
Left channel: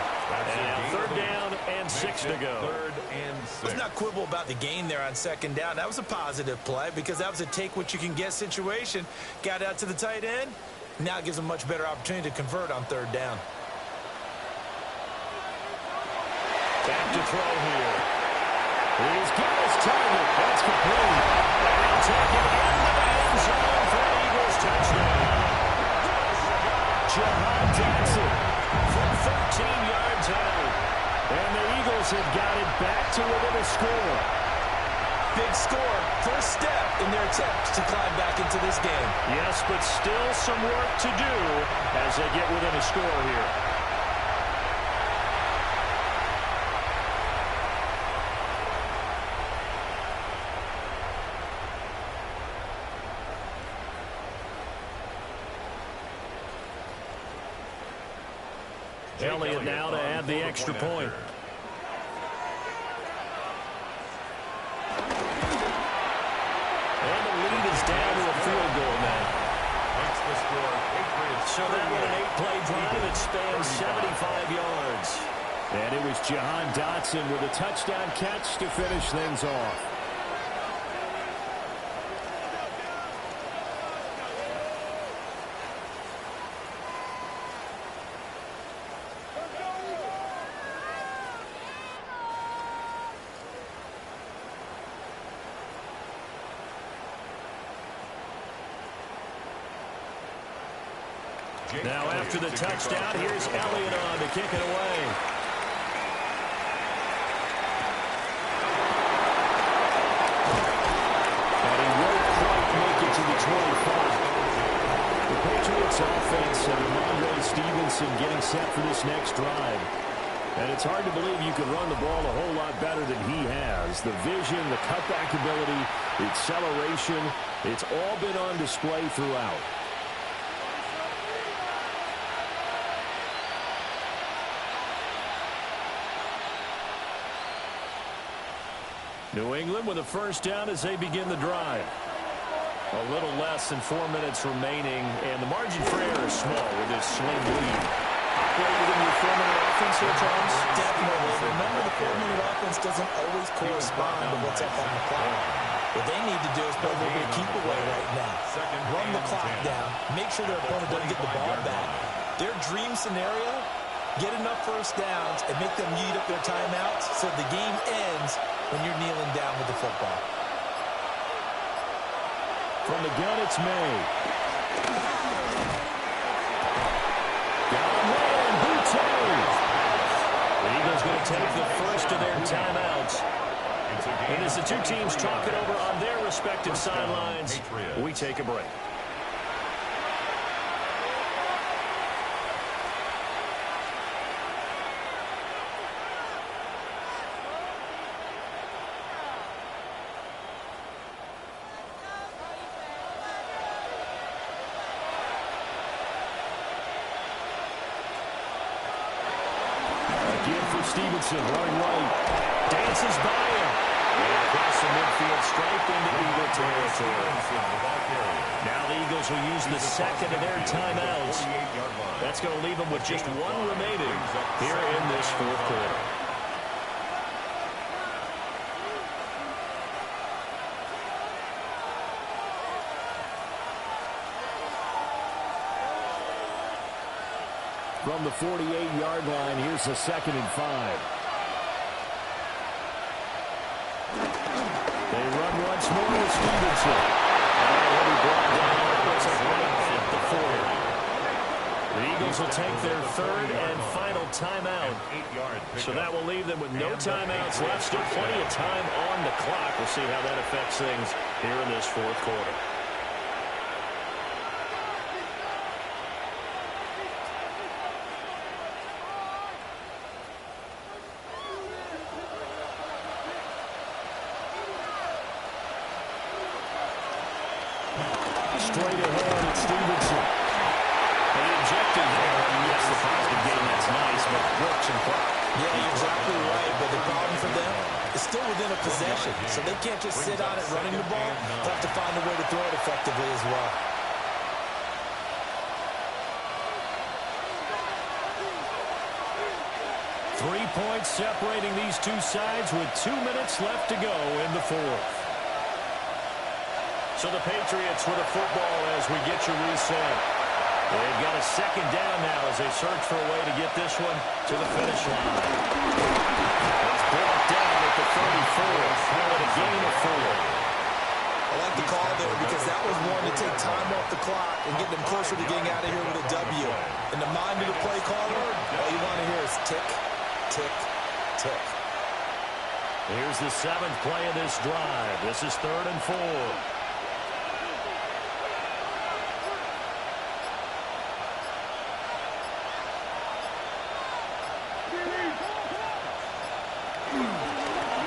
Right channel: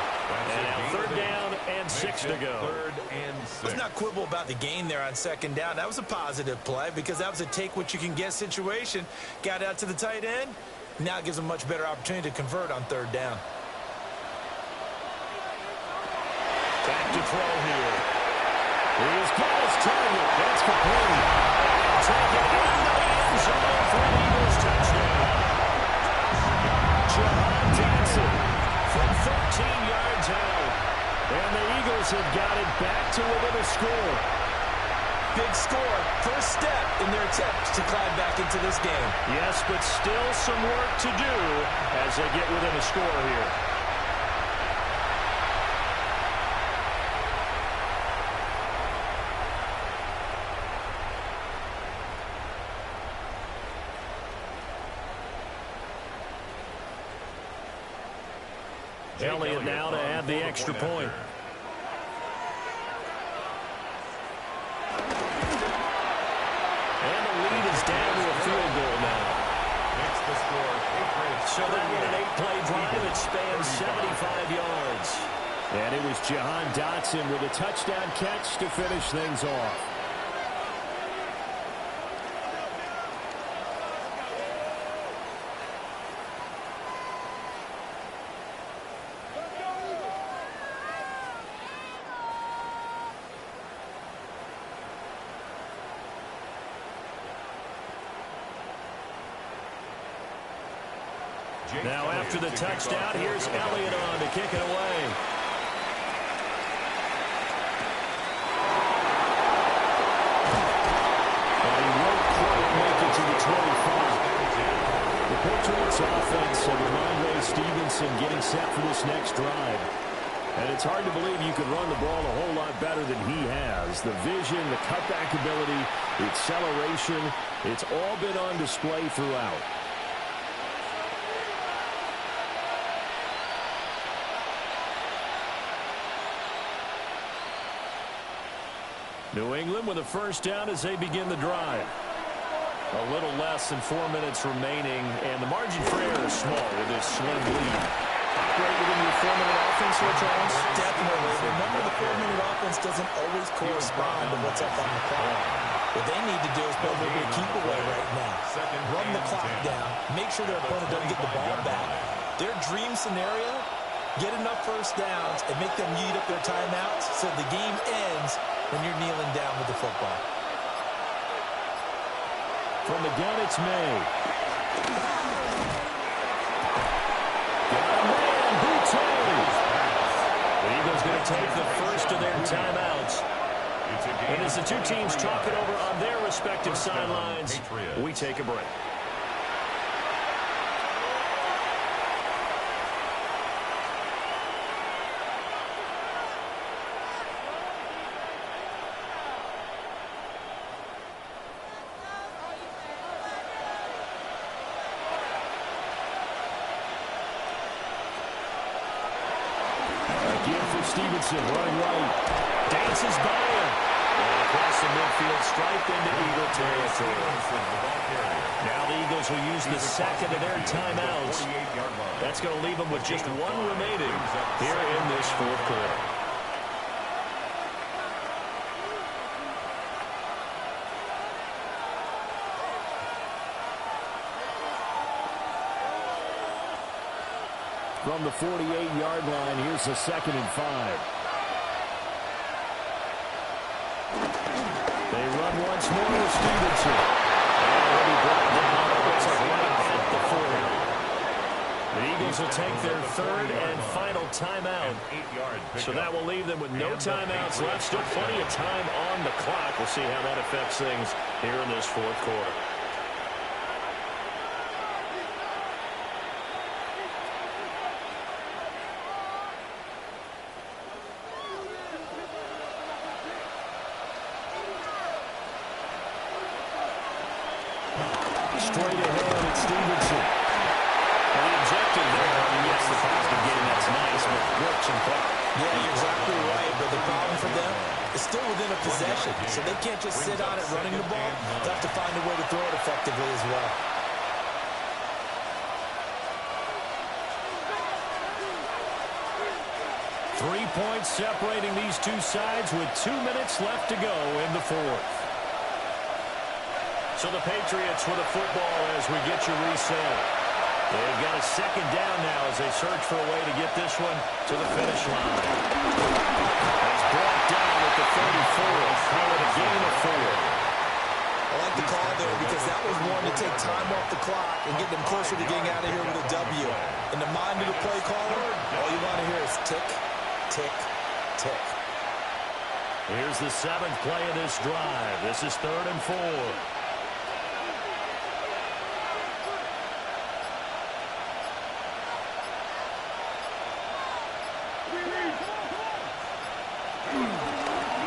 And now 3rd down and 6 to go. 3rd and 6. Let's not quibble about the gain there on 2nd down. That was a positive play because that was a take-what-you-can-get situation. Got out to the tight end. Now it gives him a much better opportunity to convert on 3rd down. Back to throw here. He's got his target. That's complete. And he'll take it into the end zone for an Eagles touchdown. Jahan Dotson from 13 yards out. And the Eagles have got it back to within a score. Big score. First step in their attempt to climb back into this game. Yes, but still some work to do as they get within a score here. Elliott now to add the extra point. And the lead is down to a field goal now. Makes the score Patriots. So that was an 8-play drive. It spans 75 yards. And it was Jahan Dotson with a touchdown catch to finish things off. Now after the touchdown, here's Elliott on to kick it away. And he won't quite make it to the 25. The Patriots offense and Ramondre Stevenson getting set for this next drive. And it's hard to believe you can run the ball a whole lot better than he has. The vision, the cutback ability, the acceleration, it's all been on display throughout. New England with a first down as they begin the drive. A little less than 4 minutes remaining, and the margin for error is small with this slim lead. Operate within your 4-minute offense here, Charles? Definitely. Remember, the 4-minute offense doesn't always correspond to what's up on the clock. What they need to do is play a little bit of keep away right now. Run the clock down. Make sure their opponent doesn't get the ball back. Their dream scenario, get enough first downs and make them eat up their timeouts so the game ends when you're kneeling down with the football. From the gun, it's May. Got a man, Boutte. The Eagles going to take the first of their timeouts. And as the two teams talk it over on their respective sidelines, we take a break. Stevenson running right. Dances by him. And across the midfield stripe into Eagle territory. Now the Eagles will use the second of their timeouts. That's going to leave them with just one remaining here in this fourth quarter. From the 48-yard line, here's the 2nd and 5. They run once more with Stevenson. And he'll be brought down. It looks like right at the 40. The Eagles will take their 3rd and final timeout. So that will leave them with no timeouts left. Still plenty of time on the clock. We'll see how that affects things here in this fourth quarter. Straight ahead, it's Stevenson. And the objective there, I mean, yes, the positive game, that's nice, but works and clock. Yeah, you're exactly right, but the problem for them is still within a possession, so they can't just sit on it running the ball. They'll have to find a way to throw it effectively as well. Three points separating these two sides with 2 minutes left to go in the fourth. So the Patriots with a football as we get you reset. They've got a second down now as they search for a way to get this one to the finish line. It's brought down at the 34. Call it a gain of 4. I like the call there because that was one to take time off the clock and get them closer to getting out of here with a W. In the mind of the play caller, all you want to hear is tick, tick, tick. Here's the 7th play of this drive. This is 3rd and 4.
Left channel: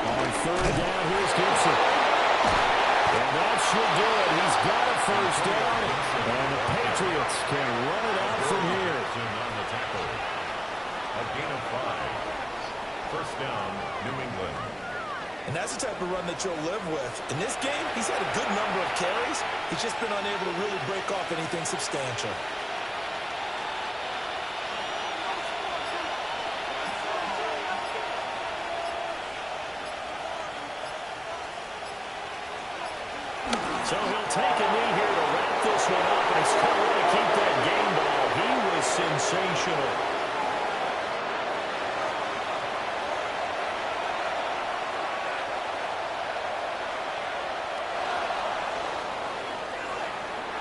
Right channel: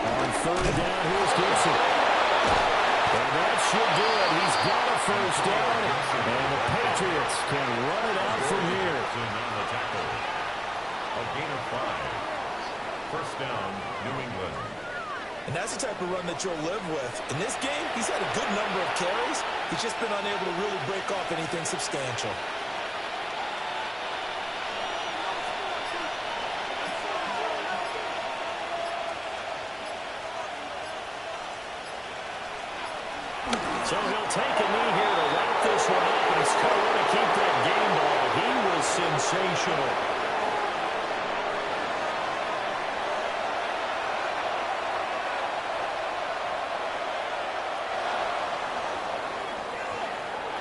On 3rd down, here's Gibson. And that should do it. He's got a first down, and the Patriots can run it out from here. On the tackle. A gain of 5. First down, New England. And that's the type of run that you'll live with. In this game, he's had a good number of carries. He's just been unable to really break off anything substantial. So he'll take a knee here to wrap this one up, and he's going to want to keep that game ball. He was sensational.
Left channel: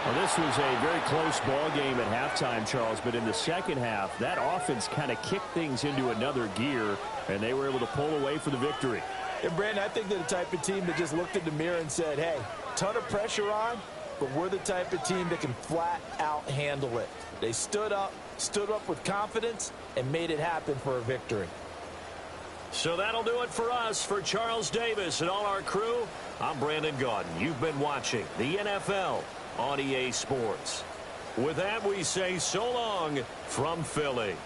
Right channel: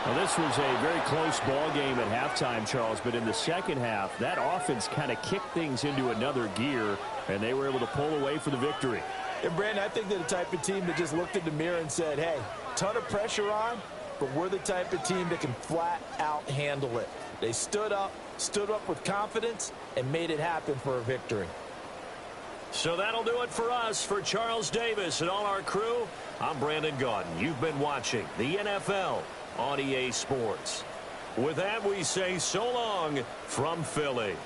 Well, this was a very close ball game at halftime, Charles, but in the second half, that offense kind of kicked things into another gear, and they were able to pull away for the victory. And, Brandon, I think they're the type of team that just looked in the mirror and said, hey, ton of pressure on, but we're the type of team that can flat out handle it. They stood up with confidence, and made it happen for a victory. So that'll do it for us. For Charles Davis and all our crew, I'm Brandon Gaudin. You've been watching the NFL on EA Sports. With that, we say so long from Philly.